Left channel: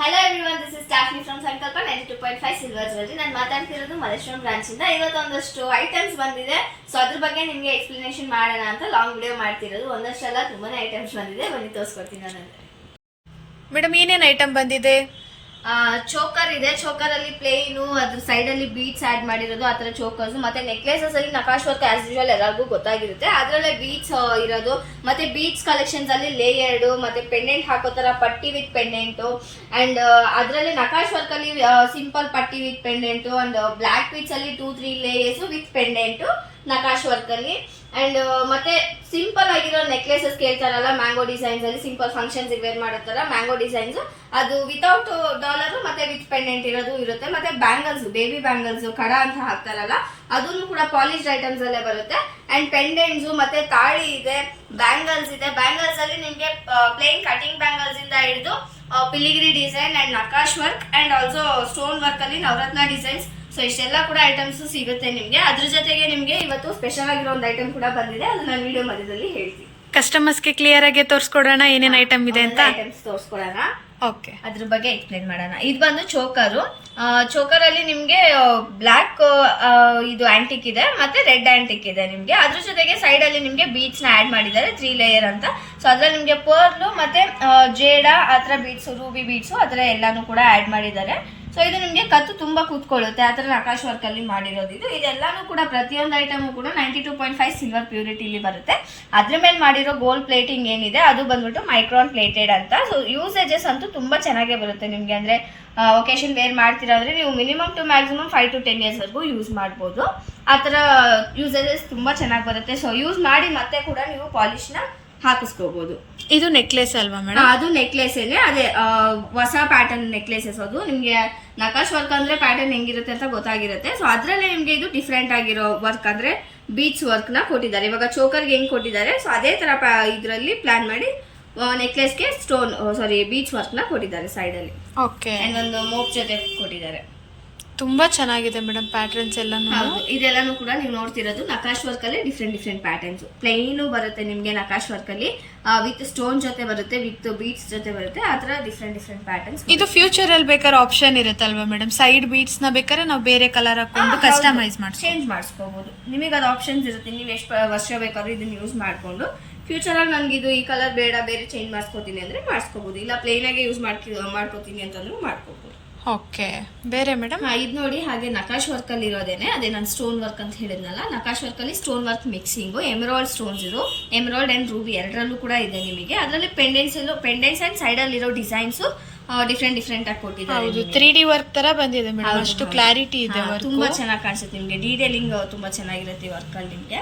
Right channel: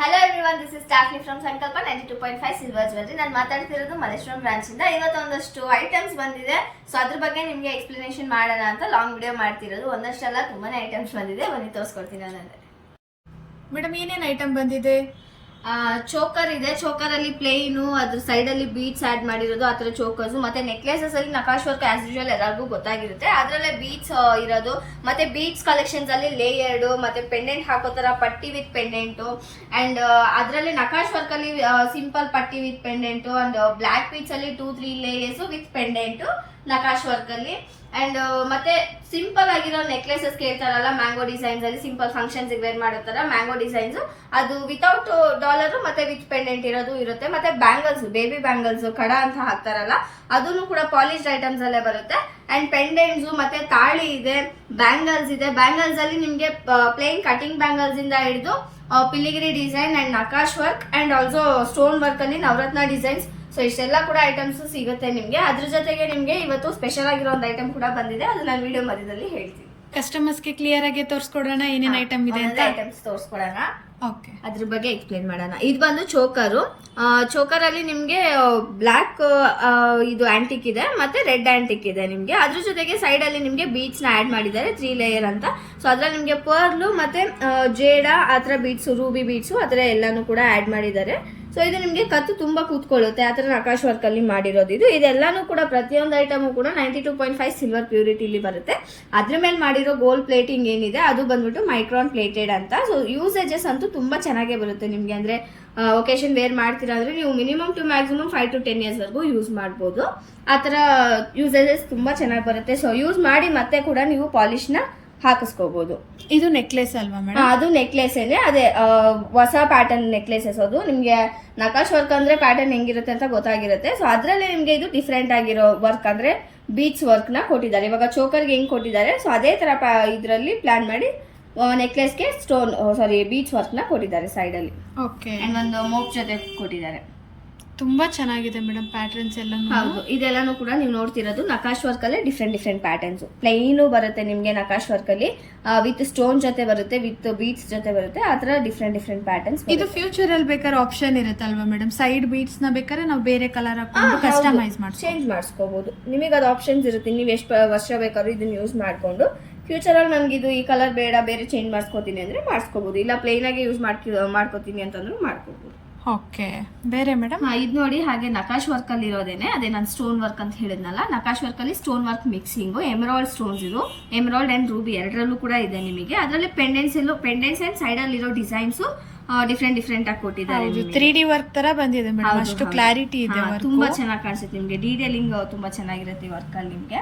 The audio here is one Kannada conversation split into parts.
ಹಲೋ ಎವ್ರಿವನ್, ದಿಸ್ ಇಸ್ ಸ್ಟಾಫ್ನಿ ಫ್ರಮ್ ಸಂಕಲ್ಪ 92.5 ಸಿಲ್ವರ್ ಜ್ಯುವೆಲ್ಲರಿ. ನಾನು ಮಾತಾಡ್ತಿರೋದು ಮಲ್ಲೇಶ್ವರಂ ಬ್ರಾಂಚ್ ಇಂದ. ಇವತ್ತು ಒಂದಷ್ಟು ಐಟಮ್ಸ್ ಬಂದಿದೆ, ಸೊ ಅದ್ರ ಬಗ್ಗೆ ನಿಮಗೆ ಎಕ್ಸ್ಪ್ಲನೇಷನ್ ಮಾಡೋಣ ಅಂತ ಲಾಂಗ್ ವಿಡಿಯೋ ಮಾಡ್ತಿರೋದು. ಒಂದಷ್ಟೆಲ್ಲ ತುಂಬಾನೇ ಐಟಮ್ಸ್ ಬಂದಿದೆ, ಬನ್ನಿ ತೋರಿಸ್ಕೊಡ್ತೀನಿ ನಾನು. ಮೇಡಮ್ ಏನೇನು ಐಟಮ್ ಬಂದಿದೆ? ಚೋಕರ್ ಇದೆ, ಚೋಕರ್ ಅಲ್ಲಿ ಪ್ಲೇನು, ಅದ್ರ ಸೈಡ್ ಅಲ್ಲಿ ಬೀಡ್ಸ್ ಆಡ್ ಮಾಡಿರೋದು, ಆತರ ಚೋಕರ್ಸ್. ಮತ್ತೆ ನೆಕ್ಲೆಸಸ್ ಅಲ್ಲಿ ನಕಾಶ್ ವರ್ಕ್ ಆಸ್ ಯೂಶುವಲ್ ಎಲ್ಲರಿಗೂ ಗೊತ್ತಾಗಿರುತ್ತೆ, ಅದ್ರಲ್ಲೇ ಬೀಡ್ಸ್ ಇರೋದು. ಮತ್ತೆ ಬೀಡ್ಸ್ ಕಲೆಕ್ಷನ್ಸ್ ಅಲ್ಲಿ ಲೇಯರ್ಡ್, ಮತ್ತೆ ಪೆಂಡೆಂಟ್ ಹಾಕೋತರ ಪಟ್ಟಿ ವಿತ್ ಪೆಂಡೆಂಟ್, ಅಂಡ್ ಅದ್ರಲ್ಲಿ ನಕಾಶ್ ವರ್ಕ್ ಅಲ್ಲಿ ಸಿಂಪಲ್ ಪಟ್ಟಿ with pendant, and black beads ಅಲ್ಲಿ 2-3 layers with pendant nakash work ಅಲ್ಲಿ. ಅಂಡ್ ಮತ್ತೆ ಸಿಂಪಲ್ ಆಗಿರೋ ನೆಕ್ಲೆಸಸ್ ಕೇಳ್ತಾರಲ್ಲ, ಮ್ಯಾಂಗೋ ಡಿಸೈನ್ಸ್ ಅಲ್ಲಿ ಸಿಂಪಲ್ ಫಂಕ್ಷನ್ಸ್ ವೇರ್ ಮಾಡತ್ತಾರ ಮ್ಯಾಂಗೋ ಡಿಸೈನ್ಸ್, ಅದು ವಿತೌಟ್ ಡಾಲರ್ ಮತ್ತೆ ವಿತ್ ಪೆಂಡೆಂಟ್ ಇರೋದು ಇರುತ್ತೆ. ಮತ್ತೆ ಬ್ಯಾಂಗಲ್ಸ್, ಬೇಬಿ ಬ್ಯಾಂಗಲ್ಸ್ ಕಡ ಅಂತ ಹಾಕ್ತಾರಲ್ಲ, ಅದನ್ನು ಕೂಡ ಪಾಲಿಶ್ಡ್ ಐಟಮ್ಸ್ ಅಲ್ಲೇ ಬರುತ್ತೆ. ಅಂಡ್ ಪೆಂಡೆಂಟ್ಸ್ ಮತ್ತೆ ತಾಳಿ ಇದೆ, ಬ್ಯಾಂಗಲ್ಸ್ ಇದೆ. ಬ್ಯಾಂಗಲ್ಸ್ ಅಲ್ಲಿ ನಿಮ್ಗೆ ಪ್ಲೇನ್ ಕಟಿಂಗ್ ಬ್ಯಾಂಗಲ್ಸ್ ಇಂದ ಹಿಡಿದು filigree design and nakash work and also stone work ಅಲ್ಲಿ ನವರತ್ನ ಡಿಸೈನ್ಸ್, ಸೊ ಇಷ್ಟೆಲ್ಲ ಕೂಡ ಐಟಮ್ಸ್ ಸಿಗುತ್ತೆ ನಿಮ್ಗೆ. ಅದ್ರ ಜೊತೆಗೆ ನಿಮ್ಗೆ ಇವತ್ತು ಸ್ಪೆಷಲ್ ಆಗಿರೋ ಒಂದು ಐಟಮ್ ಕೂಡ ಬಂದಿದೆ, ಅದು ನಾನು ವಿಡಿಯೋ ಮಧ್ಯದಲ್ಲಿ ಹೇಳ್ತೀನಿ. ಕಸ್ಟಮರ್ಸ್ಗೆ ಕ್ಲಿಯರ್ ಆಗಿ ತೋರಿಸ್ಕೊಡೋಣ ಏನೇನು ಐಟಮ್ ಇದೆ ಅಂತ. ಐಟಮ್ಸ್ ತೋರಿಸ್ಕೊಡೋಣ, ಓಕೆ, ಅದ್ರ ಬಗ್ಗೆ ಎಕ್ಸ್ಪ್ಲೇನ್ ಮಾಡೋಣ. ಇದು ಬಂದು ಚೋಕರು. ಚೋಕರ್ ಅಲ್ಲಿ ನಿಮ್ಗೆ ಬ್ಲಾಕ್ ಇದು ಆಂಟಿಕ್ ಇದೆ, ಮತ್ತೆ ರೆಡ್ ಆಂಟಿಕ್ ಇದೆ ನಿಮ್ಗೆ. ಅದ್ರ ಜೊತೆಗೆ ಸೈಡ್ ಅಲ್ಲಿ ನಿಮ್ಗೆ ಬೀಡ್ಸ್ ನ ಆಡ್ ಮಾಡಿದ್ದಾರೆ 3 ಲೇಯರ್ ಅಂತ. ಸೊ ಅದ್ರಲ್ಲಿ ನಿಮ್ಗೆ ಪರ್ಲ್ ಮತ್ತೆ ಜೇಡ ಆತರ ಬೀಡ್ಸ್, ರೂಬಿ ಬೀಡ್ಸ್ ಆತರ ಎಲ್ಲಾನು ಕೂಡ ಆಡ್ ಮಾಡಿದ್ದಾರೆ. ಸೊ ಇದು ನಿಮ್ಗೆ ಕತ್ತು ತುಂಬಾ ಕೂತ್ಕೊಳ್ಳುತ್ತೆ, ಆತರ ನಕಾಶ್ ವರ್ಕ್ ಅಲ್ಲಿ ಮಾಡಿರೋದು ಇದು. ಇದೆಲ್ಲಾನು ಕೂಡ ಪ್ರತಿಯೊಂದು ಐಟಮ್ ಕೂಡ 92.5 ಸಿಲ್ವರ್ ಪ್ಯೂರಿಟಿಲಿ ಬರುತ್ತೆ. ಅದ್ರ ಮೇಲೆ ಮಾಡಿರೋ ಗೋಲ್ಡ್ ಪ್ಲೇಟಿಂಗ್ ಏನಿದೆ ಅದು ಬಂದ್ಬಿಟ್ಟು ಮೈಕ್ರಾನ್ ಪ್ಲೇಟೆಡ್ ಅಂತ. ಸೊ ಯೂಸೇಜಸ್ ಅಂತೂ ತುಂಬಾ ಚೆನ್ನಾಗೇ ಬರುತ್ತೆ ನಿಮ್ಗೆ. ಅಂದ್ರೆ ಒಕೇಶನ್ ವೇರ್ ಮಾಡ್ತಿರೋದ್ರೆ ನೀವು minimum to maximum 5 to 10 years ವರೆಗೂ ಯೂಸ್ ಮಾಡ್ಬೋದು. ಆ ತರ ಯೂಸೇಜಸ್ ತುಂಬಾ ಚೆನ್ನಾಗಿ ಬರುತ್ತೆ. ಸೊ ಯೂಸ್ ಮಾಡಿ ಮತ್ತೆ ಕೂಡ ನೀವು ಪಾಲಿಶ್ ನ ಹಾಕಿಸ್ಕೋಬಹುದು. ಇದು ನೆಕ್ಲೆಸ್ ಅಲ್ವಾ ಮೇಡಮ್? ಅದು ನೆಕ್ಲೆಸ್ ಏನೇ, ಅದೇ ಹೊಸ ಪ್ಯಾಟರ್ನ್ ನೆಕ್ಲೆಸಸ್. ಅದು ನಿಮ್ಗೆ ನಕಾಶ್ ವರ್ಕ್ ಅಂದ್ರೆ ಪ್ಯಾಟರ್ನ್ ಹೆಂಗಿರುತ್ತೆ ಅಂತ ಗೊತ್ತಾಗಿರುತ್ತೆ. ಸೊ ಅದ್ರಲ್ಲೇ ನಿಮ್ಗೆ ಇದು ಡಿಫ್ರೆಂಟ್ ಆಗಿರೋ ವರ್ಕ್ ಅಂದ್ರೆ ಬೀಡ್ಸ್ ವರ್ಕ್ ನ ಕೊಟ್ಟಿದ್ದಾರೆ. ಇವಾಗ ಚೋಕರ್ಗೆ ಹೆಂಗ್ ಕೊಟ್ಟಿದ್ದಾರೆ, ಸೊ ಅದೇ ತರ ಇದ್ರಲ್ಲಿ ಪ್ಲಾನ್ ಮಾಡಿ ನೆಕ್ಲೆಸ್ಗೆ ಬೀಡ್ಸ್ ವರ್ಕ್ ನ ಕೊಟ್ಟಿದ್ದಾರೆ ಸೈಡ್ ಅಲ್ಲಿ. ಓಕೆ, ಅಂಡ್ ಒಂದು ಮೋಪ್ ಜೊತೆ ಕೊಟ್ಟಿದ್ದಾರೆ. ತುಂಬಾ ಚೆನ್ನಾಗಿದೆ ಮೇಡಮ್ ಪ್ಯಾಟರ್ನ್ಸ್ ಎಲ್ಲಾನು. ಹೌದು, ಇದೆಲ್ಲಾನು ಕೂಡ ನೀವು ನೋಡ್ತಿರೋದು ನಕಾಶ್ ವರ್ಕ್ ಅಲ್ಲಿ ಡಿಫ್ರೆಂಟ್ ಪ್ಯಾಟರ್ನ್ಸ್. ಪ್ಲೈನು ಬರುತ್ತೆ ನಿಮ್ಗೆ ನಕಾಶ್ ವರ್ಕ್ ಅಲ್ಲಿ, ವಿತ್ ಸ್ಟೋನ್ ಜೊತೆ ಬರುತ್ತೆ, ವಿತ್ ಬೀಡ್ಸ್ ಜೊತೆ ಬರುತ್ತೆ. ಆ ತರ ಡಿಫ್ರೆಂಟ್ ಪ್ಯಾಟರ್ನ್ಸ್. ಇದು ಫ್ಯೂಚರ್ ಅಲ್ಲಿ ಬೇಕಾದ್ರೆ ಆಪ್ಷನ್ ಇರುತ್ತಲ್ವಾ ಮೇಡಮ್? ಸೈಡ್ ಬೀಡ್ಸ್ ನ ಬೇಕಾದ್ರೆ ನಾವು ಬೇರೆ ಕಲರ್ ಹಾಕೊಂಡು ಕಸ್ಟಮೈಸ್ ಚೇಂಜ್ ಮಾಡಿಸ್ಕೋಬಹುದು. ನಿಮಗೆ ಅದು ಆಪ್ಷನ್ಸ್ ಇರುತ್ತೆ, ನೀವು ಎಷ್ಟು ವರ್ಷ ಬೇಕಾದ್ರೂ ಇದನ್ನ ಯೂಸ್ ಮಾಡ್ಕೊಂಡು ಫ್ಯೂಚರ್ ಅಲ್ಲಿ ನನ್ಗೆ ಇದು ಈ ಕಲರ್ ಬೇಡ, ಬೇರೆ ಚೇಂಜ್ ಮಾಡಿಸ್ಕೋತೀನಿ ಅಂದ್ರೆ ಮಾಡಿಸ್ಕೋಬಹುದು. ಇಲ್ಲ ಪ್ಲೇನ್ ಆಗಿ ಯೂಸ್ ಮಾಡ್ಕೋತೀನಿ ಅಂತಂದ್ರೂ ಮಾಡ್ಕೋಬಹುದು. ಓಕೆ, ಬೇರೆ ಮೇಡಮ್? ಇದು ನೋಡಿ, ಹಾಗೆ ನಕಾಶ್ ವರ್ಕ್ ಅಲ್ಲಿ ಇರೋದೇನೆ, ಅದೇ ನಾನು ಸ್ಟೋನ್ ವರ್ಕ್ ಅಂತ ಹೇಳಿದ್ನಲ್ಲ, ನಕಾಶ್ ವರ್ಕ್ ಅಲ್ಲಿ stone work mixing, emerald stones ಇದು, ಎಮರಾಲ್ಡ್ ಅಂಡ್ ರೂಬಿ ಎರಡರಲ್ಲೂ ಕೂಡ ಇದೆ ನಿಮಗೆ. ಅದರಲ್ಲಿ ಪೆಂಡೆಂಟ್ಸ್ ಅಂಡ್ ಸೈಡ್ ಅಲ್ಲಿ ಇರೋ ಡಿಸೈನ್ಸ್ ಡಿಫ್ರೆಂಟ್ ಆಗಿ ಕೊಟ್ಟಿದ್ದಾರೆ. 3D ವರ್ಕ್ ತರ ಬಂದಿದೆ ಮೇಡಮ್, ಅಷ್ಟು ಕ್ಲಾರಿಟಿ ಇದೆ, ತುಂಬಾ ಚೆನ್ನಾಗಿ ಕಾಣಿಸುತ್ತೆ ನಿಮ್ಗೆ. ಡೀಟೇಲಿಂಗ್ ತುಂಬಾ ಚೆನ್ನಾಗಿರುತ್ತೆ ವರ್ಕ್ ಅಲ್ಲಿ ನಿಮ್ಗೆ.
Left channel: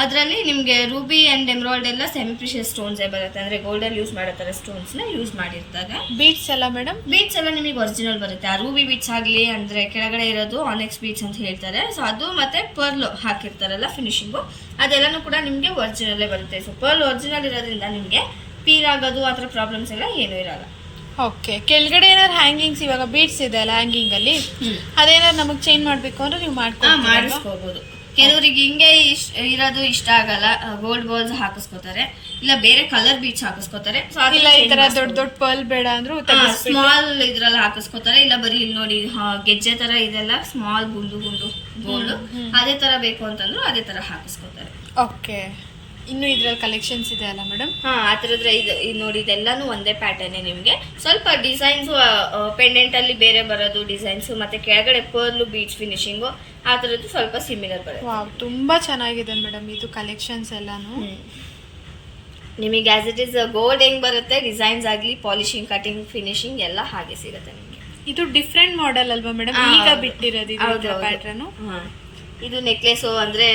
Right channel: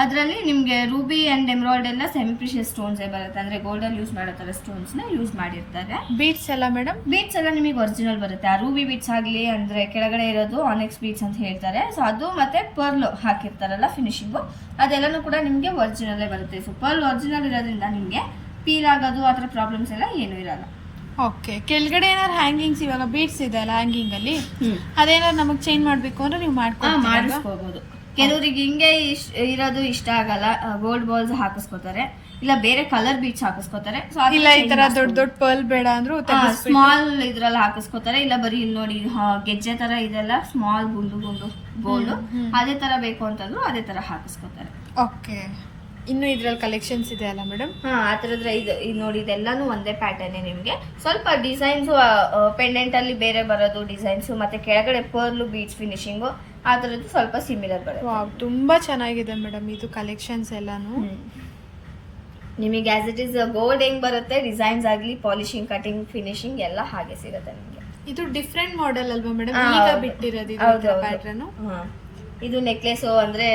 ಅದರಲ್ಲಿ ನಿಮ್ಗೆ ರೂಬಿ ಅಂಡ್ ಎಮರಾಲ್ಡ್ ಎಲ್ಲ ಸೆಮಿ ಪ್ರಿಷಿಯಸ್ ಸ್ಟೋನ್ಸ್ ಬರುತ್ತೆ, ಅಂದ್ರೆ ಗೋಲ್ಡನ್ ಯೂಸ್ ಮಾಡೋ ತರ ಸ್ಟೋನ್ಸ್ ನ ಯೂಸ್ ಮಾಡಿರ್ತಾರೆ. ಬೀಡ್ಸ್ ಎಲ್ಲ ಮೇಡಮ್? ಬೀಡ್ಸ್ ಎಲ್ಲ ನಿಮಗೆ ಒರಿಜಿನಲ್ ಬರುತ್ತೆ. ಆ ರೂಬಿ ಬೀಡ್ಸ್ ಆಗ್ಲಿ, ಅಂದ್ರೆ ಕೆಳಗಡೆ ಇರೋದು ಆನೆಕ್ಸ್ ಬೀಡ್ಸ್ ಅಂತ ಹೇಳ್ತಾರೆ. ಸೊ ಅದು ಮತ್ತೆ ಪರ್ಲ್ ಹಾಕಿರ್ತಾರಲ್ಲ ಫಿನಿಶಿಂಗು, ಅದೆಲ್ಲಾನು ಕೂಡ ನಿಮ್ಗೆ ಒರಿಜಿನಲ್ಲೇ ಬರುತ್ತೆ. ಸೊ ಪರ್ಲ್ ಒರಿಜಿನಲ್ ಇರೋದ್ರಿಂದ ನಿಮ್ಗೆ ಪೀಲ್ ಆಗೋದು ಆ ಥರ ಪ್ರಾಬ್ಲಮ್ಸ್ ಎಲ್ಲ ಏನೂ ಇರಲ್ಲ. ಓಕೆ, ಕೆಳಗಡೆ ಏನಾದ್ರು ಹ್ಯಾಂಗಿಂಗ್ಸ್, ಇವಾಗ ಬೀಡ್ಸ್ ಇದೆ ಅಲ್ಲ ಹ್ಯಾಂಗಿಂಗ್ ಅಲ್ಲಿ, ಅದೇನಾದ್ರು ನಮಗೆ ಚೇಂಜ್ ಮಾಡ್ಬೇಕು ಅಂದ್ರೆ ನೀವು ಮಾಡಿಸ್ಕೋಬಹುದು. ಕೆಲವರಿಗೆ ಹಿಂಗೆ ಇರೋದು ಇಷ್ಟ ಆಗಲ್ಲ, ಗೋಲ್ಡ್ ಬಾಲ್ಸ್ ಹಾಕಿಸ್ಕೋತಾರೆ, ಇಲ್ಲ ಬೇರೆ ಕಲರ್ ಬೀಡ್ಸ್ ಹಾಕಿಸ್ಕೋತಾರೆ. ಸೊ ಇಲ್ಲ ಈ ತರ ದೊಡ್ಡ ಪರ್ಲ್ ಬೇಡ ಅಂದ್ರೂ ಸ್ಮಾಲ್ ಇದ್ರಲ್ಲಿ ಹಾಕಿಸ್ಕೋತಾರೆ. ಇಲ್ಲ ಬರೀ ಇಲ್ಲಿ ನೋಡಿ ಗೆಜ್ಜೆ ತರ ಇದೆಲ್ಲ ಸ್ಮಾಲ್ ಗುಂಡು ಗೋಲ್ಡ್, ಅದೇ ತರ ಬೇಕು ಅಂತಂದ್ರು ಅದೇ ತರ ಹಾಕಿಸ್ಕೋತಾರೆ. ಓಕೆ, ಇನ್ನು ಇದ್ರಲ್ಲಿ ಕಲೆಕ್ಷನ್ಸ್ ಇದೆ ಅಲ್ಲ ಮೇಡಮ್? ಆ ತರದ್ರೆ ಇದು ನೋಡಿ, ಇದೆಲ್ಲಾನು ಒಂದೇ ಪ್ಯಾಟರ್ನ್ ನಿಮ್ಗೆ. ಸ್ವಲ್ಪ ಡಿಸೈನ್ಸ್ ಪೆಂಡೆಂಟ್ ಅಲ್ಲಿ ಬೇರೆ ಬರೋದು ಡಿಸೈನ್ಸ್, ಮತ್ತೆ ಕೆಳಗಡೆ ಪರ್ಲ್ ಬೀಡ್ಸ್ ಫಿನಿಶಿಂಗು ಆ ತರದ್ದು ಸ್ವಲ್ಪ ಸಿಮಿಲರ್ ಬರುತ್ತೆ. ವಾವ್, ತುಂಬಾ ಚೆನ್ನಾಗಿದೆ ಮೇಡಮ್ ಇದು ಕಲೆಕ್ಷನ್ಸ್ ಎಲ್ಲಾನು. ನಿಮಗೆ ಆಸ್ ಇಟ್ ಇಸ್ ಗೋಲ್ಡ್ ಹೆಂಗ್ ಬರುತ್ತೆ, ಡಿಸೈನ್ಸ್ ಆಗ್ಲಿ, ಪಾಲಿಶಿಂಗ್, ಕಟಿಂಗ್, ಫಿನಿಶಿಂಗ್ ಎಲ್ಲ ಹಾಗೆ ಸಿಗುತ್ತೆ ನಿಮಗೆ. ಇದು ಡಿಫ್ರೆಂಟ್ ಮಾಡೆಲ್ ಅಲ್ವಾ ಮೇಡಮ್ ಈಗ ಬಿಟ್ಟಿರೋದು ಇದು ಪ್ಯಾಟರ್ನ್? ಇದು ನೆಕ್ಲೆಸ್ ಅಂದ್ರೆ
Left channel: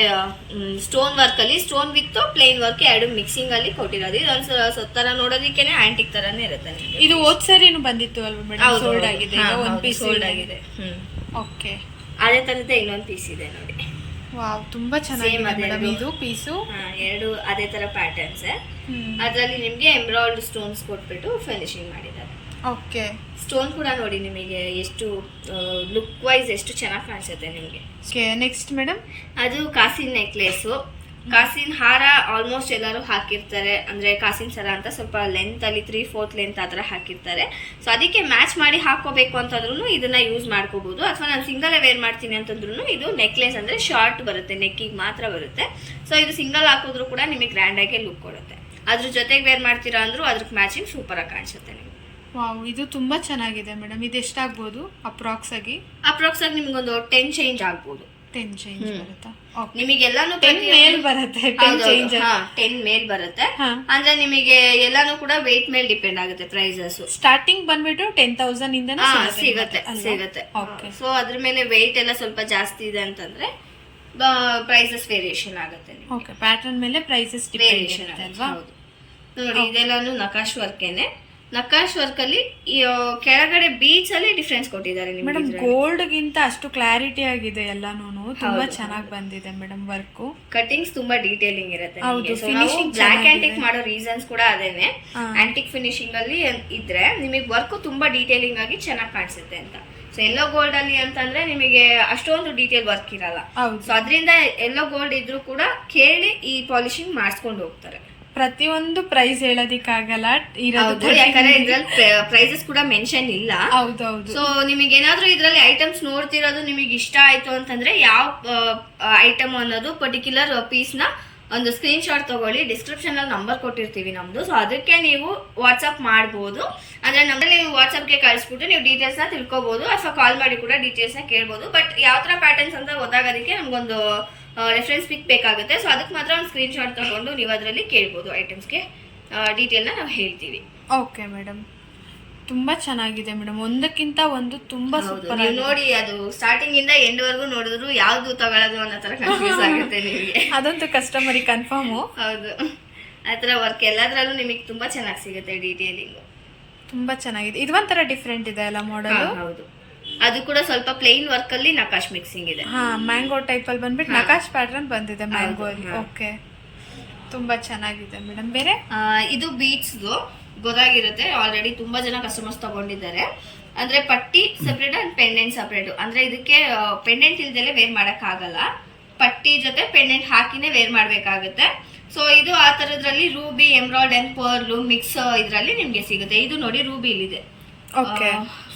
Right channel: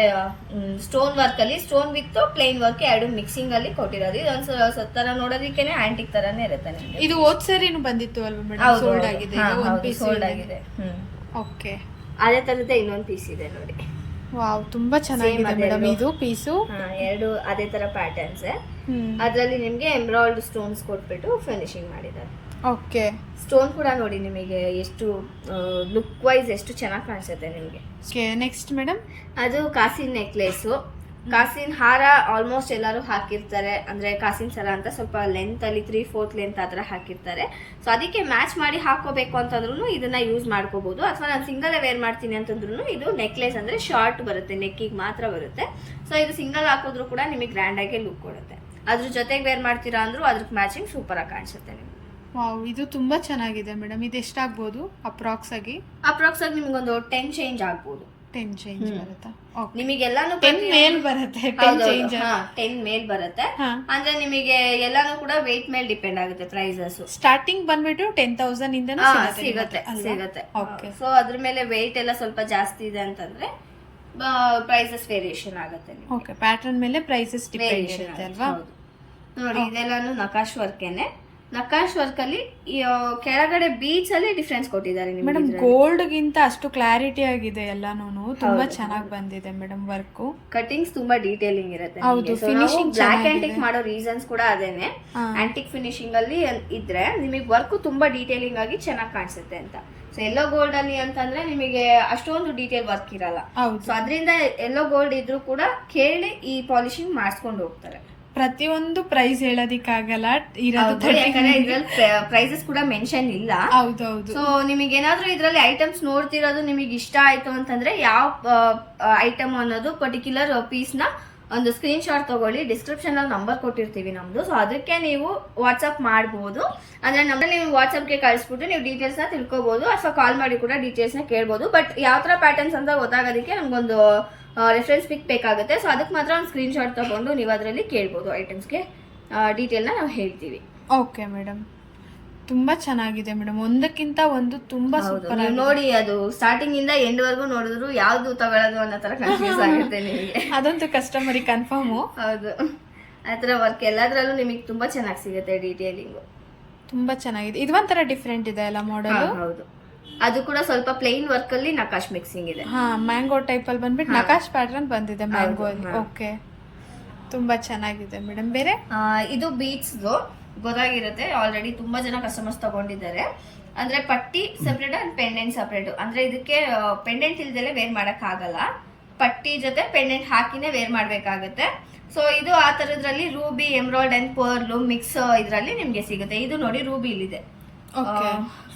ಸ್ಟೋನ್ ವರ್ಕ್ ಅಲ್ಲಿ, ಸ್ಟೋನ್ ವಿತ್ ಪ್ಲೇನ್ ವರ್ಕ್ ಎರಡು ಮಿಕ್ಸಿಂಗ್ ಅಲ್ಲಿ ಕೊಟ್ಟಿರೋದು. ಇದೊಂದು ತರ ನೋಡೋದಿಕ್ಕೇನೆ ಆಂಟಿಕ್ ತರಾನೇ ಇರುತ್ತೆ. ಇದು ಹೋದ್ ಸರಿನೂ ಬಂದಿತ್ತು ಅಲ್ವಾ ಮೇಡಮ್? ಸೋಲ್ಡ್ ಆಗಿದೆ, ಒಂದು ಪೀಸ್ ಸೋಲ್ಡ್ ಆಗಿದೆ. ಓಕೆ, ಅದೇ ತರದೇ ಇನ್ನೊಂದು ಪೀಸ್ ಇದೆ ನೋಡಿ. ವಾವ್, ತುಂಬಾ ಚೆನ್ನಾಗಿದೆ ಮೇಡಮ್ ಇದು ಪೀಸು. ಎರಡು ಅದೇ ತರ ಪ್ಯಾಟರ್ನ್ಸ್. ಅದ್ರಲ್ಲಿ ನಿಮ್ಗೆ ಎಂಬ್ರಾಯ್ಡ್ ಸ್ಟೋನ್ಸ್ ಕೊಟ್ಬಿಟ್ಟು ಫಿನಿಶಿಂಗ್ ಮಾಡಿದ್ದಾರೆ. ಓಕೆ, ಸ್ಟೋನ್ ಕೂಡ ನೋಡಿ ನಿಮಗೆ ಎಷ್ಟು ಲುಕ್ ವೈಸ್ ಎಷ್ಟು ಚೆನ್ನಾಗಿ ಕಾಣಿಸುತ್ತೆ ನಿಮಗೆ. Next madam? ಅದು ಕಾಸಿನ ನೆಕ್ಲೆಸ್. ಕಾಸಿನ ಹಾರ ಆಲ್ಮೋಸ್ಟ್ ಎಲ್ಲರೂ ಹಾಕಿರ್ತಾರೆ, ಅಂದ್ರೆ ಕಾಸಿನ ಸರ ಅಂತ ಸ್ವಲ್ಪ ಲೆಂತ್ ಅಲ್ಲಿ 3/4 ಲೆಂತ್ ಆತರ ಹಾಕಿರ್ತಾರೆ. ಸೊ ಅದಕ್ಕೆ ಮ್ಯಾಚ್ ಮಾಡಿ ಹಾಕೋಬೇಕು ಅಂತಂದ್ರೂ ಇದನ್ನ ಯೂಸ್ ಮಾಡ್ಕೋಬಹುದು. ಅಥವಾ ನಾನು ಸಿಂಗಲ್ ವೇರ್ ಮಾಡ್ತೀನಿ ಅಂತಂದ್ರೂ ಇದು ನೆಕ್ಲೆಸ್ ಅಂದ್ರೆ ಶಾರ್ಟ್ ಬರುತ್ತೆ, ನೆಕ್ಕಿಗೆ ಮಾತ್ರ ಬರುತ್ತೆ. ಸೊ ಇದು ಸಿಂಗಲ್ ಹಾಕೋದ್ರೂ ಕೂಡ ನಿಮಗೆ ಗ್ರ್ಯಾಂಡ್ ಆಗಿ ಲುಕ್ ಕೊಡುತ್ತೆ. ಅದ್ರ ಜೊತೆಗೆ ವೇರ್ ಮಾಡ್ತೀರಾ ಅಂದ್ರೂ ಅದ್ರಕ್ಕೆ ಮ್ಯಾಚಿಂಗ್ ಸೂಪರ್ ಆಗಿ ಕಾಣಿಸುತ್ತೆ ನಿಮ್ಗೆ. ವಾವ್, ಇದು ತುಂಬಾ ಚೆನ್ನಾಗಿದೆ ಮೇಡಮ್. ಇದು ಎಷ್ಟಾಗ್ಬೋದು ಅಪ್ರಾಕ್ಸ್ ಆಗಿ ನಿಮ್ಗೊಂದು 10 ಚೇಂಜ್ ಆಗ್ಬೋದು. 10 ಚೇಂಜ್ ಬರುತ್ತಾ? ನಿಮಗೆಲ್ಲಾನು 10 ಮೇಲ್ ಬರುತ್ತೆ. 10 ಮೇಲ್ ಬರುತ್ತೆ. ಅಂದ್ರೆ ನಿಮಗೆ ಎಲ್ಲಾನು ಕೂಡ weight ಮೇಲೆ ಡಿಪೆಂಡ್ ಆಗುತ್ತೆ ಪ್ರೈಸಸ್. ಸ್ಟಾರ್ಟಿಂಗ್ ಬಂದ್ಬಿಟ್ಟು 10,000 ಇಂದ ಸಿಗುತ್ತೆ. ಸೊ ಅದ್ರ ಮೇಲೆ weight ಎಲ್ಲ ಸ್ವಲ್ಪ ಜಾಸ್ತಿ ಇದೆ ಅಂತಂದ್ರೆ ಪ್ರೈಸಸ್ ವೇರಿಯೇಷನ್ ಆಗುತ್ತೆ. ಓಕೆ, ಪ್ಯಾಟರ್ನ್ ಮೇಲೆ ಪ್ರೈಸಸ್ ಡಿಪೆಂಡ್ ಇರುತ್ತೆ ಅಲ್ವಾ? ನೋಡಿ ಇದೆಲ್ಲಾನು ನಕಾಶ್ ವರ್ಕೇನೆ. ನಕಾಶ್ ವರ್ಕ್ ಅಲ್ಲಿ ಕೆಳಗಡೆ ಬೀಚ್ ಅಲ್ಲಿ ಡಿಫ್ರೆನ್ಸ್ ಕೊಟ್ಟಿದ್ದಾರೆ ಮೇಡಮ್. ಗೋಲ್ಡ್ ಗಿಂತ ಅಷ್ಟು ಕ್ಲಾರಿಟಿ ಆಗಿದೆ ಎಲ್ಲಾನು, ತುಂಬಾ ಚೆನ್ನಾಗಿ ಬಂದಿದೆ ಮೇಡಮ್. ವರ್ಕ್ ಕಟಿಂಗ್ಸ್ ತುಂಬಾ ಡೀಟೇಲಿಂಗ್ ಇರುತ್ತೆ. ಹೌದು, ಫಿನಿಶಿಂಗ್ ಬ್ಲಾಕ್ ಆಂಟಿಕ್ ಮಾಡೋ ರೀಸನ್ಸ್ ಕೂಡ ಅದೇನೆ. ಆಂಟಿಕ್ ಫಿನಿಶಿಂಗ್ ಅಲ್ಲಿ ಇದ್ರೆ ನಿಮಗೆ ವರ್ಕ್ ತುಂಬಾ ಡೀಟೇಲಿಂಗ್ ಆಗಿ ಚೆನ್ನಾಗಿ ಕಾಣಿಸುತ್ತೆ ಅಂತ. ಸೊ ಎಲ್ಲೋ ಗೋಲ್ಡ್ ಅಲ್ಲಿ ಅಂತಂದ್ರೆ ನಿಮಗೆ ಅಷ್ಟೊಂದು ಡೀಟೇಲ್ ವರ್ಕ್ ಇರಲ್ಲ. ಸೊ ಅದರಿಂದ ಎಲ್ಲೋ ಗೋಲ್ಡ್ ಇದ್ರೂ ಕೂಡ ಕೇಳಿ ಈ ಪಾಲಿಶಿಂಗ್ ಮಾಡಿಸ್ಕೊಂಡು ಹೋಗ್ತಾರೆ. ಪ್ರತಿಯೊಂದು ಪ್ರೈಸ್ ಹೇಳೋದಿಕ್ಕಾಗಲ್ಲ, ಇರೋದು ಯಾಕಂದ್ರೆ ಇದ್ರಲ್ಲಿ ಪ್ರೈಸಸ್ ಕೂಡ ಮೆನ್ಷನ್ ಇಲ್ಲ. ಹೌದೌದು. ಸೊ ನಿಮಗೆ ಏನಾದ್ರೂ ಇದ್ರಲ್ಲಿ ಐಟಮ್ಸ್ ನೋಡ್ತಿರೋದು ನಿಮಗೆ ಇಷ್ಟ ಆಯ್ತು ಅಂತಂದ್ರೆ ಯಾವ ಐಟಮ್ ಅನ್ನೋದು ಪರ್ಟಿಕ್ಯುಲರ್ ಪೀಸ್ ನ ಒಂದು ಸ್ಕ್ರೀನ್ ಶಾಟ್ ತಗೊಳ್ಳಿ. ಡಿಸ್ಕ್ರಿಪ್ಷನ್ ಅಲ್ಲಿ ನಂಬರ್ ಕೊಟ್ಟಿರ್ತೀವಿ ನಮ್ದು. ಸೊ ಅದಕ್ಕೆ ನೀವು ವಾಟ್ಸ್ಆಪ್ ಮಾಡಬಹುದು. ಅಂದ್ರೆ ನಮ್ಮಲ್ಲಿ ನೀವು ವಾಟ್ಸ್ಆಪ್ಗೆ ಕಳಿಸ್ಬಿಟ್ಟು ನೀವು ಡೀಟೇಲ್ಸ್ ನ ತಿಳ್ಕೊಬಹುದು, ಅಥವಾ ಕಾಲ್ ಮಾಡಿ ಕೂಡ ಡೀಟೇಲ್ಸ್ ನ ಕೇಳ್ಬೋದು. ಬಟ್ ಯಾವ ತರ ಪ್ಯಾಟರ್ನ್ಸ್ ಅಂತ ಗೊತ್ತಾಗೋದಕ್ಕೆ ನಮ್ಗೊಂದು ರೆಫರೆನ್ಸ್ ಪಿಕ್ ಬೇಕಾಗುತ್ತೆ. ಸೊ ಅದಕ್ಕೆ ಮಾತ್ರ ಒಂದು ಸ್ಕ್ರೀನ್ ಶಾಟ್ ತಗೊಂಡು ನೀವು ಅದರಲ್ಲಿ ಕೇಳ್ಬೋದು. ಐಟಮ್ಸ್ಗೆ ಡೀಟೇಲ್ನ ನಾವು ಹೇಳ್ತೀವಿ. ಓಕೆ ಮೇಡಮ್, ತುಂಬಾ ಚೆನ್ನಾಗಿದೆ ಮೇಡಮ್. ಒಂದಕ್ಕಿಂತ ಒಂದು ತುಂಬಾ ಸೂಪರ್. ನೋಡಿ, ಅದು ಸ್ಟಾರ್ಟಿಂಗ್ ಇಂದ ಎಂಡ್ ವರ್ಗೂ ನೋಡಿದ್ರು ಯಾವ್ದು ತಗೊಳ್ಳೋದು ಅನ್ನೋ ತರ ಕನ್ಫ್ಯೂಸ್ ಆಗುತ್ತೆ ನಿಮಗೆ. ಅದಂತೂ ಕಸ್ಟಮರಿಗೆ ಕನ್ಫರ್ಮ್. ಹೌದು, ಆತರ ವರ್ಕ್ ಎಲ್ಲದ್ರಲ್ಲೂ ನಿಮಗೆ ತುಂಬಾ ಚೆನ್ನಾಗಿ ಸಿಗುತ್ತೆ. ಡೀಟೇಲಿಂಗ್ ತುಂಬಾ ಚೆನ್ನಾಗಿದೆ. ಇದು ಒಂಥರ ಡಿಫ್ರೆಂಟ್ ಇದೆ ಅಲ್ಲ ಮಾಡೆಲ್? ಹೌದು, ಅದು ಕೂಡ ಸ್ವಲ್ಪ ಪ್ಲೇನ್ ವರ್ಕ್ ಅಲ್ಲಿ ನಕಾಶ್ ಮಿಕ್ಸಿಂಗ್ ಇದೆ. ಮ್ಯಾಂಗೋ ಟೈಪ್ ಅಲ್ಲಿ ಬಂದ್ಬಿಟ್ಟು ನಕಾಶ್ ಪ್ಯಾಟರ್ನ್ ಬಂದಿದೆ ಮ್ಯಾಂಗೋ ಅಲ್ಲಿ. ಓಕೆ, ತುಂಬಾ ಚೆನ್ನಾಗಿದೆ ಮೇಡಮ್. ಬೇರೆ ಇದು ಬೀಟ್ಸ್ ಗೊತ್ತಾಗಿರುತ್ತೆ, ಆಲ್ರೆಡಿ ತುಂಬಾ ಜನ ಕಸ್ಟಮರ್ಸ್ ತಗೊಂಡಿದ್ದಾರೆ. ಅಂದ್ರೆ ಪಟ್ಟಿ ಸಪ್ರೇಟ್ ಅಂಡ್ ಪೆಂಡೆಂಟ್ ಸಪ್ರೇಟ್. ಅಂದ್ರೆ ಇದಕ್ಕೆ ಪೆಂಡೆಂಟ್ ಇಲ್ದಲೆ ವೇರ್ ಮಾಡಕ್ ಆಗಲ್ಲ, ಪಟ್ಟಿ ಜೊತೆ ಪೆಂಡೆಂಟ್ ಹಾಕಿನೇ ವೇರ್ ಮಾಡ್ಬೇಕಾಗುತ್ತೆ. ಸೊ ಇದು ಆ ತರದ್ರಲ್ಲಿ ರೂಬಿ, ಎಮ್ರಾಯ್ಡ್ ಅಂಡ್ ಪರ್ಲ್ ಮಿಕ್ಸ್ ಇದ್ರಲ್ಲಿ ನಿಮ್ಗೆ ಸಿಗುತ್ತೆ. ಇದು ನೋಡಿ ರೂಬಿ ಇಲ್ಲಿದೆ,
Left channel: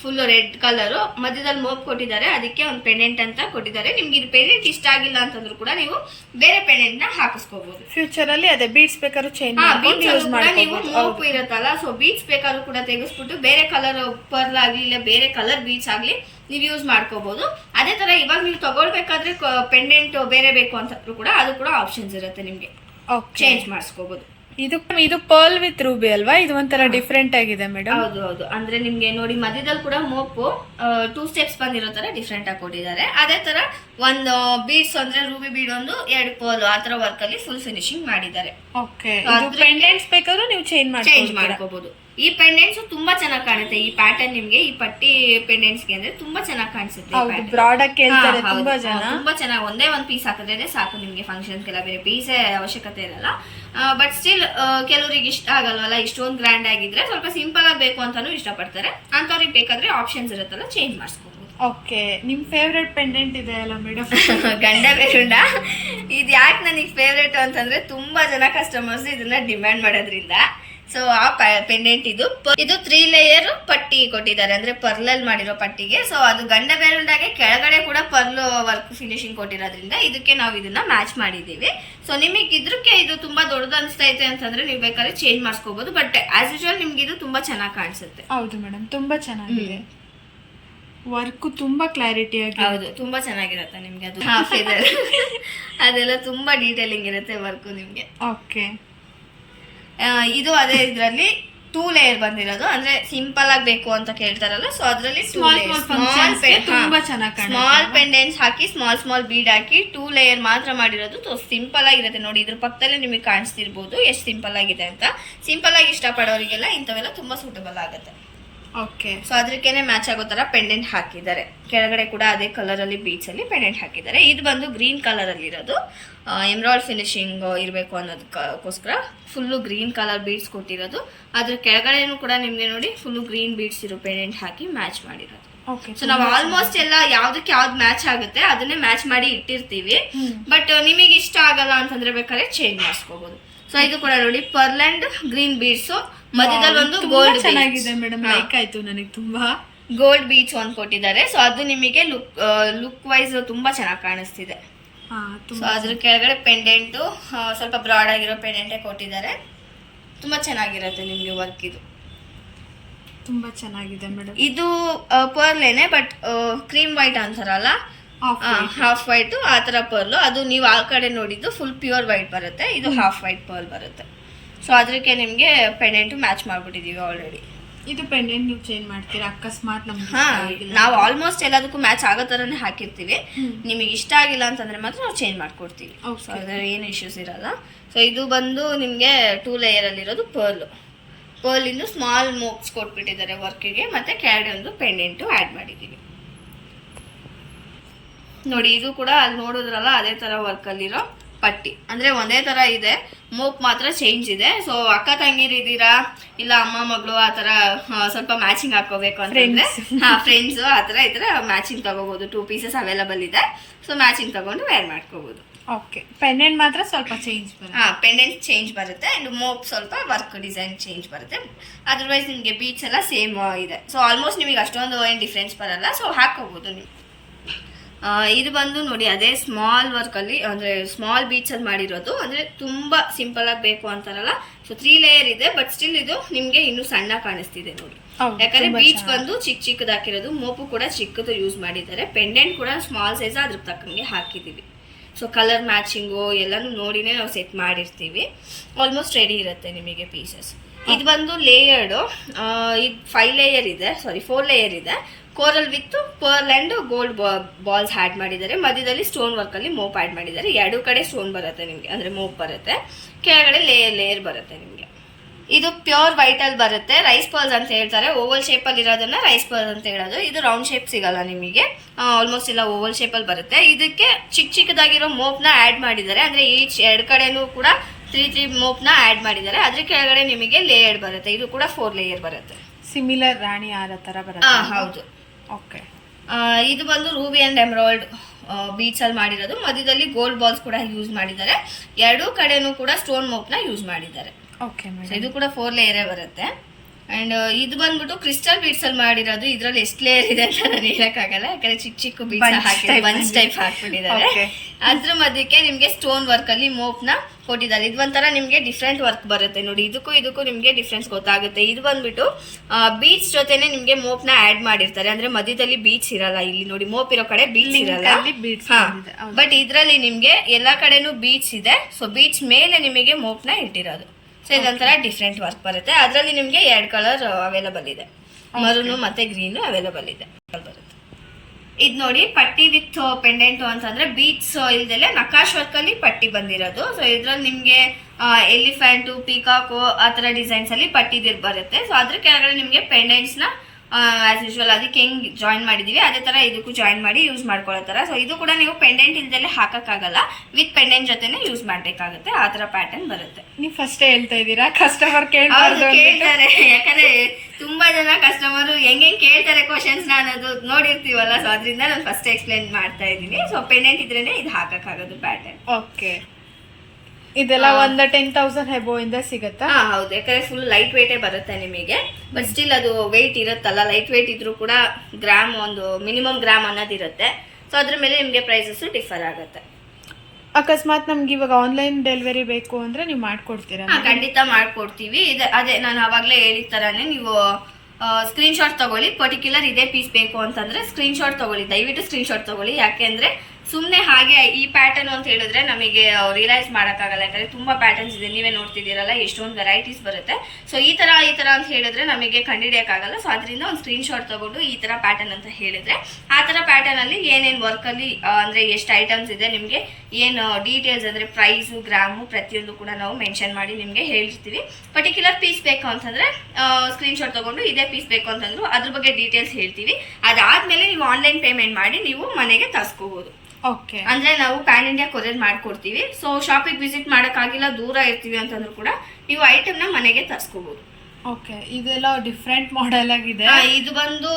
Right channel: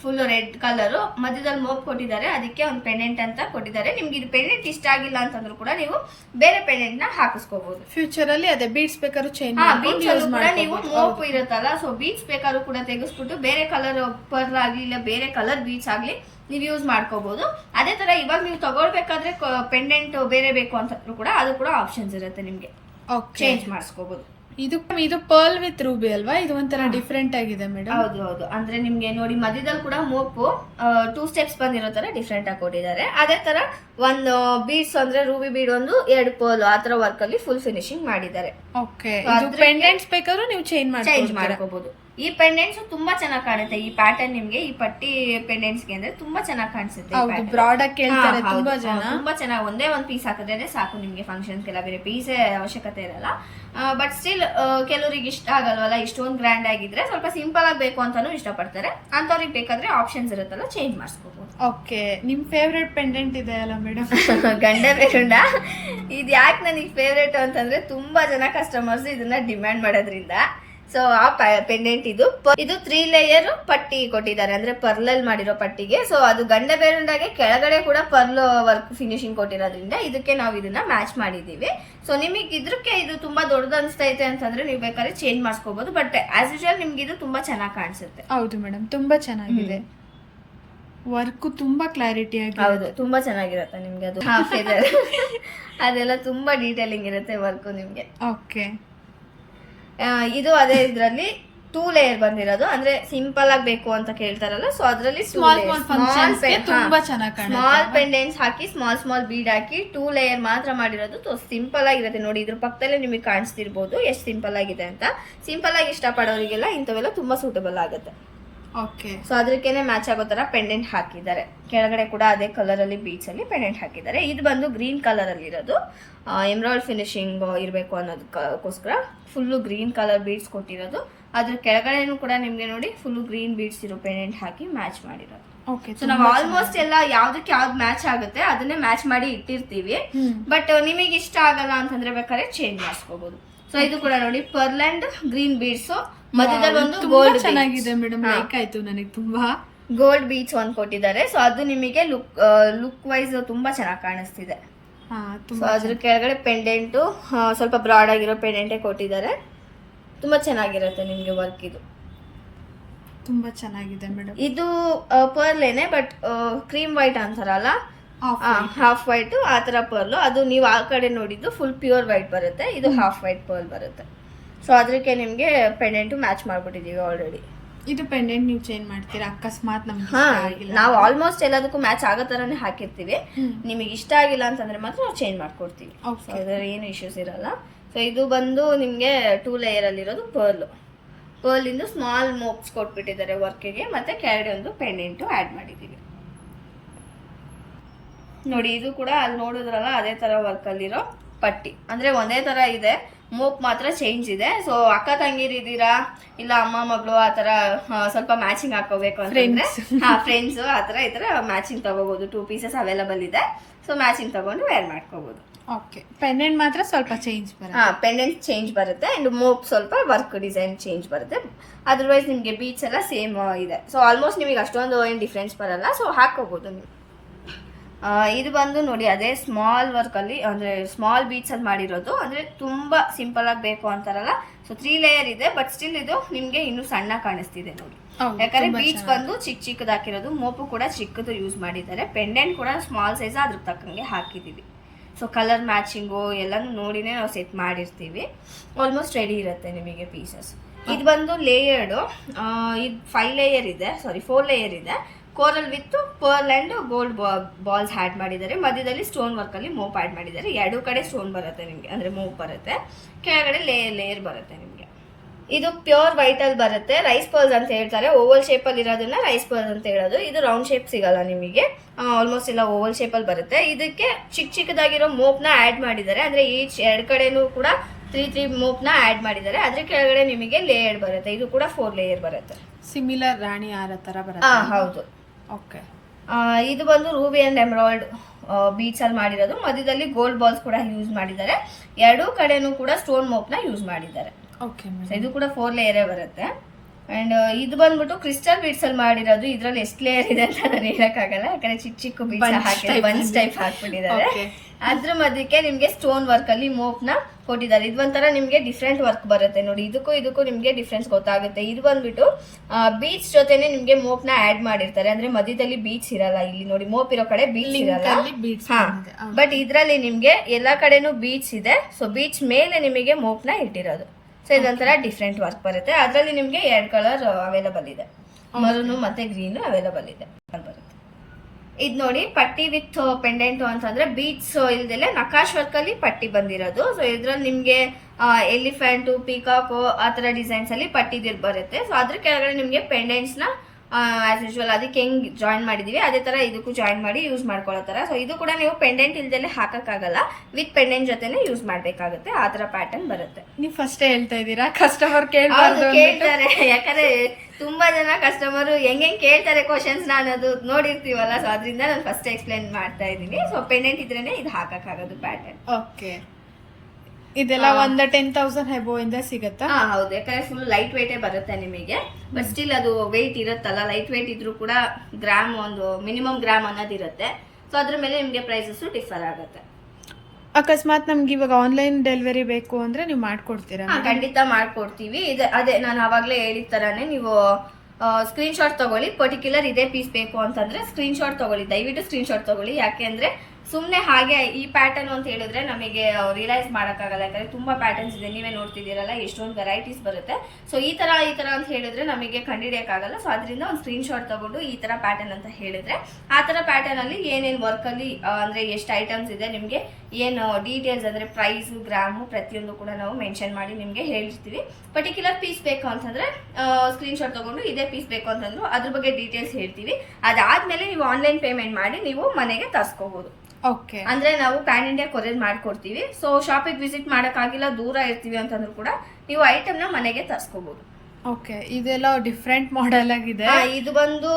ಫುಲ್ ರೆಡ್ ಕಲರ್, ಮಧ್ಯದಲ್ಲಿ ಮೋಪ್ ಕೊಟ್ಟಿದ್ದಾರೆ, ಅದಕ್ಕೆ ಒಂದು ಪೆಂಡೆಂಟ್ ಅಂತ ಕೊಟ್ಟಿದ್ದಾರೆ. ನಿಮ್ಗೆ ಇದು ಪೆಂಡೆಂಟ್ ಇಷ್ಟ ಆಗಿಲ್ಲ ಅಂತಂದ್ರೂ ಕೂಡ ನೀವು ಬೇರೆ ಪೆಂಡೆಂಟ್ ನ ಹಾಕಿಸ್ಕೋಬಹುದು. ಫ್ಯೂಚರ್ ಅಲ್ಲಿ ಅದೇ ಬೀಟ್ಸ್ ಬೇಕಾದ್ರೂ ಚೇಂಜ್ ನೀವು ಮೋಪ್ ಇರುತ್ತಲ್ಲ, ಸೊ ಬೀಟ್ಸ್ ಬೇಕಾದ್ರೂ ಕೂಡ ತೆಗೆಸ್ಬಿಟ್ಟು ಬೇರೆ ಕಲರ್ ಪರ್ಲ್ ಆಗ್ಲಿ ಇಲ್ಲ ಬೇರೆ ಕಲರ್ ಬೀಟ್ಸ್ ಆಗ್ಲಿ ನೀವು ಯೂಸ್ ಮಾಡ್ಕೋಬಹುದು. ಅದೇ ತರ ಇವಾಗ ನೀವು ತಗೊಳ್ಬೇಕಾದ್ರೆ ಪೆಂಡೆಂಟ್ ಬೇರೆ ಬೇಕು ಅಂತಂದ್ರೂ ಕೂಡ ಅದು ಕೂಡ ಆಪ್ಷನ್ಸ್ ಇರುತ್ತೆ, ನಿಮ್ಗೆ ಚೇಂಜ್ ಮಾಡಿಸ್ಕೋಬಹುದು. ಇದು ಪರ್ಲ್ ವಿತ್ ರೂಬಿ ಅಲ್ವಾ? ಇದು ಒಂಥರ ಡಿಫ್ರೆಂಟ್ ಆಗಿದೆ ಮೇಡಮ್. ಹೌದು, ಅಂದ್ರೆ ನಿಮ್ಗೆ ನೋಡಿ ಮಧ್ಯದಲ್ಲಿ ಕೂಡ ಮೋಪು 2 ಸ್ಟೆಪ್ಸ್ ಬಂದಿರೋ ತರ ಡಿಫ್ರೆಂಟ್ ಆಗಿ ಕೊಟ್ಟಿದ್ದಾರೆ. ಅದೇ ತರ ಒಂದು ಬೀಡ್ಸ್ ಅಂದ್ರೆ ರೂಬಿ ಬೀಡ್ ಒಂದು 2 ಪರ್ಲ್ ಆ ತರ ವರ್ಕ್ ಅಲ್ಲಿ ಫುಲ್ ಫಿನಿಶಿಂಗ್ ಮಾಡಿದ್ದಾರೆ. ಓಕೆ, ಪೆಂಡೆಂಟ್ಸ್ ಬೇಕಾದ್ರೂ ನೀವು ಚೇಂಜ್ ಮಾಡ್ಕೋಬಹುದು. ಈ ಪೆಂಡೆಂಟ್ಸ್ ತುಂಬಾ ಚೆನ್ನಾಗಿ ಕಾಣುತ್ತೆ. ಈ ಪ್ಯಾಟರ್ನ್ ನಿಮ್ಗೆ ಈ ಪಟ್ಟಿ ಪೆಂಡೆಂಟ್ಸ್ ಗೆ ಅಂದ್ರೆ ತುಂಬಾ ಚೆನ್ನಾಗಿ ಕಾಣಿಸುತ್ತೆ. ಬ್ರಾಡ್ ಆಗಿ ಕೇಳ್ತಾರೆ ತುಂಬಾ ಜನ. ತುಂಬಾ ಚೆನ್ನಾಗಿ ಒಂದೇ ಒಂದು ಪೀಸ್ ಹಾಕಿದ್ರೆ ಸಾಕು ನಿಮ್ಗೆ. ಫಂಕ್ಷನ್ಸ್ ಗೆಲ್ಲ ಬೇರೆ ಪೀಸ್ ಅವಶ್ಯಕತೆ ಇರಲ್ಲ. ಬಟ್ ಸ್ಟಿಲ್ ಕೆಲವರಿಗೆ ಇಷ್ಟ ಆಗಲ್ವಲ್ಲ, ಇಷ್ಟೊಂದು ಗ್ರ್ಯಾಂಡ್ ಆಗಿದ್ರೆ ಸ್ವಲ್ಪ ಸಿಂಪಲ್ ಆಗಿ ಬೇಕು ಅಂತಾನು ಇಷ್ಟಪಡ್ತಾರೆ. ಅಂತವ್ರಿಗೆ ಬೇಕಾದ್ರೆ ಆಪ್ಷನ್ಸ್ ಇರುತ್ತಲ್ಲ, ಚೇಂಜ್ ಮಾಡಿಸ್ಕೋಬಹುದು. ಓಕೆ, ನಿಮ್ ಫೇವ್ರೆಟ್ ಪೆಂಡೆಂಟ್ ಇದೆ ಅಲ್ಲ ಮೇಡಮ್? ಗಂಡ ಬೇರುಂಡ. ಇದು ಯಾಕೆ ನನಗೆ ಫೇವ್ರೇಟ್ ಅಂತಂದ್ರೆ ತುಂಬಾ ಜನ ಕಸ್ಟಮರ್ಸ್ ಇದನ್ನ ಡಿಮ್ಯಾಂಡ್ ಮಾಡೋದ್ರಿಂದ. ಸೊ ಆ ಪೆಂಡೆಂಟ್ ಇದು 3 ಲೇಯರ್ ಪಟ್ಟಿ ಕೊಟ್ಟಿದ್ದಾರೆ, ಅಂದ್ರೆ ಪರ್ಲಲ್ ಮಾಡಿರೋ ಪಟ್ಟಿಗೆ. ಸೊ ಅದು ಗಂಡ ಬೇರುಂಡಾಗೆ ಕೆಳಗಡೆ ಕೂಡ ಪರ್ಲ್ ವರ್ಕ್ ಫಿನಿಶಿಂಗ್ ಕೊಟ್ಟಿರೋದ್ರಿಂದ ಇದಕ್ಕೆ ನಾವು ಇದನ್ನ ಮ್ಯಾಚ್ ಮಾಡಿದೀವಿ. ಸೊ ನಿಮಗೆ ಇದ್ರಕ್ಕೆ ಇದು ತುಂಬಾ ದೊಡ್ಡದು ಅನಿಸ್ತೈತೆ ಅಂತಂದ್ರೆ ನೀವು ಬೇಕಾದ್ರೆ ಚೇಂಜ್ ಮಾಡಿಸ್ಕೋಬಹುದು. ಬಟ್ ಆಸ್ ಯೂಶುವಲ್ ನಿಮ್ಗೆ ಇದು ತುಂಬಾ ಚೆನ್ನಾಗಿ ಕಾಣಿಸುತ್ತೆ. ಹೌದು ಮೇಡಮ್, ತುಂಬಾ ಚೆನ್ನಾಗಿದೆ. ವರ್ಕ್ ತುಂಬಾ ಕ್ಲಾರಿಟಿ ಆಗಿ. ಹೌದು, ತುಂಬಾ ಚೆನ್ನಾಗಿರುತ್ತೆ ನಿಮ್ಗೆ. ಅದು ಅದೆಲ್ಲ ತುಂಬಾ ಡೀಟೇಲಿಂಗ್ ಇರುತ್ತೆ ವರ್ಕ್ ನಿಮ್ಗೆ. ಓಕೆ, ಇದು ಅದೇ ಇದ್ರಲ್ಲಿ 2 ಲೇಯರ್ ಬಂದಿರೋದು. ಅಂದ್ರೆ ಸಿಂಪಲ್ ಆಗಿ ಬೇಕು ಅಂತ ಕೇಳ್ತಾರಲ್ಲ, ಸೊ ಅದ್ರಲ್ಲಿ ಸ್ಮಾಲ್ ಪೆಂಡೆಂಟ್ಸ್ ಹಾಕಿ ಸ್ಮಾಲ್ ಬೀಡ್ ಹಾಕಿ 2 ಲೇಯರ್ ಮಾತ್ರ ಮಾಡಿರೋದು. ಸಿಂಪಲ್ ಆಗಿರುತ್ತೆ ನೋಡಿ. ಇದ್ರ ಪಕ್ಕದಲ್ಲೇ ನಿಮಗೆ ಕಾಣಿಸ್ತಿರ್ಬೋದು ಎಷ್ಟು ಸಿಂಪಲ್ ಆಗಿದೆ ಅಂತ. ಸಿಂಪಲ್ ಆಗಿ ಇಷ್ಟಪಡೋರಿಗೆಲ್ಲ ಇಂಥವೆಲ್ಲ ತುಂಬಾ ಸೂಟಬಲ್ ಆಗುತ್ತೆ. ಓಕೆ, ಸೊ ಅದಕ್ಕೇನೆ ಮ್ಯಾಚ್ ಆಗೋ ತರ ಪೆಂಡೆಂಟ್ ಹಾಕಿದ್ದಾರೆ. ಕೆಳಗಡೆ ಕೂಡ ಅದೇ ಕಲರ್ ಅಲ್ಲಿ ಬೀಡ್ಸ್ ಅಲ್ಲಿ ಪೆಂಡೆಂಟ್ ಹಾಕಿದ್ದಾರೆ. ಇದು ಬಂದು ಗ್ರೀನ್ ಕಲರ್ ಅಲ್ಲಿ ಇರೋದು. ಎಮ್ರಾಯ್ಡ್ ಫಿನಿಶಿಂಗ್ ಇರಬೇಕು ಅನ್ನೋದಕ್ಕೋಸ್ಕರ ಫುಲ್ಲು ಗ್ರೀನ್ ಕಲರ್ ಬೀಡ್ಸ್ ಕೊಟ್ಟಿರೋದು. ಅದ್ರ ಕೆಳಗಡೆನೂ ಕೂಡ ನಿಮ್ಗೆ ನೋಡಿ ಫುಲ್ಲು ಗ್ರೀನ್ ಬೀಡ್ಸ್ ಇರೋ ಪೆಂಡೆಂಟ್ ಹಾಕಿ ಮ್ಯಾಚ್ ಮಾಡಿರೋದು. ಓಕೆ. ಸೊ ನಾವು ಆಲ್ಮೋಸ್ಟ್ ಎಲ್ಲ ಯಾವ್ದಕ್ಕೆ ಯಾವ್ದು ಮ್ಯಾಚ್ ಆಗುತ್ತೆ ಅದನ್ನೇ ಮ್ಯಾಚ್ ಮಾಡಿ ಇಟ್ಟಿರ್ತೀವಿ. ಬಟ್ ನಿಮಗೆ ಇಷ್ಟ ಆಗಲ್ಲ ಅಂತಂದ್ರೆ ಬೇಕಾದ್ರೆ ಚೇಂಜ್ ಮಾಡಿಸ್ಕೋಬಹುದು. ಸೊ ಇದು ಕೂಡ ನೋಡಿ ಪರ್ಲ್ ಅಂಡ್ ಗ್ರೀನ್ ಬೀಡ್ಸ್, ಮಧ್ಯದಲ್ಲಿ ಒಂದು ಗೋಲ್ಡ್ ಚೆನ್ನಾಗಿದೆ ಮೇಡಮ್, ಲೈಕ್ ಆಯ್ತು ನನಗೆ ತುಂಬಾ. ಗೋಲ್ಡ್ ಬೀಡ್ಸ್ ಒಂದು ಕೊಟ್ಟಿದ್ದಾರೆ. ಸೊ ಅದು ನಿಮಗೆ ಲುಕ್ ವೈಸ್ ತುಂಬಾ ಚೆನ್ನಾಗಿ ಕಾಣಿಸ್ತಿದೆ. ಸೊ ಅದ್ರ ಕೆಳಗಡೆ ಪೆಂಡೆಂಟು ಸ್ವಲ್ಪ ಬ್ರಾಡ್ ಆಗಿರೋ ಪೆಂಡೆಂಟೇ ಕೊಟ್ಟಿದ್ದಾರೆ. ತುಂಬಾ ಚೆನ್ನಾಗಿರುತ್ತೆ ನಿಮ್ಗೆ ವರ್ಕ್. ಇದು ತುಂಬಾ ಚೆನ್ನಾಗಿದೆ ಮೇಡಮ್. ಇದು ಪರ್ಲೇನೆ, ಬಟ್ ಕ್ರೀಮ್ ವೈಟ್ ಅಂತಾರಲ್ಲ, ಹಾಫ್ ವೈಟ್ ಆ ತರ ಪರ್ಲ್. ಅದು ನೀವು ಆ ಕಡೆ ನೋಡಿದ್ದು ಫುಲ್ ಪ್ಯೂರ್ ವೈಟ್ ಬರುತ್ತೆ, ಇದು ಹಾಫ್ ವೈಟ್ ಪರ್ಲ್ ಬರುತ್ತೆ. ಸೊ ಅದಕ್ಕೆ ನಿಮ್ಗೆ ಪೆಂಡೆಂಟು ಮ್ಯಾಚ್ ಮಾಡ್ಬಿಟ್ಟಿದೀವಿ ಆಲ್ರೆಡಿ. ಇದು ಪೆಂಡೆಂಟ್ ನೀವು ಚೇಂಜ್ ಮಾಡ್ತೀರಾ ಅಕಸ್ಮಾತ್ ನಮ್ಗೆ? ನಾವು ಆಲ್ಮೋಸ್ಟ್ ಎಲ್ಲದಕ್ಕೂ ಮ್ಯಾಚ್ ಆಗೋ ತರನೇ ಹಾಕಿರ್ತೀವಿ. ನಿಮಗೆ ಇಷ್ಟ ಆಗಿಲ್ಲ ಅಂತಂದ್ರೆ ಮಾತ್ರ ನಾವು ಚೇಂಜ್ ಮಾಡ್ಕೊಡ್ತೀವಿ. ಅದ್ರ ಏನು ಇಶ್ಯೂಸ್ ಇರಲ್ಲ. ಸೊ ಇದು ಬಂದು ನಿಮ್ಗೆ 2 ಲೇಯರ್ ಅಲ್ಲಿ ಇರೋದು ಪರ್ಲ್ ಇಂದು ಸ್ಮಾಲ್ ಮೋಪ್ಸ್ ಕೊಟ್ಬಿಟ್ಟಿದ್ದಾರೆ ವರ್ಕಿಗೆ, ಮತ್ತೆ ಕೆಳಗಡೆ ಒಂದು ಪೆಂಡೆಂಟು ಆಡ್ ಮಾಡಿದೀವಿ ನೋಡಿ. ಇದು ಕೂಡ ಅಲ್ಲಿ ನೋಡಿದ್ರಲ್ಲ ಅದೇ ತರ ವರ್ಕ್ ಅಲ್ಲಿರೋ ಪಟ್ಟಿ, ಅಂದ್ರೆ ಒಂದೇ ತರ ಇದೆ, ಮೋಪ್ ಮಾತ್ರ ಚೇಂಜ್ ಇದೆ. ಸೊ ಅಕ್ಕ ತಂಗಿರು ಇದ್ದೀರಾ, ಇಲ್ಲ ಅಮ್ಮ ಮಗಳು ಆ ತರ ಸ್ವಲ್ಪ ಮ್ಯಾಚಿಂಗ್ ಹಾಕೋಬೇಕು ಅಂದ್ರೆ ಫ್ರೆಂಡ್ಸ್ ಆ ತರ ಈ ತರ ಮ್ಯಾಚಿಂಗ್ ತಗೋಬಹುದು. 2 ಪೀಸಸ್ ಅವೈಲಬಲ್ ಇದೆ. ಸೊ ಮ್ಯಾಚಿಂಗ್ ತಗೊಂಡು ವೇರ್ ಮಾಡ್ಕೋಬಹುದು. ಓಕೆ. ಪೆಂಡೆಂಟ್ ಮಾತ್ರ ಸ್ವಲ್ಪ ಚೇಂಜ್ ಬರುತ್ತೆ. ಪೆಂಡೆಂಟ್ ಚೇಂಜ್ ಬರುತ್ತೆ ಅಂಡ್ ಮೋಪ್ ಸ್ವಲ್ಪ ವರ್ಕ್ ಡಿಸೈನ್ ಚೇಂಜ್ ಬರುತ್ತೆ. ಅದರ್ವೈಸ್ ನಿಮಗೆ ಬೀಟ್ಸ್ ಎಲ್ಲ ಸೇಮ್ ಇದೆ. ಸೊ ಆಲ್ಮೋಸ್ಟ್ ನಿಮಗೆ ಅಷ್ಟೊಂದು ಏನು ಡಿಫ್ರೆನ್ಸ್ ಬರಲ್ಲ. ಸೊ ಹಾಕೋಬಹುದು ನೀವು. ಇದು ಬಂದು ನೋಡಿ ಅದೇ ಸ್ಮಾಲ್ ವರ್ಕ್ ಅಲ್ಲಿ, ಅಂದ್ರೆ ಸ್ಮಾಲ್ ಬೀಟ್ಸ್ ಅಲ್ಲಿ ಮಾಡಿರೋದು, ಅಂದ್ರೆ ತುಂಬಾ ಸಿಂಪಲ್ ಆಗಿ ಬೇಕು ಅಂತಾರಲ್ಲ. ಸೊ 3 ಲೇಯರ್ ಇದೆ, ಬಟ್ ಸ್ಟಿಲ್ ಇದು ನಿಮ್ಗೆ ಇನ್ನು ಸಣ್ಣ ಕಾಣಿಸ್ತಿದೆ ನೋಡಿ. ಯಾಕಂದ್ರೆ ಬೀಚ್ ಬಂದು ಚಿಕ್ಕದು ಹಾಕಿರೋದು, ಮೋಪು ಕೂಡ ಚಿಕ್ಕದು ಯೂಸ್ ಮಾಡಿದ್ದಾರೆ. ಪೆಂಡೆಂಟ್ ಕೂಡ ಸ್ಮಾಲ್ ಸೈಜ್ ಅದ್ರ ತಕ್ಕಂಗೆ ಹಾಕಿದೀವಿ. ಸೊ ಕಲರ್ ಮ್ಯಾಚಿಂಗು ಎಲ್ಲಾನು ನೋಡಿನೇ ನಾವು ಸೆಟ್ ಮಾಡಿರ್ತೀವಿ. ಆಲ್ಮೋಸ್ಟ್ ರೆಡಿ ಇರುತ್ತೆ ನಿಮಗೆ ಪೀಸಸ್. ಇದು ಬಂದು ಲೇಯರ್ಡ್, ಇದು 4 ಲೇಯರ್ ಇದೆ. Coral with pearl and gold balls add ಮಾಡಿದ್ದಾರೆ. ಮಧ್ಯದಲ್ಲಿ ಸ್ಟೋನ್ ವರ್ಕ್ ಅಲ್ಲಿ ಮೋಪ್ ಆಡ್ ಮಾಡಿದ್ದಾರೆ. 2 ಕಡೆ ಸ್ಟೋನ್ ಬರುತ್ತೆ ನಿಮ್ಗೆ, ಅಂದ್ರೆ ಮೋಪ್ ಬರುತ್ತೆ. ಕೆಳಗಡೆ ಲೇಯರ್ ಬರುತ್ತೆ ನಿಮ್ಗೆ. ಇದು ಪ್ಯೂರ್ ವೈಟ್ ಅಲ್ಲಿ ಬರುತ್ತೆ. ರೈಸ್ ಪರ್ಲ್ಸ್ ಅಂತ ಹೇಳ್ತಾರೆ. ಓವಲ್ ಶೇಪ್ ಅಲ್ಲಿ ಇರೋದನ್ನ ರೈಸ್ ಪರ್ಲ್ಸ್ ಅಂತ ಹೇಳೋದು. ಇದು ರೌಂಡ್ ಶೇಪ್ ಸಿಗಲ್ಲ ನಿಮಗೆ, ಆಲ್ಮೋಸ್ಟ್ ಎಲ್ಲ ಓವಲ್ ಶೇಪ್ ಅಲ್ಲಿ ಬರುತ್ತೆ. ಇದಕ್ಕೆ ಚಿಕ್ಕದಾಗಿರೋ ಮೋಪ್ ನ ಆಡ್ ಮಾಡಿದ್ದಾರೆ. ಅಂದ್ರೆ ಈಚ್ 2 ಕಡೆನೂ ಕೂಡ 3 ಮೋಪ್ ನ ಆಡ್ ಮಾಡಿದ್ದಾರೆ. ಅದ್ರ ಕೆಳಗಡೆ ನಿಮಗೆ ಲೇಯರ್ ಬರುತ್ತೆ. ಇದು ಕೂಡ 4 ಲೇಯರ್ ಬರುತ್ತೆ. ಸಿಮಿಲರ್ ರಾಣಿ ಆರ ತರ ಬರುತ್ತೆ. ಹೌದು. ಓಕೆ. ಇದು ಬಂದು ರೂಬಿ ಅಂಡ್ ಎಮರಾಲ್ಡ್ ಬೀಟ್ಸ್ ಅಲ್ಲಿ ಮಾಡಿರೋದು. ಮಧ್ಯದಲ್ಲಿ ಗೋಲ್ಡ್ ಬಾಲ್ಸ್ ಕೂಡ ಯೂಸ್ ಮಾಡಿದ್ದಾರೆ. 2 ಕಡೆನೂ ಕೂಡ ಸ್ಟೋನ್ ಮೋಪ್ ನ ಯೂಸ್ ಮಾಡಿದ್ದಾರೆ. ಓಕೆ. ಇದು ಕೂಡ 4 ಲೇಯರ್ ಬರುತ್ತೆ. ಅಂಡ್ ಇದು ಬಂದ್ಬಿಟ್ಟು ಕ್ರಿಸ್ಟಲ್ ಬೀಟ್ಸ್ ಅಲ್ಲಿ ಮಾಡಿರೋದು. ಇದ್ರಲ್ಲಿ ಎಷ್ಟು ಲೇಯರ್ ಇದೆ ಅಂತ ನಾನು ಹೇಳಕ್ಕಾಗಲ್ಲ, ಯಾಕಂದ್ರೆ ಚಿಕ್ಕ ಬೀಟ್ಸ್ ಹಾಕಿ ಬಂಚ್ ಟೈಪ್ ಹಾಕ್ಬಿಟ್ಟಿದ್ದಾರೆ. ಅದ್ರ ಮಧ್ಯಕ್ಕೆ ನಿಮ್ಗೆ ಸ್ಟೋನ್ ವರ್ಕ್ ಅಲ್ಲಿ ಮೋಪ್ ನ ಕೊಟ್ಟಿದ್ದಾರೆ. ಇದು ಒಂಥರ ನಿಮ್ಗೆ ಡಿಫ್ರೆಂಟ್ ವರ್ಕ್ ಬರುತ್ತೆ ನೋಡಿ. ಇದಕ್ಕೂ ನಿಮ್ಗೆ ಡಿಫ್ರೆನ್ಸ್ ಗೊತ್ತಾಗುತ್ತೆ. ಇದು ಬಂದ್ಬಿಟ್ಟು ಬೀಟ್ಸ್ ಜೊತೆನೆ ನಿಮ್ಗೆ ಮೋಪ್ ನ ಆಡ್ ಮಾಡಿರ್ತಾರೆ. ಅಂದ್ರೆ ಮಧ್ಯದಲ್ಲಿ ಬೀಟ್ಸ್ ಇರಲ್ಲ. ಇಲ್ಲಿ ನೋಡಿ ಮೋಪ್ ಇರೋ ಕಡೆ ಬೀಟ್ಸ್ ಇರಲ್ಲ. ಬಟ್ ಇದ್ರಲ್ಲಿ ನಿಮ್ಗೆ ಎಲ್ಲಾ ಕಡೆನೂ ಬೀಟ್ಸ್ ಇದೆ. ಸೊ ಬೀಟ್ಸ್ ಮೇಲೆ ನಿಮಗೆ ಮೋಪ್ ನ ಇಟ್ಟಿರೋದು. ಸೊ ಇದೊಂಥರ ಡಿಫ್ರೆಂಟ್ ವರ್ಕ್ ಬರುತ್ತೆ. ಅದರಲ್ಲಿ ನಿಮ್ಗೆ 2 ಕಲರ್ ಅವೈಲಬಲ್ ಇದೆ, ಮರೂನು ಮತ್ತೆ ಗ್ರೀನ್ ಅವೈಲಬಲ್ ಇದೆ ಬರುತ್ತೆ. ಇದು ನೋಡಿ ಪಟ್ಟಿ ವಿತ್ ಪೆಂಡೆಂಟ್ ಅಂತಂದ್ರೆ ಬೀಟ್ಸ್ ಇಲ್ದೆಲ್ಲ ನಕಾಶ್ ವರ್ಕ್ ಅಲ್ಲಿ ಪಟ್ಟಿ ಬಂದಿರೋದು. ಸೊ ಇದ್ರಲ್ಲಿ ನಿಮ್ಗೆ ಎಲಿಫೆಂಟ್, ಪೀಕಾಕ್ ಆ ತರ ಡಿಸೈನ್ಸ್ ಅಲ್ಲಿ ಪಟ್ಟಿ ಬರುತ್ತೆ. ಸೊ ಅದ್ರ ಕೆಳಗಡೆ ನಿಮ್ಗೆ ಪೆಂಡೆಂಟ್ಸ್ ನ ಆಸ್ ಯೂಶುವಲ್ ಅದಕ್ಕೆ ಹೆಂಗ್ ಜಾಯಿನ್ ಮಾಡಿದೀವಿ ಅದೇ ತರ ಇದಕ್ಕೂ ಜಾಯಿನ್ ಮಾಡಿ ಯೂಸ್ ಮಾಡ್ಕೊಳ್ಳೋ ತರ. ಸೊ ಇದು ಕೂಡ ನೀವು ಪೆಂಡೆಂಟ್ ಇಲ್ದೆಲ್ಲ ಹಾಕಕ್ಕಾಗಲ್ಲ, ವಿತ್ ಪೆಂಡೆಂಟ್ ಜೊತೆನೆ ಯೂಸ್ ಮಾಡ್ಬೇಕಾಗುತ್ತೆ. ಆ ತರ ಪ್ಯಾಟರ್ನ್ ಬರುತ್ತೆ. ನೀವು ಫಸ್ಟ್ ಹೇಳ್ತಾ ಇದ್ದೀರಾ, ಕಸ್ಟಮರ್ ಕೇಳ್ತಾರೆ. ಯಾಕಂದ್ರೆ ತುಂಬಾ ಜನ ಕಸ್ಟಮರ್ ಹೆಂಗ್ ಕೇಳ್ತಾರೆ ಕ್ವಶನ್ಸ್ ಅನ್ನೋದು ನೋಡಿರ್ತೀವಲ್ಲ. ಸೊ ಅದರಿಂದ ನಾನು ಫಸ್ಟ್ ಎಕ್ಸ್ಪ್ಲೈನ್ ಮಾಡ್ತಾ ಇದ್ದೀನಿ. ಸೊ ಪೆಂಡೆಂಟ್ ಇದ್ರೇನೆ ಇದು ಹಾಕಕ್ಕಾಗೋದು ಪ್ಯಾಟರ್ನ್. ಓಕೆ. ಇದೆಲ್ಲ ಒಂದು 10,000 ಹೆಬೋ ಇಂದ ಸಿಗುತ್ತಾ? ಹೌದು, ಯಾಕಂದ್ರೆ ಫುಲ್ ಲೈಟ್ ವೇಟೇ ಬರುತ್ತೆ ನಿಮಗೆ. ಬಟ್ ಸ್ಟಿಲ್ ಅದು ವೆಯ್ಟ್ ಇರುತ್ತಲ್ಲ, ಲೈಟ್ ವೇಟ್ ಇದ್ರೂ ಕೂಡ ಗ್ರಾಮ್ ಒಂದು ಮಿನಿಮಮ್ ಗ್ರಾಮ್ ಅನ್ನೋದಿರುತ್ತೆ. ಸೊ ಅದ್ರ ಮೇಲೆ ನಿಮ್ಗೆ ಪ್ರೈಸಸ್ ಡಿಫರ್ ಆಗುತ್ತೆ. ಅಕಸ್ಮಾತ್ ನಮ್ಗೆ ಇವಾಗ ಆನ್ಲೈನ್ ಡೆಲಿವರಿ ಬೇಕು ಅಂದ್ರೆ ನೀವು ಮಾಡ್ಕೊಡ್ತೀರಾ? ಖಂಡಿತ ಮಾಡ್ಕೊಡ್ತೀವಿ. ಅದೇ ನಾನು ಅವಾಗಲೇ ಹೇಳಿದ ತರಾನೇ ನೀವು ಸ್ಕ್ರೀನ್ ಶಾಟ್ ತಗೊಳ್ಳಿ. ಪರ್ಟಿಕ್ಯುಲರ್ ಇದೇ ಪೀಸ್ ಬೇಕು ಅಂತಂದ್ರೆ ಸ್ಕ್ರೀನ್ ಶಾಟ್ ತಗೊಳ್ಳಿ, ದಯವಿಟ್ಟು ಸ್ಕ್ರೀನ್ ಶಾಟ್ ತಗೊಳ್ಳಿ. ಯಾಕೆಂದ್ರೆ ಸುಮ್ಮನೆ ಹಾಗೆ ಈ ಪ್ಯಾಟರ್ನ್ ಅಂತ ಹೇಳಿದ್ರೆ ನಮಗೆ ರಿಯಲೈಸ್ ಮಾಡೋಕ್ಕಾಗಲ್ಲ. ಯಾಕಂದ್ರೆ ತುಂಬಾ ಪ್ಯಾಟರ್ನ್ಸ್ ಇದೆ, ನೀವೇ ನೋಡ್ತಿದ್ದೀರಲ್ಲ ಎಷ್ಟೊಂದು ವೆರೈಟೀಸ್ ಬರುತ್ತೆ. ಸೊ ಈ ತರ ಅಂತ ಹೇಳಿದ್ರೆ ನಮಗೆ ಕಂಡುಹಿಡಿಯೋಕ್ಕಾಗಲ್ಲ. ಸೊ ಅದರಿಂದ ಒಂದು ಸ್ಕ್ರೀನ್ ಶಾಟ್ ತಗೊಂಡು ಈ ತರ ಪ್ಯಾಟರ್ನ್ ಅಂತ ಹೇಳಿದ್ರೆ ಆ ತರ ಪ್ಯಾಟರ್ನ್ ಅಲ್ಲಿ ಏನೇನು ವರ್ಕ್ ಅಲ್ಲಿ ಅಂದ್ರೆ ಎಷ್ಟು ಐಟಮ್ಸ್ ಇದೆ, ನಿಮಗೆ ಏನು ಡೀಟೇಲ್ಸ್ ಅಂದ್ರೆ ಪ್ರೈಸ್, ಗ್ರಾಮು ಪ್ರತಿಯೊಂದು ಕೂಡ ನಾವು ಮೆನ್ಷನ್ ಮಾಡಿ ನಿಮಗೆ ಹೇಳಿರ್ತೀವಿ. ಪರ್ಟಿಕ್ಯುಲರ್ ಪೀಸ್ ಬೇಕು ಅಂತಂದ್ರೆ ಸ್ಕ್ರೀನ್ ಶಾಟ್ ತಗೊಂಡು ಇದೇ ಪೀಸ್ ಬೇಕು ಅಂತಂದ್ರು ಅದ್ರ ಬಗ್ಗೆ ಡೀಟೇಲ್ಸ್ ಹೇಳ್ತೀವಿ. ಅದಾದ್ಮೇಲೆ ನೀವು ಆನ್ಲೈನ್ ಪೇಮೆಂಟ್ ಮಾಡಿ ನೀವು ಮನೆಗೆ ತರಿಸ್ಕೋಬಹುದು. ಓಕೆ. ಅಂದ್ರೆ ನಾವು ಪ್ಯಾನ್ ಇಂಡಿಯಾ ಕೊರಿಯರ್ ಮಾಡ್ಕೊಡ್ತೀವಿ. ಸೊ ಶಾಪಿಗೆ ವಿಸಿಟ್ ಮಾಡೋಕ್ಕಾಗಿಲ್ಲ, ದೂರ ಇರ್ತೀವಿ ಅಂತಂದ್ರು ಕೂಡ ನೀವು ಐಟಮ್ನ ಮನೆಗೆ ತರಿಸ್ಕೋಬಹುದು. ಓಕೆ, ಇದೆಲ್ಲ ಡಿಫ್ರೆಂಟ್ ಮಾಡೆಲ್ ಆಗಿದೆ. ಇದು ಬಂದು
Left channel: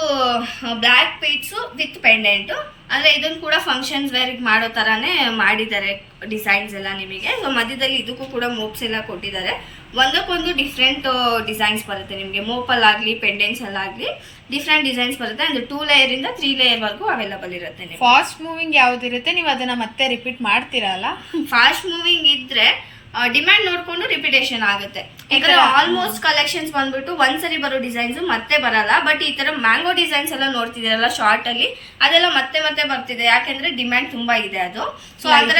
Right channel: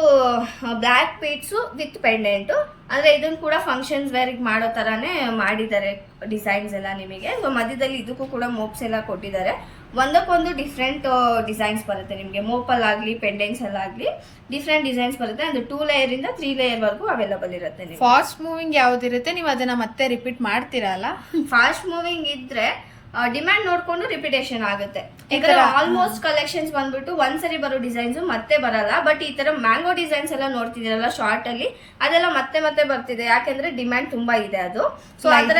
ಬ್ಲ್ಯಾಕ್ ಬೀಡ್ಸ್ ವಿತ್ ಪೆಂಡೆಂಟ್. ಅಂದ್ರೆ ಇದನ್ನು ಕೂಡ ಫಂಕ್ಷನ್ಸ್ ವೇರ್ ಮಾಡೋ ತರಾನೇ ಮಾಡಿದ್ದಾರೆ ಡಿಸೈನ್ಸ್ ಎಲ್ಲ ನಿಮಗೆ. ಸೊ ಮಧ್ಯದಲ್ಲಿ ಇದಕ್ಕೂ ಕೂಡ ಮೋಪ್ಸ್ ಎಲ್ಲ ಕೊಟ್ಟಿದ್ದಾರೆ. ಒಂದಕ್ಕೊಂದು ಡಿಫ್ರೆಂಟ್ ಡಿಸೈನ್ಸ್ ಬರುತ್ತೆ ನಿಮಗೆ. ಮೋಪಲ್ ಆಗಲಿ ಪೆಂಡೆಂಟ್ಸ್ ಎಲ್ಲ ಆಗಲಿ ಡಿಫ್ರೆಂಟ್ ಡಿಸೈನ್ಸ್ ಬರುತ್ತೆ. ಅಂದ್ರೆ 2 ಲೇಯರ್ ಇಂದ 3 ಲೇಯರ್ ವರೆಗೂ ಅವೈಲಬಲ್ ಇರುತ್ತೆ. ಫಾಸ್ಟ್ ಮೂವಿಂಗ್ ಯಾವ್ದಿರುತ್ತೆ, ನೀವು ಅದನ್ನ ಮತ್ತೆ ರಿಪೀಟ್ ಮಾಡ್ತೀರಲ್ಲ? ಫಾಸ್ಟ್ ಮೂವಿಂಗ್ ಇದ್ರೆ ಡಿಮ್ಯಾಂಡ್ ನೋಡ್ಕೊಂಡು ರಿಪಿಟೇಷನ್ ಆಗುತ್ತೆ. ಯಾಕಂದ್ರೆ ಆಲ್ಮೋಸ್ಟ್ ಕಲೆಕ್ಷನ್ಸ್ ಬಂದ್ಬಿಟ್ಟು ಒಂದ್ಸರಿ ಬರೋ ಡಿಸೈನ್ಸ್ ಮತ್ತೆ ಬರಲ್ಲ. ಬಟ್ ಈ ತರ ಮ್ಯಾಂಗೋ ಡಿಸೈನ್ಸ್ ಎಲ್ಲ ನೋಡ್ತಿದ್ದೀರಲ್ಲ ಶಾರ್ಟ್ ಅಲ್ಲಿ, ಅದೆಲ್ಲ ಮತ್ತೆ ಮತ್ತೆ ಬರ್ತಿದೆ. ಯಾಕೆಂದ್ರೆ ಡಿಮ್ಯಾಂಡ್ ತುಂಬಾ ಇದೆ ಅದು. ಸೊ ಅದರ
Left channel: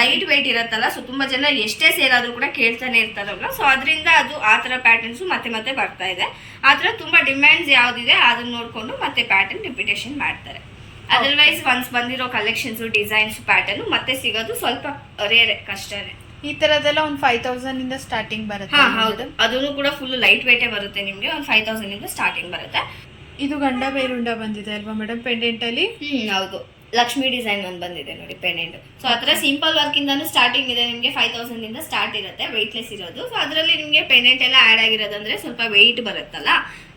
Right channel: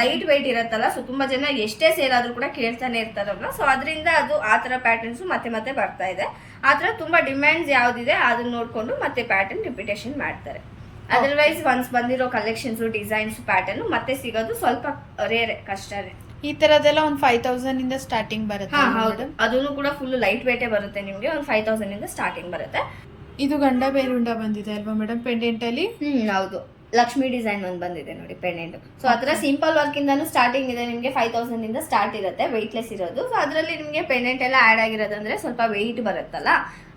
ಲೈಟ್ ವೆಯ್ಟ್ ಇರತ್ತಲ್ಲ, ಸೊ ತುಂಬಾ ಜನ ಎಷ್ಟೇ ಸೇಲ್ ಆದ್ರೂ ಕೂಡ ಕೇಳ್ತಾನೆ ಇರ್ತಾರಲ್ಲ. ಸೊ ಅದರಿಂದ ಅದು ಆ ತರ ಪ್ಯಾಟರ್ನ್ಸ್ ಮತ್ತೆ ಮತ್ತೆ ಬರ್ತಾ ಇದೆ. ಆತರ ತುಂಬಾ ಡಿಮ್ಯಾಂಡ್ಸ್ ಯಾವ್ದಿದೆ ಅದನ್ನ ನೋಡ್ಕೊಂಡು ಮತ್ತೆ ಪ್ಯಾಟರ್ನ್ ರಿಪಿಟೇಷನ್ ಮಾಡ್ತಾರೆ. ಅದರ್ವೈಸ್ ಒನ್ಸ್ ಬಂದಿರೋ ಕಲೆಕ್ಷನ್ಸ್ ಡಿಸೈನ್ಸ್ ಪ್ಯಾಟರ್ನ್ ಮತ್ತೆ ಸಿಗೋದು ಸ್ವಲ್ಪ ರೇರ್, ಕಷ್ಟನೇ. ಈ ತರದೆಲ್ಲ ಒಂದು 5000 ಇಂದ ಸ್ಟಾರ್ಟಿಂಗ್ ಬರುತ್ತೆ. ಹೌದು, ಅದನ್ನು ಕೂಡ ಫುಲ್ ಲೈಟ್ ವೇಟೇ ಬರುತ್ತೆ ನಿಮ್ಗೆ. ಒಂದು 5000 ಇಂದ ಸ್ಟಾರ್ಟಿಂಗ್ ಬರುತ್ತೆ. ಇದು ಗಂಡ ಬೇರುಂಡ ಬಂದಿದೆ ಅಲ್ವಾ ಮೇಡಮ್ ಪೆಂಡೆಂಟ್ ಅಲ್ಲಿ? ಹೌದು, ಲಕ್ಷ್ಮಿ ಡಿಸೈನ್ ಒಂದು ಬಂದಿದೆ ನೋಡಿ ಪೆಂಡೆಂಟ್. ಸೊ ಆತರ ಸಿಂಪಲ್ ವರ್ಕ್ ಇಂದಾನು ಸ್ಟಾರ್ಟಿಂಗ್ ಇದೆ ನಿಮ್ಗೆ. 5000 ಇಂದ ಸ್ಟಾರ್ಟ್ ಇರುತ್ತೆ, ವೆಯ್ಟ್ಲೆಸ್ ಇರೋದು. ಸೊ ಅದರಲ್ಲಿ ನಿಮ್ಗೆ ಪೆಂಡೆಂಟ್ ಎಲ್ಲ ಆಡ್ ಆಗಿರೋದಂದ್ರೆ ಸ್ವಲ್ಪ ವೆಯ್ಟ್ ಬರುತ್ತಲ್ಲ,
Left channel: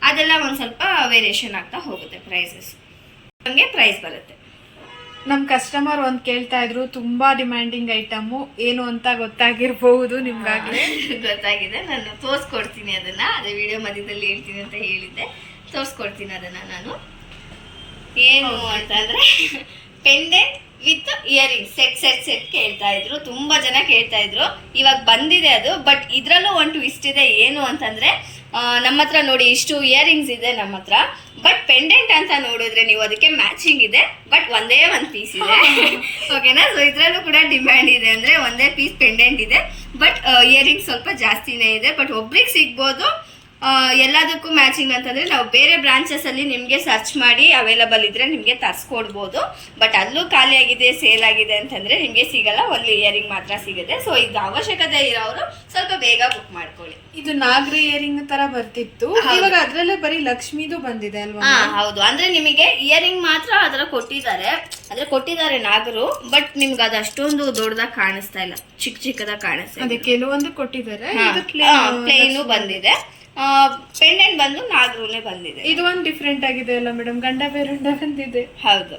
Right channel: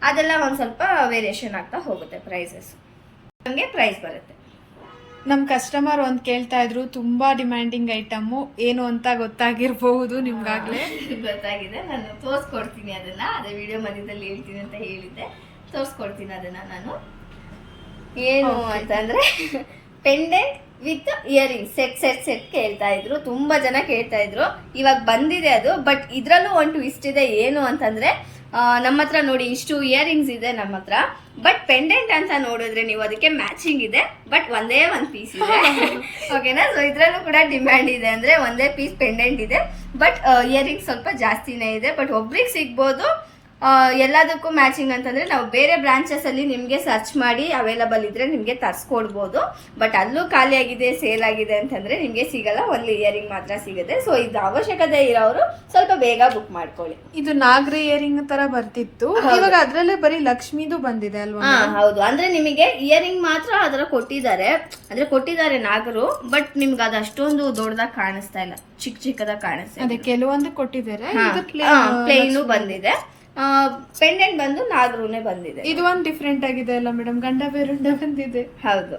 ಅದೆಲ್ಲ ಒಂದ್ ಸ್ವಲ್ಪ ವೇರಿಯೇಷನ್ ಆಗ್ತಾ ಹೋಗುತ್ತೆ ಪ್ರೈಸಸ್. ನಮ್ಗೆ ಪ್ರೈಸ್ ಬರುತ್ತೆ. ನಮ್ ಕಸ್ಟಮರ್ ಒಂದ್ ಕೇಳ್ತಾ ಇದ್ರು, ತುಂಬಾ ಡಿಮ್ಯಾಂಡಿಂಗ್ ಐಟಮ್ ಏನು ಅಂತ ಗೊತ್ತಾಗಿರ್ಬಹುದು ನಿಮ್ಗಾಗ್ಲೇ. ಗೊತ್ತಾಗಿದೆ, ನಾನು ತೋರ್ಸ್ಕೊಡ್ತೀನಿ ಅದನ್ನ. ಅದೇ ವಿಡಿಯೋ ಮಧ್ಯದಲ್ಲಿ ಹೇಳ್ತೀನಿ ಅಂತ ಹೇಳಿದ್ದೆ, ತೋರ್ಸ್ಕೊಡ್ತೀನಿ ಅದನ್ನ ನಾನು. ಏನು ಅಂತಂದ್ರೆ ಪೆಂಡೆಂಟ್ ವಿತ್ ಇಯರಿಂಗ್ ಸೆಟ್ ಕೇಳ್ತಾ ಇದ್ರು, ತುಂಬಾ ಜನ ಕೇಳ್ತಾ ಇದ್ರು. ಇವಾಗ ಬಂದಿದೆ ಅದು. ಬಟ್ ಇದ್ರಲ್ಲೂ ಒಂದು ಟ್ವಿಸ್ಟ್ ಇದೆ. ಏನು ಅಂತಂದ್ರೆ ನಮ್ಮ ಹತ್ರ ನೋಡಿ ಇಷ್ಟು ಇಯರಿಂಗ್ಸ್ ಇದೆ ನಮ್ಮ ಹತ್ರ. ಬಟ್ ಪೆಂಡೆಂಟ್ ಅಂತ ನೋಡಿದ್ರೆ ನೀವು ಅದಕ್ಕೆ ಮ್ಯಾಚಿಂಗ್ ಇದೆ, ಬಟ್ ಒಂದೇ ಒಂದು ಪೀಸ್ ಇದೆ. ಓಕೆನಾ? ಸೊ ಇದ್ರಲ್ಲೂ ಕೂಡ ಡಿಮ್ಯಾಂಡ್ ಇದೆ. ಅಂದ್ರೆ ಒಂದೇ ಪೀಸ್ ಪೆಂಡೆಂಟ್ ಇದೆ, ಬಟ್ ಇಯರಿಂಗ್ಸ್ ಸ್ವಲ್ಪ ಜಾಸ್ತಿನೇ ಇದೆ. ಬಟ್ ಒಬ್ರಿಗೆ ಸಿಗ್ಬೋದು. ಎಲ್ಲದಕ್ಕೂ ಮ್ಯಾಚಿಂಗ್ ಅಂತಂದ್ರೆ ನಾವು ಬೇರೆ ಬ್ರಾಂಚಸ್ ಅಲ್ಲಿ ನಿಮ್ಗೆ ಸರ್ಚ್ ಮಾಡಿ ಅವೈಲಬಲ್ ಇದ್ರೆ ನಿಮ್ಗೆ ತರ್ಸ್ಕೊಡ್ಬೋದು. ಬಟ್ ಅಲ್ಲೂ ಖಾಲಿ ಆಗಿದೆ, ಸೇಲ್ ಆಗಿದೆ ಅಂತಂದ್ರೆ ನಿಮ್ಗೆ ಸಿಗಲ್ಲ, ಒನ್ಲಿ ಇಯರಿಂಗ್ ಮಾತ್ರ ಸಿಗುತ್ತೆ. ಸೊ ಇದು ಅವಶ್ಯಕತೆ ಇರೋರು ಸ್ವಲ್ಪ ಬೇಗ ಬುಕ್ ಮಾಡ್ಕೊಳ್ಳಿ. ಇದು ನಾಗರ ಇಯರಿಂಗ್ ತರ ಬರ್ತಿತ್ತು, ಇವಾಗ ಅದ್ರಲ್ಲೇ ಬರೀ ಲಕ್ಷ್ಮಿದು ಬಂದಿದೆ ಅಲ್ವಾ? ಹೌದು, ಅಂದ್ರೆ ನಿಮಗೆ ಇಯರಿಂಗ್ ಮಾತ್ರ ಅದರ ಕೊಟ್ಟಿದ್ದಾರೆ ನಾಗರು. ಬಟ್ ನಿಮ್ಗೆ ಅದು ಅಷ್ಟೊಂದು ದೊಡ್ಡದಾಗಿ ಕಾಣಿಸ್ತಾ ಇಲ್ಲ, ಚಿಕ್ಕದಾಗಿ ಕಾಣಿಸ್ತಾ ಇದೆ. ಕೆಲವೊಂದು ಕೊಟ್ಟಿದ್ದಾರೆ, ಪ್ಲೇನು ಬಂದಿದೆ. ಪೆಂಡೆಂಟ್ ಬಂದು ನಾಗರೂನೇ ಬಂದಿದೆ. ಇದು ಒಂದು ಡಿಫ್ರೆಂಟ್ ಆಗಿದೆ ಅಲ್ಲ ಮೇಡಮ್, ಗಂಡ ಬೇರುಂಡ ಬಂದಿದೆ. ಹೌದು,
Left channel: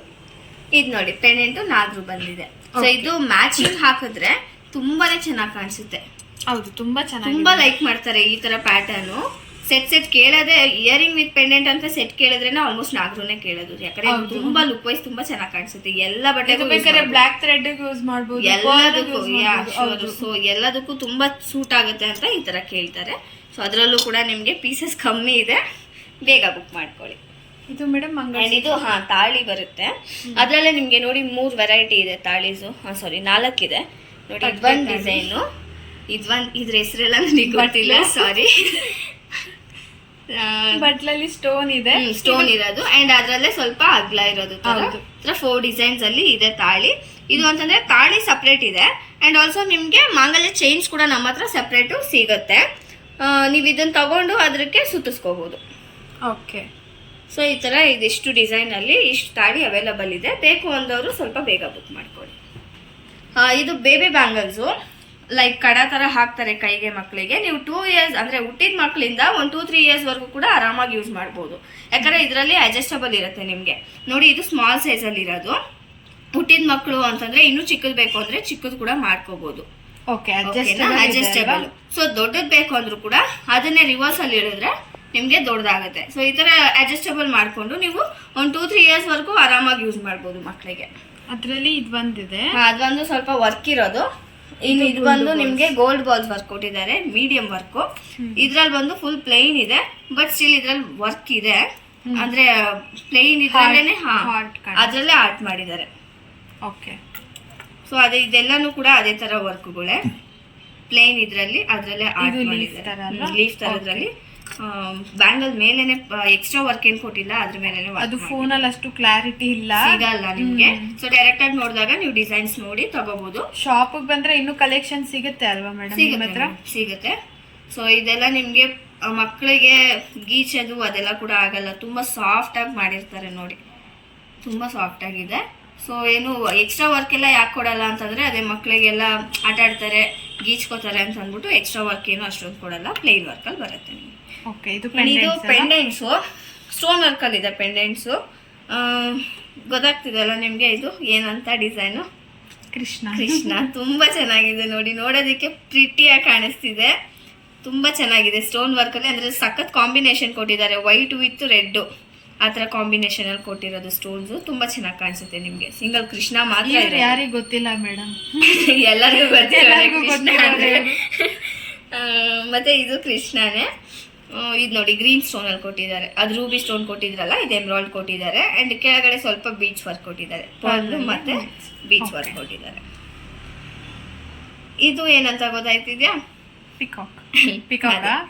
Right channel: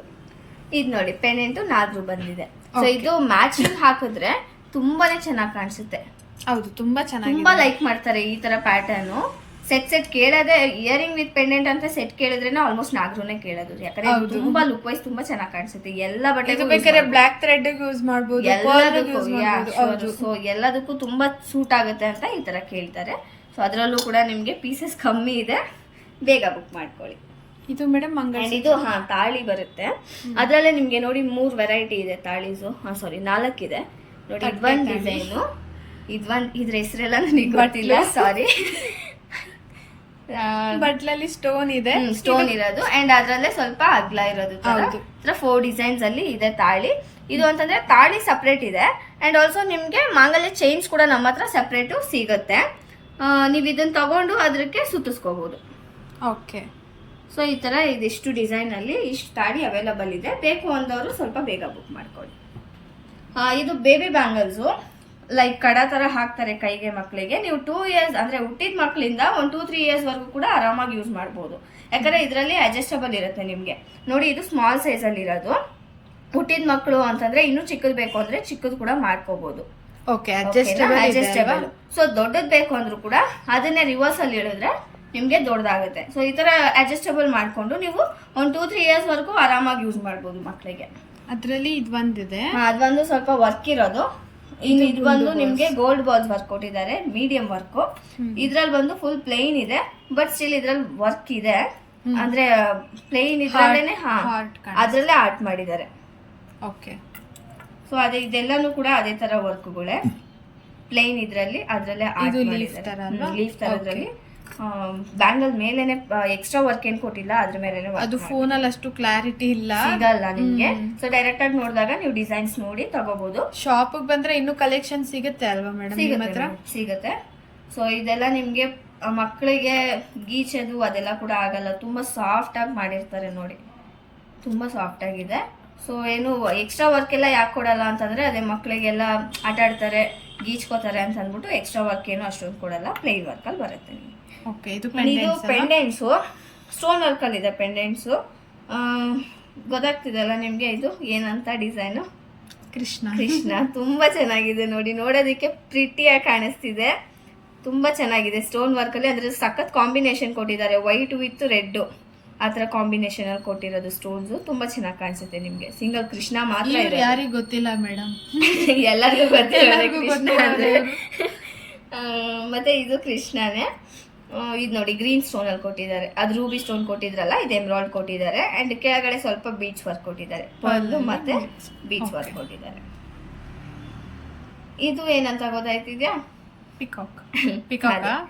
ಇದು ನೋಡಿ ಪೆಂಡೆಂಟ್ ನಾಗರು ಬಂದಿದೆ. ಸೊ ಇದು ಮ್ಯಾಚಿಂಗ್ ಹಾಕಿದ್ರೆ ತುಂಬಾನೇ ಚೆನ್ನಾಗಿ ಕಾಣಿಸುತ್ತೆ. ಹೌದು, ತುಂಬಾ ಚೆನ್ನಾಗಿ, ತುಂಬಾ ಲೈಕ್ ಮಾಡ್ತಾರೆ ಈ ತರ ಪ್ಯಾಟರ್ನ್. ಸೆಟ್ ಕೇಳೋದೇ ಇಯರಿಂಗ್ ವಿತ್ ಪೆಂಡೆಂಟ್ ಅಂತ ಸೆಟ್ ಕೇಳಿದ್ರೆ ಆಲ್ಮೋಸ್ಟ್ ನಾಗರೂನೇ ಕೇಳೋದು. ಯಾಕಂದ್ರೆ ತುಂಬಾ ಲುಕ್ ವೈಸ್ ತುಂಬಾ ಚೆನ್ನಾಗಿ ಕಾಣಿಸುತ್ತೆ. ಎಲ್ಲ ಬಟ್ಟೆ ಬೇಕಾದ್ರೆ ಬ್ಲಾಕ್ ಥ್ರೆಡ್ ಯೂಸ್ ಮಾಡಬಹುದು, ಸೊ ಎಲ್ಲದಕ್ಕೂ ತುಂಬಾ ಸೂಟ್ ಆಗುತ್ತೆ ಅಂತ ಈ ತರ ಕೇಳ್ತಾರೆ. ಸೊ ಅದರಲ್ಲೂ ಕೂಡ ನಿಮ್ಗೆ ಪೀಸಸ್ ಕಮ್ಮಿ ಇದೆ, ಬೇಗ ಬುಕ್ ಮಾಡ್ಕೊಳ್ಳಿ. ಇದು ಮೇಡಮ್ ಇದು ತಾಳಿ ಬರುತ್ತೆ. ಅದ್ರಲ್ಲೇ ನಿಮ್ಗೆ ನೋಡಿ 3 ವೆರೈಟಿ ಇದೆ ತಾಳೀಸು. ಸಾರಿ 4 ಇದೆ ನೋಡಿ. ಇದೊಂದು ಡಿಸೈನು, ಇದ್ರ ಹೆಸರೆಲ್ಲ ನನಗೆ ಗೊತ್ತಿಲ್ಲ, ಸಾರಿ. ಬಟ್ಲಲ್ಲಿ ಸ್ಟೋನ್ ಇದೆ, ಸ್ಟೋನ್ ಇರೋದು. ಅಂಡ್ ಅದ್ರಲ್ಲೇ ಸ್ವಲ್ಪ ಅಗ್ಲ ಇರೋದು. 4 ಡಿಸೈನ್ಸ್ ಅಲ್ಲಿ ಇದೆ ತಾಳಿ. ಇದು ಅಂತಂದ್ರೆ ತಾಳಿ ಸಪ್ರೇಟ್ ಇದೆ. ಅಂಡ್ ಆಲ್ಸೋ ನಿಮ್ಗೆ ಮಾಂಗಲ್ಯ ಚೈನ್ಸ್ ಕೂಡ ನಮ್ಮ ಹತ್ರ ಸಪ್ರೇಟು ಸಿಗುತ್ತೆ. ನೀವು ಇದನ್ನ ತಗೊಂಡು ಅದಕ್ಕೆ ಸುತ್ತಿಸ್ಕೋಬಹುದು. ಓಕೆ. ಸೊ ಈ ತರ ಇದಿಷ್ಟು ಡಿಸೈನ್ ಅಲ್ಲಿ ಇಷ್ಟು ತಾಳಿ ಅವೈಲಬಲ್ ಇದೆ. ಬೇಕು ಅಂದವರು ಸ್ವಲ್ಪ ಬೇಗ ಬುಕ್ ಮಾಡ್ಕೊಳ್ಳಿ. ಇದು ಬೇಬಿ ಬ್ಯಾಂಗಲ್ಸು, ಲೈಕ್ ಕಡ ತರ ಹಾಕ್ತಾರೆ ಕೈಗೆ ಮಕ್ಕಳಿಗೆ. ನೀವು 2 ಇಯರ್ಸ್ ಅಂದ್ರೆ ಹುಟ್ಟಿದ ಮಕ್ಕಳಿಂದ ಒಂದು 2-3 ಇಯರ್ಸ್ ವರೆಗೂ ಕೂಡ ಆರಾಮಾಗಿ ಯೂಸ್ ಮಾಡ್ಬೋದು. ಯಾಕಂದ್ರೆ ಇದರಲ್ಲಿ ಅಡ್ಜಸ್ಟಬಲ್ ಇರುತ್ತೆ ನಿಮ್ಗೆ. ನೋಡಿ ಇದು ಸ್ಮಾಲ್ ಸೈಜ್ ಅಲ್ಲಿ ಇರೋದು. ಹುಟ್ಟಿದ ಮಕ್ಕಳು ಅಂತಂದ್ರೆ ಇನ್ನೂ ಚಿಕ್ಕದ್ ಬೇಕು ಅಂದ್ರೆ ಚಿಕ್ಕದ್ ಕೂಡ ಮಾಡ್ಕೋಬಹುದು. ಅಡ್ಜಸ್ಟಬಲ್. ಸೊ ದೊಡ್ಡದ್ ಬೇಕು ಅಂದ್ರೂ ಕೂಡ ಅದನ್ನೇ ರಿವರ್ಸ್ ಅಲ್ಲಿ ಇಳಿದ್ರೆ ನಿಮ್ಗೆ ದೊಡ್ಡದಾಗುತ್ತೆ. ಸೊ ಈ ತರ ಅಡ್ಜಸ್ಟಬಲ್ ಮಾಡ್ಕೊಂಡು ನೀವು ಒಂದು 2-3 ಇಯರ್ಸ್ ವರೆಗೂ ಆರಾಮಾಗಿ ಯೂಸ್ ಮಾಡ್ಬೋದು ಮಕ್ಕಳಿಗೆ. ಅದ್ರಲ್ಲಿ ಇದು ಬಂದಿದೆ, ಅದೊಂದು ಸ್ವಲ್ಪ ವರ್ಕ್ ಇರೋದು. ಇನ್ನು ಇದು ಬಂದು ನಿಮ್ಗೆ ಗೋಲ್ಡ್ ಬಾಲ್ಸ್ ವರ್ಕ್ ಕೊಟ್ಟಿದ್ದಾರೆ, ಮೀಡಿಯಂ ವರ್ಕ್. ಇದ್ರಲ್ಲಿ ಬಂದು ಫುಲ್ ಪ್ಲೇನ್ ಇದೆ, ಬಟ್ ಸ್ಟಿಲ್ ಇದ್ರಲ್ಲಿ ವರ್ಕ್ ಇದೆ. ಅಂದ್ರೆ ಪ್ಲೇನ್ ಇದ್ರಲ್ಲೇನೆ ಅದ್ರಲ್ಲೇ ಆರ್ಟ್ ಮಾಡಿದ್ದಾರೆ. ಓಕೆ. ಸೊ ಅದೇ ಇದೆಲ್ಲಾನು ಕೂಡ ಅದೇ ತರ ವರ್ಕ್ಗಳೇ, ಪ್ಲೇನ್ ಇದ್ರಲ್ಲಿ ಅದ್ರಲ್ಲೇ ಆರ್ಟ್ ಮಾಡಿದ್ದಾರೆ. ಲೀಫ್ ತರದ್ರಲ್ಲಿ ಬ್ಯಾಂಗಲ್ ಮೇಲೆನೆ ಎಕ್ಸ್ಟ್ರಾ ವರ್ಕ್ ಏನ್ ಕೊಟ್ಟಿಲ್ಲ, ಅದ್ರ ಮೇಲೆ ಅದು ಫೋನ್ ಅಲ್ಲಿ ಅಷ್ಟು ಕ್ಲಾರಿಟಿ ಇಲ್ಲ, ಸಿಗಲ್ಲ ನಿಮ್ಗೆ. ಸೊ ಡೈರೆಕ್ಟ್ ಆಗಿ ನೋಡಿದಾಗ ನೀವು ಡಿಸೈನ್ಸ್ ನೋಡಿ ತಗೋಬಹುದು. ಶಾಪ್ ಬಂದ್ರೆ ಇನ್ನು ಕಲೆಕ್ಷನ್ ಸಿಗುತ್ತೆ ಅಲ್ವಾ ಮೇಡಮ್? ಸಿಗುತ್ತೆ. ಸೊ ಇದೆಲ್ಲ ನಿಮ್ಗೆ ಮಕ್ಕಳಿಗೆ ಗೀಚದು ಅದೆಲ್ಲ ಕೂಡ ಆಗಲ್ಲ. ತುಂಬಾ ಸಾಫ್ಟ್ ಆಗಿ ಮಾಡಿರ್ತಾರೆ ನೋಡಿ, ತುಂಬಾ ಸಾಫ್ಟ್ ಆಗಿದೆ. ಸೊ ಏನು ಎಕ್ಸ್ಟ್ರಾ ವರ್ಕ್ ಎಲ್ಲ ಯಾಕೆ ಕೊಡಲ್ಲ ಅಂತಂದ್ರೆ ಅದೇ ಮಕ್ಕಳಿಗೆಲ್ಲ ಆಟ ಆಡ್ತಾರೆ, ಗೀಚ್ಕೋತಾರೆ ಅಂತ ಅಂದ್ಬಿಟ್ಟು ಎಕ್ಸ್ಟ್ರಾ ವರ್ಕ್ ಏನು ಅಷ್ಟೊಂದು ಕೊಡಲ್ಲ, ಪ್ಲೇನ್ ವರ್ಕಲ್ಲಿ ಬರುತ್ತೆ ನಿಮಗೆ. ಓಕೆ, ಇದು ಇದು ಪೆಂಡೆಂಟ್ಸು ಸ್ಟೋನ್ ವರ್ಕಲ್ಲಿ ಇದೆ. ಪೆಂಡೆಂಟ್ಸು ಗೊತ್ತಾಗ್ತಿದೆಲ್ಲ ನಿಮಗೆ ಇದು ಏನಂತ ಡಿಸೈನು? ಕೃಷ್ಣ. ತುಂಬ ಚೆನ್ನಾಗಿದೆ ನೋಡಿ, ನೋಡೋದಕ್ಕೆ ಪ್ರಿಟಿಯಾಗಿ ಕಾಣಿಸ್ತಿದೆ, ತುಂಬ ಚೆನ್ನಾಗಿದೆ. ಸ್ಟೋನ್ ವರ್ಕಲ್ಲಿ ಅಂದರೆ ಸಖತ್ ಕಾಂಬಿನೇಷನ್ ಕೊಟ್ಟಿದ್ದಾರೆ, ವೈಟ್ ವಿತ್ ರೆಡ್ ಆ ಥರ ಕಾಂಬಿನೇಷನಲ್ಲಿ ಕೊಟ್ಟಿರೋದು ಸ್ಟೋನ್ಸು. ತುಂಬ ಚೆನ್ನಾಗಿ ಕಾಣಿಸುತ್ತೆ ನಿಮಗೆ. ಸಿಂಗಲ್ ಕೃಷ್ಣ ಮಾತ್ರ ಇದೆ, ಯಾರಿಗೆ ಗೊತ್ತಿಲ್ಲ ಮೇಡಮ್, ಎಲ್ಲರಿಗೂ ಗೊತ್ತಿಲ್ಲ. ಮತ್ತೆ ಇದು ಕೃಷ್ಣನೇ. ಇದು ನೋಡಿ ಗ್ರೀನ್ ಸ್ಟೋನಲ್ಲಿ ಕೊಟ್ಟಿದ್ದಾರೆ, ಅದು ರೂಬಿ ಸ್ಟೋನ್ ಕೊಟ್ಟಿದ್ರಲ್ಲ, ಇದು ಎಮ್ರಾಲ್ಡ್ ಕೊಟ್ಟಿದ್ದಾರೆ. ಆ್ಯಂಡ್ ಕೆಳಗಡೆ ಸ್ವಲ್ಪ ಬೀಚ್ ವರ್ಕ್ ಕೊಟ್ಟಿದ್ದಾರೆ, ಪರ್ಲ್ ಮತ್ತೆ ಬೀಚ್ ವರ್ಕ್ ಕೊಟ್ಟಿದ್ದಾರೆ. ಇದು ಏನಂತ ಗೊತ್ತಾಯ್ತಿದ್ಯಾ? Peacock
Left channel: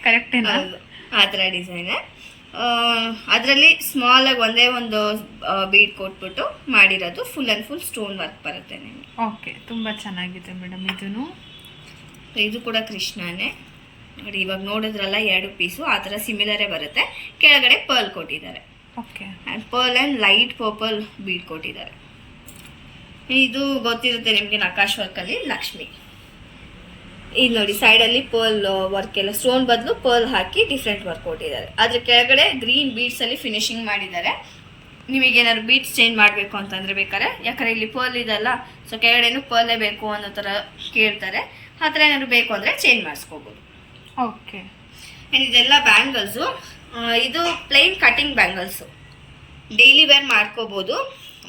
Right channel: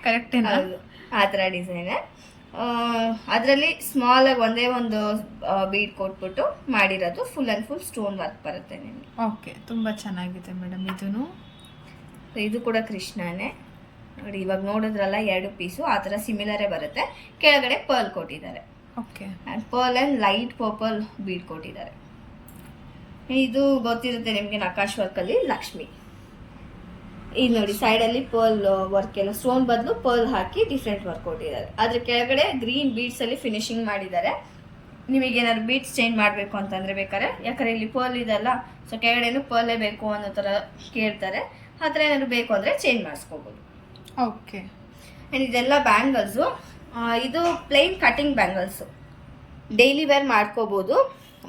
correct. ಹೌದು, ಆ ಥರ ಡಿಸೈನ್. ಅದರಲ್ಲಿ ಸ್ಮಾಲ್ ಆಗಿ ಒಂದೇ ಒಂದು ಬೀಡ್ ಕೊಟ್ಬಿಟ್ಟು ಮಾಡಿರೋದು, full and full stone work ಬರುತ್ತೆ ನಿಮಗೆ. ಓಕೆ, ತುಂಬ ಚೆನ್ನಾಗಿದೆ ಮೇಡಮ್. ಇದನ್ನು ಇದು ಕೂಡ ಕೃಷ್ಣನೇ ನೋಡಿ, ಇವಾಗ ನೋಡಿದ್ರಲ್ಲ 2 ಪೀಸು ಆ ಥರ ಸಿಮಿಲರೇ ಬರುತ್ತೆ. ಕೆಳಗಡೆ ಪರ್ಲ್ ಕೊಟ್ಟಿದ್ದಾರೆ. Okay, and pearl and light purple bead ಕೊಟ್ಟಿದ್ದಾರೆ. ಇದು ಗೊತ್ತಿರುತ್ತೆ ನಿಮಗೆ, ನಕಾಶ್ ವರ್ಕಲ್ಲಿ ಲಕ್ಷ್ಮಿ. ಇದು ನೋಡಿ ಸೈಡಲ್ಲಿ ಪರ್ಲ್ ವರ್ಕ್ ಎಲ್ಲ, ಸ್ಟೋನ್ ಬದಲು ಪರ್ಲ್ ಹಾಕಿ ಡಿಫ್ರೆಂಟ್ ವರ್ಕ್ ಕೊಟ್ಟಿದ್ದಾರೆ. ಅದ್ರ ಕೆಳಗಡೆ ಗ್ರೀನ್ ಬೀಡ್ಸಲ್ಲಿ ಫಿನಿಶಿಂಗ್ ಮಾಡಿದ್ದಾರೆ. ನಿಮಗೇನಾದ್ರು ಬೀಡ್ಸ್ ಚೇಂಜ್ ಮಾಡಬೇಕು ಅಂತಂದರೆ ಬೇಕಾದ್ರೆ, ಯಾಕಂದರೆ ಇಲ್ಲಿ ಪರ್ಲ್ ಇದೆಲ್ಲ, ಸೊ ಕೆಳಗಡೆನೂ ಪರ್ಲೇ ಬೇಕು ಅನ್ನೋ ಥರ ಕೇಳ್ತಾರೆ. ಆ ಥರ ಏನಾದ್ರು ಬೇಕು ಅಂದರೆ ಚೇಂಜ್ ಮಾಡಿಸ್ಕೋಬೋದು. ಓಕೆ, ಆ್ಯಂಡ್ ಇದೆಲ್ಲ ಬ್ಯಾಂಗಲ್ಸು. ಇದು plain cutting bangles, daily wear ಮಾಡ್ಕೋಬೋದು.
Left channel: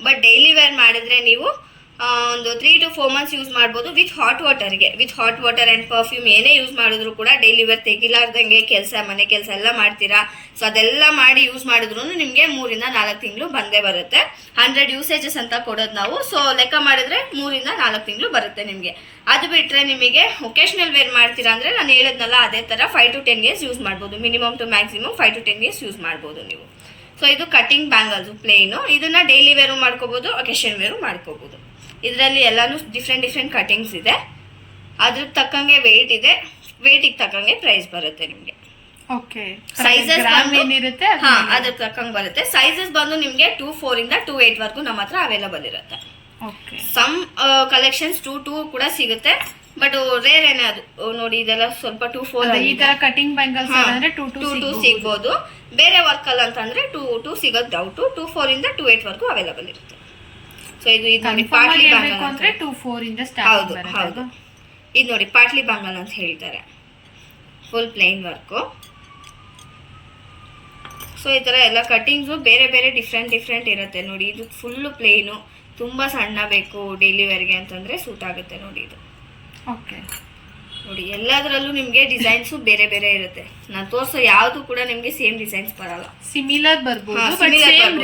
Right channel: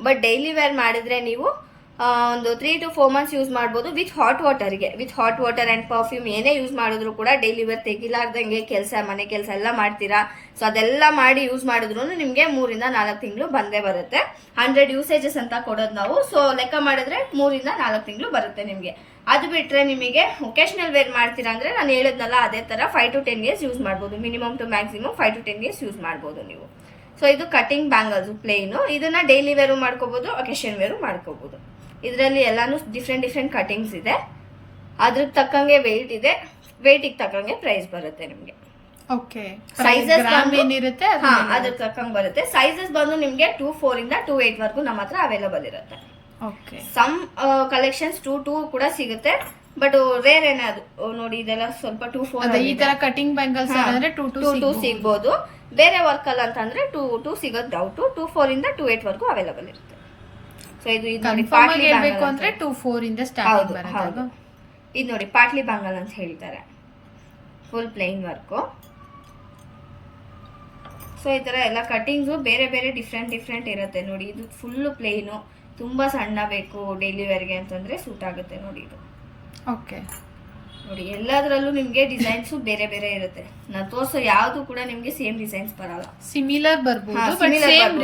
ಬಟ್ ಡೈಲಿ ವೇರ್ ಮಾಡಿದರೆ ನೀವು ಒಂದು 3 to 4 months ಯೂಸ್ ಮಾಡ್ಬೋದು ವಿತ್ ಹಾಟ್ ವಾಟರ್ಗೆ. With hot water and perfume ಏನೇ ಯೂಸ್ ಮಾಡಿದ್ರು ಕೂಡ ಡೈಲಿ ವೇರ್ ತೆಗಿಲಾರ್ದಂಗೆ ಮನೆ ಕೆಲಸ ಎಲ್ಲ ಮಾಡ್ತೀರಾ, ಸೊ ಅದೆಲ್ಲ ಮಾಡಿ ಯೂಸ್ ಮಾಡಿದ್ರು ನಿಮಗೆ 3 ಇಂದ 4 ತಿಂಗಳು ಬಂದೇ ಬರುತ್ತೆ. 100 ಯೂಸೇಜಸ್ ಅಂತ ಕೊಡೋದು ನಾವು, ಸೊ ಲೆಕ್ಕ ಮಾಡಿದ್ರೆ 3 ಇಂದ 4 ತಿಂಗಳು ಬರುತ್ತೆ ನಿಮಗೆ. ಅದು ಬಿಟ್ಟರೆ ನಿಮಗೆ ಒಕೇಶ್ನಲ್ ವೇರ್ ಮಾಡ್ತೀರಾ ಅಂದರೆ ನಾನು ಹೇಳಿದ್ನಲ್ಲ ಅದೇ ಥರ 5 to 10 years ಯೂಸ್ ಮಾಡ್ಬೋದು. Minimum to maximum 5 to 10 years use ಮಾಡ್ಬೋದು ನೀವು. ಸೊ ಇದು ಕಟಿಂಗ್ ಬ್ಯಾಂಗಲ್ಸು ಪ್ಲೇನು. ಇದನ್ನು ಡೈಲಿ ವೇರು ಮಾಡ್ಕೋಬೋದು, ಒಕೇಶನ್ ವೇರು ಮಾಡ್ಕೋಬೋದು. ಇದರಲ್ಲಿ ಎಲ್ಲಾನು ಡಿಫ್ರೆಂಟ್ ಕಟಿಂಗ್ಸ್ ಇದೆ, ಅದ್ರ ತಕ್ಕಂಗೆ ವೆಯ್ಟ್ ಇದೆ, ವೆಯ್ಟಿಗೆ ತಕ್ಕಂಗೆ ಪ್ರೈಸ್ ಬರುತ್ತೆ ನಿಮಗೆ. ಓಕೆ, ಸೈಜಸ್ ಏನಿರುತ್ತೆ ಅದ್ರ ತಕ್ಕಂಗೆ ಬರುತ್ತೆ. ಸೈಜಸ್ ಬಂದು ನಿಮಗೆ 2-4 ಇಂದ 2-8 ವರ್ಗೂ ನಮ್ಮ ಹತ್ರ ಅವೈಲಬಲ್ ಇರುತ್ತೆ. ಓಕೆ, ಸಮ್ ಕಲೆಕ್ಷನ್ಸ್ 2-2 ಕೂಡ ಸಿಗುತ್ತೆ, ಬಟ್ ರೇರ್ ಏನೇ ಅದು ನೋಡಿ. ಇದೆಲ್ಲ ಸ್ವಲ್ಪ 2-4 ಈ ತರ ಕಟಿಂಗ್ ಬ್ಯಾಂಗಲ್ಸ್ ಅಂದ್ರೆ 2-2 ಸಿಗ್ಬೋದು. ಬೇರೆ ವರ್ಕ್ ಅಲ್ಲ ಅಂತಂದ್ರೆ 2-2 ಸಿಗೋದು ಡೌಟು. 2-4 ಇಂದ 2-8 ವರ್ಗೂ ಅವೈಲಬಲ್ ಇರುತ್ತೆ. ಸೊ ಇದು ನೋಡಿ ಪಾಟ್ಲಿ ಬ್ಯಾಂಗಲ್ ಅಂದ್ರೆ 2-4 ಇಂದ ಸ್ಟಾರ್ಟ್ ಬರುತ್ತೆ. ಹೌದು, ಇದು ನೋಡಿ ಪಾಟ್ಲಿ ಬ್ಯಾಂಗಲ್ ಅಂತ ಹೇಳ್ತಾರೆ, ಫುಲ್ ಪ್ಲೇನ್ ವರ್ಕು. ಸೊ ಈ ಥರ ಎಲ್ಲ ಕಟಿಂಗ್ಸು ಬೇರೆ ಬೇರೆ ಡಿಫ್ರೆಂಟ್ ಇರುತ್ತೆ ನೋಡಿ. ಇದು ಫುಲ್ಲು ಪ್ಲೇನು, ತುಂಬ ಸಣ್ಣ ಬೇಕು ಡೈಲಿ ವೇರ್ಗೆ ಅಂತಂದರೆ ಸೂಟ್ ಆಗುತ್ತೆ ನೋಡಿ ಇದು. ಓಕೆ ನೋಡಿ, ಎಲ್ಲದರಲ್ಲೂ ನಿಮಗೆ ಡಿಸೈನ್ಸು ಬೇರೆ ಬೇರೆ ಇರುತ್ತೆ. ನಾನು ತೋರಿಸೋ ಯಾವುದು ಕೂಡ ನಿಮಗೆ ಸೇಮ್ ಡಿಸೈನ್ಸ್ ಬರಲ್ಲ, ಸಿಮಿಲರ್ ಬರ್ಬೋದು, ಸೇಮ್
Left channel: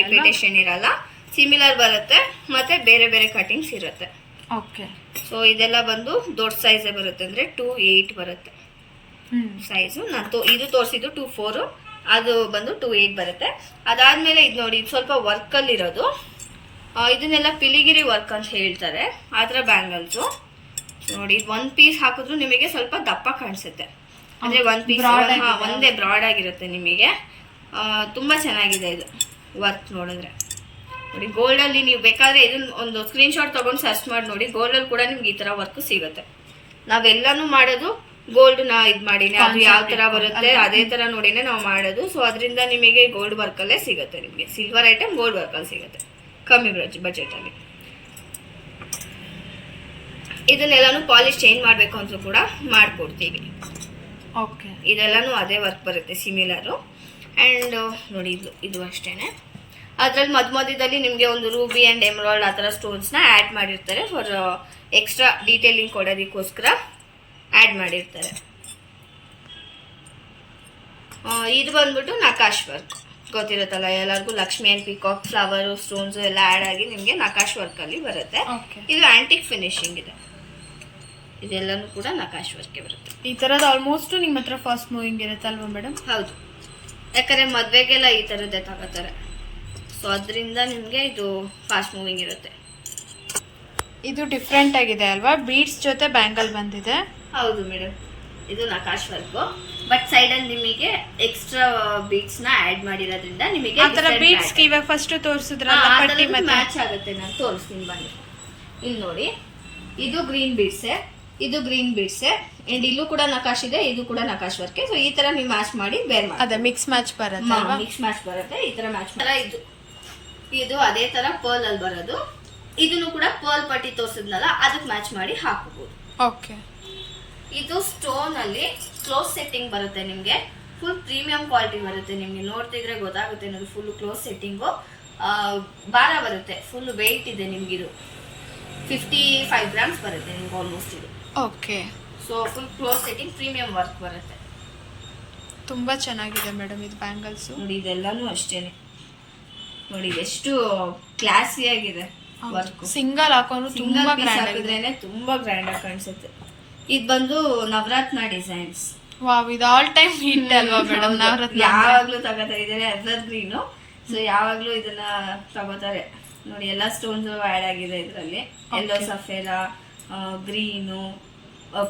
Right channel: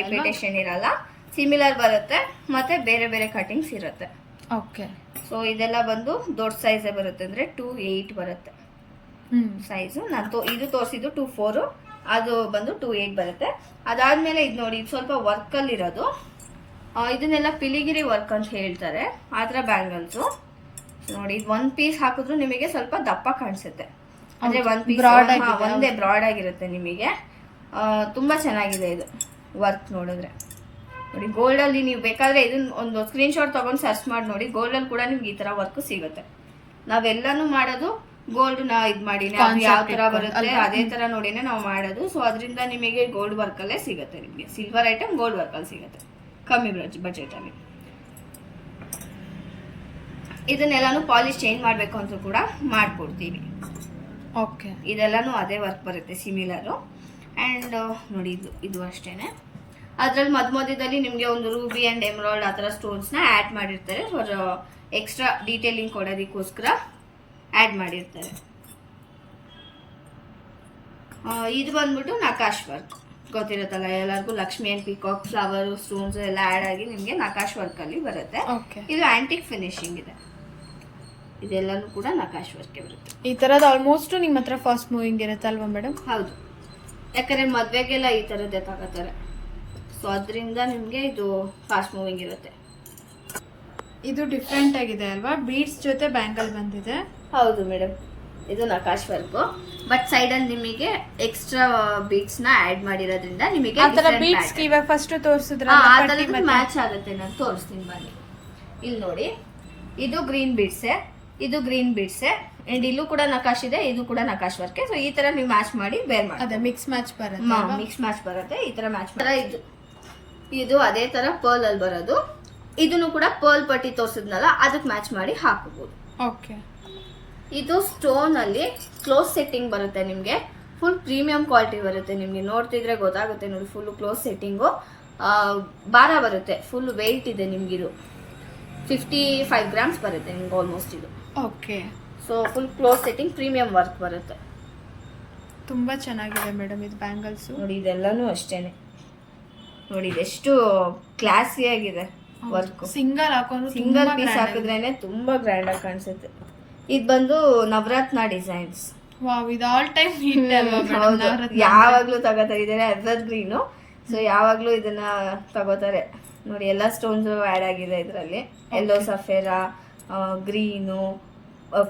ರಿಪಿಟೇಷನ್ ಇರಲ್ಲ, ಸಿಮಿಲರ್ ಬರುತ್ತೆ, ಮತ್ತೆ ಬೇರೆ ಬೇರೆ ಕಟಿಂಗ್ಸ್ ಇರುತ್ತೆ. ಓಕೆ, ಸೊ ಇದೆಲ್ಲ ಬಂದು ದೊಡ್ಡ ಸೈಜೇ ಬರುತ್ತೆ, ಅಂದರೆ 2-8 ಬರುತ್ತೆ ಸೈಜು. ನಾನು ಇದು ತೋರಿಸಿದ್ದು 2-4, ಅದು ಬಂದು 2-8 ಬರುತ್ತೆ. ಅದಾದಮೇಲೆ ಇದು ನೋಡಿ, ಇದು ಸ್ವಲ್ಪ ವರ್ಕಲ್ಲಿರೋದು, ಇದನ್ನೆಲ್ಲ ಪಿಲಿಗಿರಿ ವರ್ಕ್ ಅಂತ ಹೇಳ್ತಾರೆ, ಆ ಥರ ಬ್ಯಾಂಗಲ್ಸು ನೋಡಿ. ಇದು 1 ಪೀಸ್ ಹಾಕಿದ್ರು ನಿಮಗೆ ಸ್ವಲ್ಪ ದಪ್ಪ ಕಾಣಿಸುತ್ತೆ, ಅಂದರೆ 1 ಪೀಸ್ ಒಂದೇ ಬ್ರಾಡ್ ಆಗಿರುತ್ತೆ ನಿಮಗೆ. ತುಂಬ ಚೆನ್ನಾಗಿದೆ ಇದು ವರ್ಕ್ ನೋಡಿದ್ರೆ ನೋಡಿ. ಗೋಲ್ಡಲ್ಲಿ ನೀವು ಬೇಕಾದರೆ ಇದನ್ನ ಒಂದು ಸ್ಕ್ರೀನ್ಶಾಟ್ ತೊಗೊಂಡು ಸರ್ಚ್ ಮಾಡಿ ನೋಡಿ, ಗೋಲ್ಡಲ್ಲಿ ಕೂಡ ನಿಮ್ಗೆ ಈ ಥರ ವರ್ಕ್ ಸಿಗುತ್ತೆ. ನಾವೆಲ್ಲನೂ ಮಾಡೋದು ಗೋಲ್ಡ್ನ ಇದು ಮಾಡಿನೇ, ಅದು ಯಾವ ಥರ ಬರುತ್ತೆ ಅದೇ ಥರ ನೋಡಿನೇ ನಾವು ಮಾಡೋದು. ಸೊ ಅದರಿಂದ ನಿಮಗೆ ಗೋಲ್ಡ್ ವರ್ಕಲ್ಲೇ ಸಿಗುತ್ತೆ, ನಿಮಗೆ ಸಿಲ್ವರ್ ಐಟಮ್ ಗೋಲ್ಡ್ ವರ್ಕಲ್ಲಿ ಸಿಗುತ್ತೆ ಕಮ್ಮಿ ಬಜೆಟಲ್ಲಿ. ಇದನ್ನೆಲ್ಲಾನು ಪಾಲಿಶ್ ಚೇಂಜ್ ಮಾಡಬೇಕು ಅಂತ ಕೂಡ ಮಾಡಿಕೊಡ್ತೀವಿ. ಓಕೆ, ಇದೆಲ್ಲನೂ ಅದೇ ವರ್ಕ್ ಬರುತ್ತೆ ಸಿಮಿಲರು. ಆ್ಯಂಡ್ ನೋಡಿ ಇದು ಅಷ್ಟೇ. ಅದರಲ್ಲಿ ಮಧ್ಯದಲ್ಲಿ ನಿಮಗೆ ಒಂದು ರೂಬಿ ಆ್ಯಂಡ್ ಎಮ್ರಾಲ್ಡ್ ಆ ಥರ ಸ್ಟೋನ್ಸ್ನ ಆ್ಯಡ್ ಮಾಡಿರ್ತಾರೆ, ಫಾರ್ ಎಕ್ಸ್ಟ್ರಾ ಡೀಟೇಲಿಂಗ್ ಕೊಡೋದಕ್ಕೋಸ್ಕರ ಆ್ಯಡ್ ಮಾಡಿರ್ತಾರೆ. ಇದು ಬಂದ್ಬಿಟ್ಟು ನಕಾಶ್ ವರ್ಕ್ ಗೊತ್ತಿರುತ್ತಲ್ಲ ಎಲ್ಲರಿಗೂ, Lakshmi and peacock flower stones ಎಲ್ಲ ಆ್ಯಡ್ ಆಗಿ ನಿಮಗೆ ನಕಾಶ್ ವರ್ಕಲ್ಲಿ ಬರುತ್ತೆ. ಇದು ಆ್ಯಂಟಿಕ್ ಫಿನಿಶಿಂಗ್ ಇದೆ, ಇದೆಲ್ಲನೂ ಕೂಡ ನಕಾಶ್ ವರ್ಕ್ಗೆ ಬರುತ್ತೆ. ಈ ಥರದ್ದು ಆಲ್ಮೋಸ್ಟ್ ನಿಮ್ಮ ಹತ್ರ ಫಾಸ್ಟ್ ಮೂವಿಂಗ್ ಇರುತ್ತೆ ಅಲ್ವಾ ಮೇಡಮ್? ಹೌದು, ಯಾಕಂದರೆ ಮದುವೆಗೆಲ್ಲ ಈ ಥರದ್ದೇ ತಗೋತಾರೆ, ಸೊ ಅದರಿಂದ ನಿಮಗೆ ಇದು ಫಾಸ್ಟ್ ಮೂವಿಂಗ್ ಇರುತ್ತೆ. ಇದು ಡಿಫ್ರೆಂಟ್ ಆಗಿದೆ ಅಲ್ವಾ, ಬೀಡ್ಸ್ ಜೊತೆ ಬ್ಯಾಂಗಲ್ ಬಂದಿದೆ. ಹೌದು ಮೇಡಮ್, ಇದು ನಕಾಶ್ ವರ್ಕು, ಬಟ್ ಸೈಡಲ್ಲಿ ನಿಮಗೆ ಎಕ್ಸ್ಟ್ರಾ ಬೀಡ್ಸ್ನ ಆ್ಯಡ್ ಮಾಡಿರೋದ್ರಿಂದ ನಿಮಗೆ ಆ ಥರ ಬೀಡ್ಸ್ ಇವಾಗ ಫಸ್ಟ್ ತೋರಿಸಿದ್ರಲ್ಲ ಮ್ಯಾಚ್ ಆಗುತ್ತೆ. ನಾನು ತೋರಿಸ್ತೀನಿ ಬನ್ನಿ. ಇಲ್ಲಿ ನೋಡಿ, ಇದು ಗ್ರೀನ್ ಬೀಡ್ಸೆ, ಇದು ಗ್ರೀನ್ ಬೀಡ್ಸೆ ಅಂಡ್ ಇಲ್ಲೂ ಕೂಡ ನಕಾಶ್ ಇದೆ, ಇದು ಕೂಡ ನಕಾಶ್ ವರ್ಕ್. ಸೊ ಈ ತರ ನೀವು ಮ್ಯಾಚ್ ಮಾಡಿ ಬೇರ್ ಮಾಡಿ. ಅದೇ ಮಿಕ್ಸ್ ಮ್ಯಾಚ್ ಬರುತ್ತೆ, ಮಿಕ್ಸ್ ಮ್ಯಾಚ್ ಬರುತ್ತೆ. ಈ ತರ ಮ್ಯಾಚ್ ಇದು ಅದೇ ತರ ಪರ್ಲ್ ಅಲ್ಲಿ ಬರೋದು. ಇದನ್ನು ಕೂಡ ಪರ್ಲ್ ಪಟ್ಟಿ ತೋರಿಸಿದ್ನಲ್ಲ ಅದಕ್ಕೆ ಮ್ಯಾಚ್ ಮಾಡಿ ಹಾಕಬಹುದು. ಓಕೆ. ಇದು ಸ್ಟೋನ್ ಅಲ್ಲಿ ಕ್ಲೋಸ್ ಸೆಟ್ಟಿಂಗ್ ಬರುತ್ತೆ ನಿಮ್ಗೆ. ಫುಲ್ ಪ್ರೀಮಿಯಂ ಕ್ವಾಲಿಟಿ ಬರುತ್ತೆ. ನಿಮ್ಗೆ ನೋಡ್ತಿದ್ರೆ ಗೊತ್ತಾಗುತ್ತೆ ನೋಡಿ. ಫುಲ್ ಕ್ಲೋಸ್ ಸೆಟ್ಟಿಂಗು, ಭಾರ ಬರುತ್ತೆ, ಫುಲ್ ವೆಯ್ಟ್ ಇದೆ ನಿಮ್ಗಿದು. 55 ಗ್ರಾಮ್ಸ್ ಬರುತ್ತೆ ನಿಮ್ಗೆ ಆಲ್ಮೋಸ್ಟ್ ಇದು. Okay. So full close setting premium work ಬರುತ್ತೆ. ತುಂಬಾ ಚೆನ್ನಾಗಿದೆ ಮೇಡಮ್ ಇದು ಬ್ಯಾಂಗಲ್ಸ್. ನೋಡಿ ಇದೆಲ್ಲಾನು ಅಷ್ಟೇನೆ. ನೋಡಿ ಎಷ್ಟು ಕ್ಲಾಸಿ ಆಗಿದೆ ವರ್ಕ್. ಸಿಂಗಲ್ ಹಾಕೊಂಡು ಸಿಂಗಲ್ ಪೀಸ್ ಹಾಕಿದ್ರೇನೆ ತುಂಬಾ ಗ್ರ್ಯಾಂಡ್ ಆಗಿ ಕಾಣಿಸುತ್ತೆ. ಇದು ಬಂದು ನವರತ್ನ ಡಿಸೈನ್ಸ್. ವಾವ್, ಇದು ಆಲ್ ಟೈಮ್ ಹಿಟ್ ಅಲ್ವಾ ಮೇಡಮ್? ನವರತ್ನ ಯಾವಾಗ್ಲೂ ತಗೋತಾ ಇದ್ದಾರೆ, ಎವರ್ ಗ್ರೀನು. ಸೊ ಯಾವಾಗ್ಲೂ ಇದನ್ನ ತಗೋತಾರೆ ನೋಡಿ. ಎಲ್ಲ ಸ್ಟೋನ್ಸ್ ಆಡ್ ಆಗಿದೆ ಇದರಲ್ಲಿ. ಎಲ್ಲೋ ಸಫೇರಾ, ಗ್ರೀನು,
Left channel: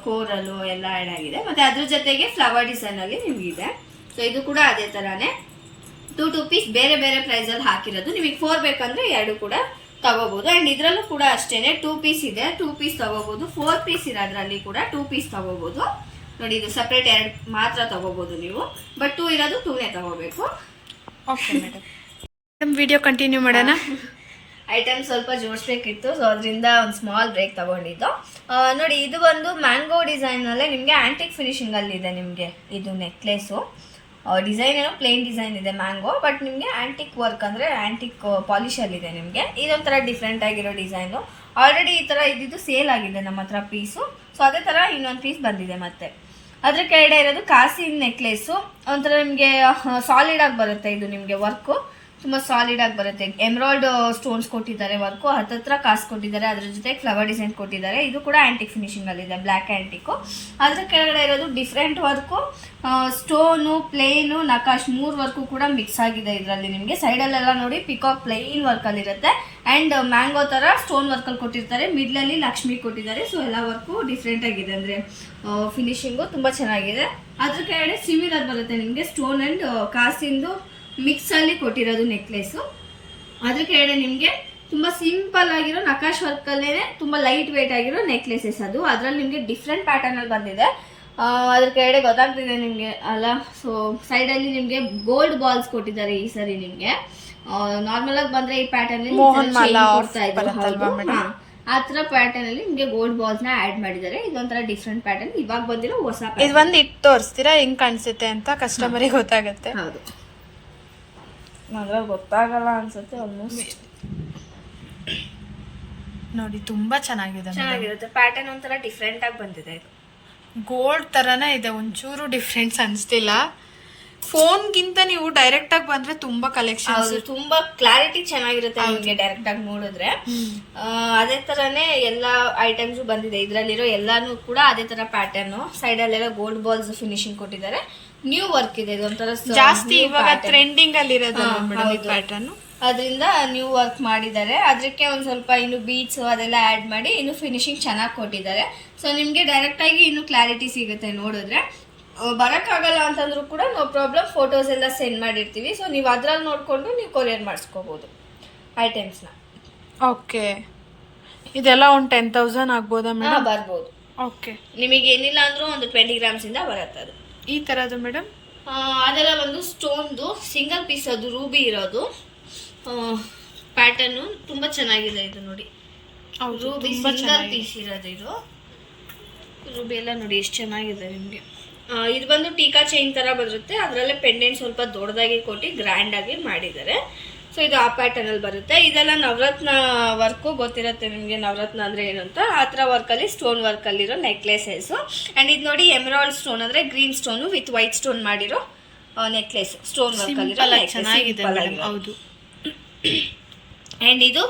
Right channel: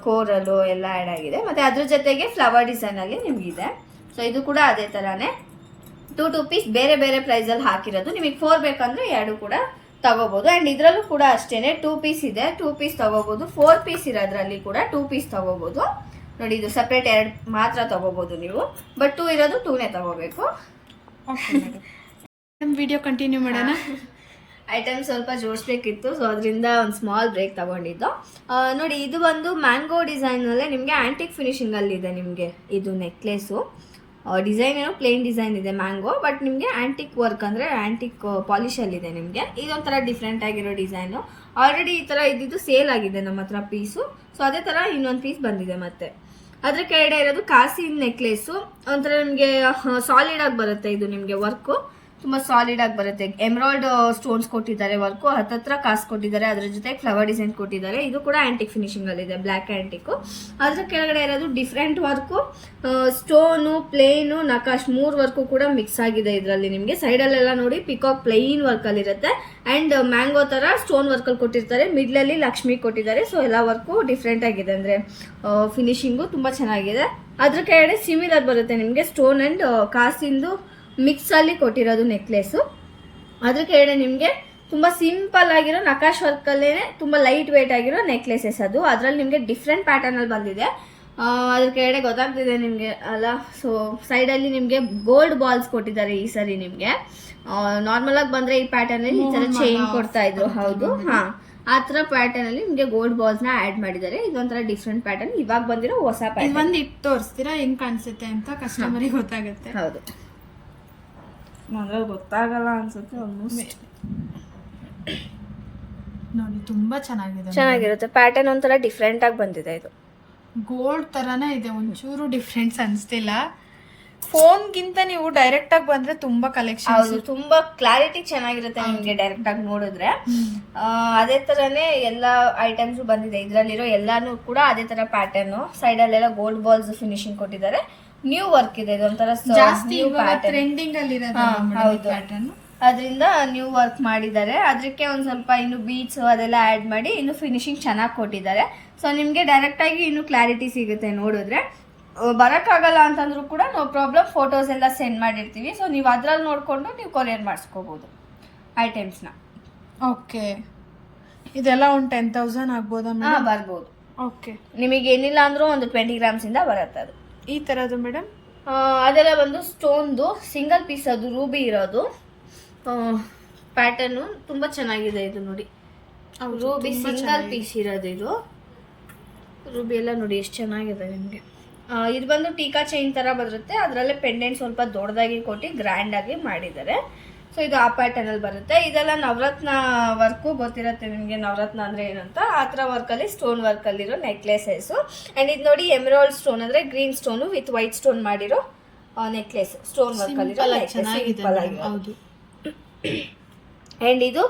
ಕೋರಲು ಎಲ್ಲ ಆಡ್ ಆಗಿದೆ. ಮತ್ತೆ ಅದ್ರ ಜೊತೆಗೆ ಫ್ಲವರ್ ಡಿಸೈನ್ ಅಲ್ಲಿ ನಿಮ್ಗಿದೆ. ಸೊ ಇದು ಕೂಡ ಅದೇ ತರಾನೇ 2 ಪೀಸ್ ಬೇರೆ ಬೇರೆ ಪ್ರೈಸ್ ಅಲ್ಲಿ ಹಾಕಿರೋದು. ನಿಮಗೆ 4 ಬೇಕಂದ್ರೆ 2 ಕೂಡ ತಗೋಬಹುದು. ಅಂಡ್ ಇದ್ರಲ್ಲೂ ಕೂಡ ಅಷ್ಟೇನೆ 2 ಪೀಸ್ ಇದೆ, 2 ಪೀಸ್ ತಗೋಬಹುದು. 4 ಪೀಸ್ ಇರೋದ್ರಲ್ಲಿ ಕೂಡ 2 ಪೀಸ್ ತಗೋಬಹುದು. ನೋಡಿ ಇದು ಸಪ್ರೇಟ್ 2 ಮಾತ್ರ ತಗೋಬಹುದು ನೀವು, ಬಟ್ 2 ಇರೋದು 2ನೇ ತಗೋಬೇಕು. Okay madam. ವಿಡಿಯೋ ಕಂಟಿನ್ಯೂ ಮಾಡೋಣ. ಐಟಮ್ ಸ್ವಲ್ಪ ಜೋಡಿಸ್ಬೇಕಿತ್ತು, ಸೊ ಅದರಿಂದ ಒಂದು ಸ್ಮಾಲ್ ಬ್ರೇಕ್ ತಗೊಂಡಿದ್ದು. ನೋಡಿ ಇದು ಒಂದು ಮ್ಯಾಂಗೋ ಡಿಸೈನ್ ಅಲ್ಲೇ ನಿಮಗೆ ಆಂಟಿಕ್ ಫಿನಿಶಿಂಗ್ ಅಲ್ಲಿ ಇದೆ. ನಿಮಗೆ ಇದು ನೆಕ್ಲೆಸು ಡಿಸೈನ್ ಏನೋ ಪ್ಲೇನ್ ಡಿಸೈನ್ ಇದೆ ಮ್ಯಾಂಗೋ, ಬಟ್ ನಿಮಗೆ ಆಂಟಿಕ್ ವರ್ಕ್ ಅಂದ್ರೆ ಆಂಟಿಕ್ ಪಾಲಿಶ್ ಅಲ್ಲಿ ಇದೆ ನಿಮಗೆ. ಇದೊಂಥರ ಡಿಫ್ರೆಂಟ್ ಆಗಿರೋ ಡಿಸೈನು. ಆಲ್ರೆಡಿ ಈ ತರ ಇದ್ದಿದ್ದು ಸೇಲ್ ಆಗಿದೆ ನಮ್ಮ ಹತ್ರ ಪೀಸು. ಸೊ ಅದೇ ತರ ಇನ್ನೊಂದು ಪೀಸ್ ಬಂದಿದೆ. ಮತ್ತೆ ಅದ್ರ ಕೆಳಗಡೆ ಇರೋದು ಕಾಸಿನ್ ನೆಕ್ಲೆಸು. ಒಂಥರ ನಿಮಗೆ ಸಾಲಿಡ್ ಆಗಿ ಬರುತ್ತೆ. ಇದು ನಿಮಗೆ ವರ್ಕು ತುಂಬಾ ಸಾಲಿಡ್ ಆಗಿ ಬರುತ್ತೆ. ಎಮರಾಲ್ಡ್ ಸ್ಟೋನ್ಸ್ ಕೊಟ್ಟಿದ್ದಾರೆ, ವರ್ಕು ಹತ್ತತ್ರ ಕಾಸು ಕೊಟ್ಟಿದ್ದಾರೆ, ಅದ್ರ ಜೊತೆ ಫ್ಲವರ್ ಡಿಸೈನ್ ಕೊಟ್ಟಿದ್ದಾರೆ. ಇದು ಕೂಡ ಆಂಟಿಕ್ ಫಿನಿಶಿಂಗ್ ಅಲ್ಲಿ ಇದೆ, ಬ್ಲ್ಯಾಕ್ ಆಂಟಿಕ್. ಅದ್ರ ಕೆಳಗಡೆ ಇರೋದು different work, stone, plain, ನಕಾಶ್ 3 work ಕೂಡ ಮಿಕ್ಸ್ ಆಗಿದೆ ಇದರಲ್ಲಿ. ನಿಮಗೆ ಸೈಡಲ್ಲೆಲ್ಲ ನೋಡಿ ಪಿಕಾಕ್ ಪ್ಲೈನ್ ವರ್ಕ್ ಅಲ್ಲಿ ಇರುತ್ತೆ. ಅಂಡ್ ಮ್ಯಾಂಗೋ ತರ ಸ್ಟೋನ್ ವರ್ಕ್ ಅಲ್ಲಿ ಕೊಟ್ಟಿರ್ತಾರೆ, ಮಿಡ್ಲ್ ಅಲ್ಲಿ ಲಕ್ಷ್ಮಿ ಕೊಟ್ಟಿದ್ದಾರೆ. ಸೊ ಎಲ್ಲ ವರ್ಕು ಡಿಫ್ರೆಂಟ್ ಆಗಿದೆ, ಅಂದ್ರೆ ಫಿನಿಶಿಂಗು ತುಂಬಾ ಚೆನ್ನಾಗಿದೆ. ಅದ್ರ ಕೆಳಗಡೆ ಸಿಮಿಲರ್ ಬರುತ್ತೆ ನಿಮಗೆ, ಸ್ಟೋನ್ ಅಂಡ್ ಕಾಸಿಂದು ಮಿಕ್ಸ್ ಅಲ್ಲಿ ಕೊಟ್ಟಿರೋದು ನೆಕ್ಲೆಸು. ಅದ್ರ ಕೆಳಗಡೆ ನಿಮಗೆ ತುಂಬಾ ಸಿಂಪಲ್ ಆಗಿರೋ ನಕಾಶ್ ವರ್ಕ್ ಅಲ್ಲೇನೆ ತುಂಬಾ ಲೈಟ್ ವೇಟ್ ಆಗಿರೋ ನೆಕ್ಲೆಸಸ್ ಅದು. ಅದ್ರಲ್ಲಿ ನಿಮಗೆ ಡಿಫ್ರೆಂಟ್ ಪ್ಯಾಟರ್ನ್ ಅಲ್ಲಿ ಬಂದಿದೆ. ಅದ್ರ ಕೆಳಗಡೆ ಗೊತ್ತಾಗ್ತಿದೆ ನಿಮಗೆ ಅಲ್ಲ. ಸೊ ಸೈಡ್ ಅಲ್ಲಿ ನಿಮಗೆ ಗೋಲ್ಡ್ ಬಾಲ್ಸ್ ಕೊಟ್ಟಿದ್ದಾರೆ ಈ ಸರಿ. ನಿಮಗೆ ನಾರ್ಮಲ್ ಆಗಿ ಬಂದ್ರೆ ಈ ಪ್ಯಾಟರ್ನ್ ಅಲ್ಲಿ ಕೊಡ್ತಾ ಇದ್ರು, ಹೌದು. ಆ ತರ ಪ್ಯಾಟರ್ನ್ ಅಲ್ಲಿ ನಿಮಗೆ ಗೋಲ್ಡ್ ಬಾಲ್ಸ್ ನ ಆಡ್ ಮಾಡಿದ್ದಾರೆ. ಇದೊಂಥರ ಡಿಫ್ರೆಂಟ್ ಪ್ಯಾಟರ್ನ್, ಇವಾಗ ಬಂದಿರೋ ಹೊಸ ಪ್ಯಾಟರ್ನ್. ಇದು ಒಂದು ಇಟ್ಟು ತೋರಿಸ್ತೀರಾ ಹೆಂಗ್ ಕಾಣಿಸುತ್ತೆ ಅಂತ ಕಸ್ಟಮರಿಗೆ ಗೊತ್ತಾಗುತ್ತೆ. ಹೌದು, ಗೊತ್ತಾಗಲ್ಲ ಅನ್ಸುತ್ತೆ ಆಲ್ಮೋಸ್ಟ್. ನೋಡಿ ತುಂಬಾ ಚೆನ್ನಾಗಿರುತ್ತೆ ಪ್ಯಾಟರ್ನ್, ಒಂಥರ ಡಿಫ್ರೆಂಟ್ ಆಗಿ ಬಂದಿದೆ. ಇದು ಗೋಲ್ಡ್ ತರನೇ ಇದೆ, ಒಂಚೂರು ಡಿಫ್ರೆನ್ಸ್ ಅನ್ಸ್ತಿಲ್ಲ. ಫೋನ್ಗಿಂತ ನೀವು ಡೈರೆಕ್ಟ್ ಆಗಿ ಬಂದ್ರೆ ತುಂಬಾ ಕಲೆಕ್ಷನ್, ತುಂಬಾ ಕ್ಲಾರಿಟಿ ಚೆನ್ನಾಗಿರುತ್ತೆ ನಿಮ್ಗೆ ಡೈರೆಕ್ಟ್ ಆಗಿ ನೋಡಿದ್ರೆ. ಅದೇ ತರನೇ ಎಲ್ಲಾ ಐಟಮ್ಸ್ ಬಂದಿದೆ. ಇದ್ರಲ್ಲಿರೋ ಎಲ್ಲಾನು ಕೂಡ ಅದೇ ತರ ಪ್ಯಾಟರ್ನ್. ಸೈಡ್ ಅಲ್ಲೆಲ್ಲ ಗೋಲ್ಡ್ ಬಾಲ್ಸ್ ಫಿನಿಶಿಂಗ್ ಕೊಟ್ಟಿದ್ದಾರೆ. ನ್ಯೂ ವರ್ಕ್ ಇದೆ, ಇದೊಂಥರ ಜಾಸ್ತಿ ಇವಾಗ ಟ್ರೆಂಡಿಂಗ್ ಅಲ್ಲಿ ಇರೋದು ಪ್ಯಾಟರ್ನ್. ಅದರಿಂದ ನ್ಯೂ ವರ್ಕ್ ಮಾಡಿದ್ದಾರೆ. ಅದಕ್ಕೆ ಒಂದ್ ಸ್ವಲ್ಪ ಇನ್ನು ಬೀಡ್ಸ್ ಅದೆಲ್ಲ ಆಡ್ ಮಾಡಿ ಇನ್ನು ಫಿನಿಶಿಂಗ್ ಚೆನ್ನಾಗಿ ಕೊಟ್ಟಿದ್ದಾರೆ. ಸೊ ನಿಮ್ಗೆ ಡೈರೆಕ್ಟ್ ಆಗಿ ಇನ್ನು ಕ್ಲಾರಿಟಿ ಸಿಗುತ್ತೆ ನೋಡಿದ್ರೆ. ಬರೋಕ್ಕಾಗಲ್ಲ ಅಂತಂದ್ರೂ ಕೂಡ ನೋ ಪ್ರಾಬ್ಲಮ್, ಫೋಟೋಸ್ ಎಲ್ಲ ಸೆಂಡ್ ಮಾಡಿರ್ತೀವಿ. ಸೊ ನೀವು ಅದ್ರಲ್ಲಿ ನೋಡಿಕೊಂಡು ನೀವು ಕೊರಿಯರ್ ಮಾಡಿಸ್ಕೋಬಹುದು ಐಟಮ್ಸ್ನ. ಓಕೆ, ಇದೆಲ್ಲ ಒಂದು 10,000 ಆಗ್ಬೋದಾ ಮೇಡಮ್? ಬರ್ಬೋದು. ಓಕೆ, ನಿಮಗೆ ಏನಿಲ್ಲ ಅಂದ್ರೂ ಒಂದು 20 ಗ್ರಾಮ್ಸ್ ಇಂದ ಬರುತ್ತೆ ಅದು. ಈ ತರದ್ದು ಮೇಡಮ್ ಅದೆಲ್ಲ ಒಂದು ಸ್ಟೋನ್ದು ಸಿಂಗಲ್ ಪೀಸ್, ಅದು ರೂಬಿ ಇರೋದು ಪ್ಯಾಟರ್ನು ತುಂಬಾ ಚೆನ್ನಾಗಿದೆ. ಇದು ನೋಡಿ, ರೂಬಿ ಸಿಂಗಲ್ ಪೀಸ್ ಇರೋದು. ಇದು ರೂಬಿ ಎಲ್ಲ ನೋಡಿ ಎಷ್ಟು ಚೆನ್ನಾಗಿದೆ ನಿಮಗೆ. ಇದು ಬಂದು ಟೀಕಾ ಚೈನ್ ತರ ಬರುತ್ತೆ. ಅದರಲ್ಲೇ ಪೆಂಡೆಂಟ್ ಸ್ವಲ್ಪ ದೊಡ್ಡದಾಗಿ ಕೊಟ್ಟು ಗ್ರ್ಯಾಂಡ್ ಆಗಿ ಮಾಡಿದ್ದಾರೆ. ಸೊ ಇದು ಆ ಪ್ಯಾಟರ್ನ್ ಅಲ್ಲಿ ಬರುತ್ತೆ. ಇದೆಲ್ಲ ನವರತ್ನ ವರ್ಕು ಗೊತ್ತಿರುತ್ತೆ ನಿಮಗೆ, ನವರತ್ನ ಅಂದ್ರೆ ಏನು ಅಂತ. ಆ ಥರ ವರ್ಕ್ ಅಲ್ಲಿ ಸ್ಟೋನ್ ವರ್ಕ್ ಅಲ್ಲಿರೋ ನೆಕ್ಲೆಸಸ್. ಅಂಡ್ ಇದು ನೋಡಿ ಎಮರಾಲ್ಡ್ ಸ್ಟೋನ್ ಅಂದ್ರೆ green stone with white stone ಮಾಡಿರೋ ನೆಕ್ಲೆಸ್, ಸ್ಟೋನ್ ವರ್ಕ್ ಅಲ್ಲಿ ಚೆನ್ನಾಗಿದೆ. ಹೌದು. ಅಂಡ್ ಇದು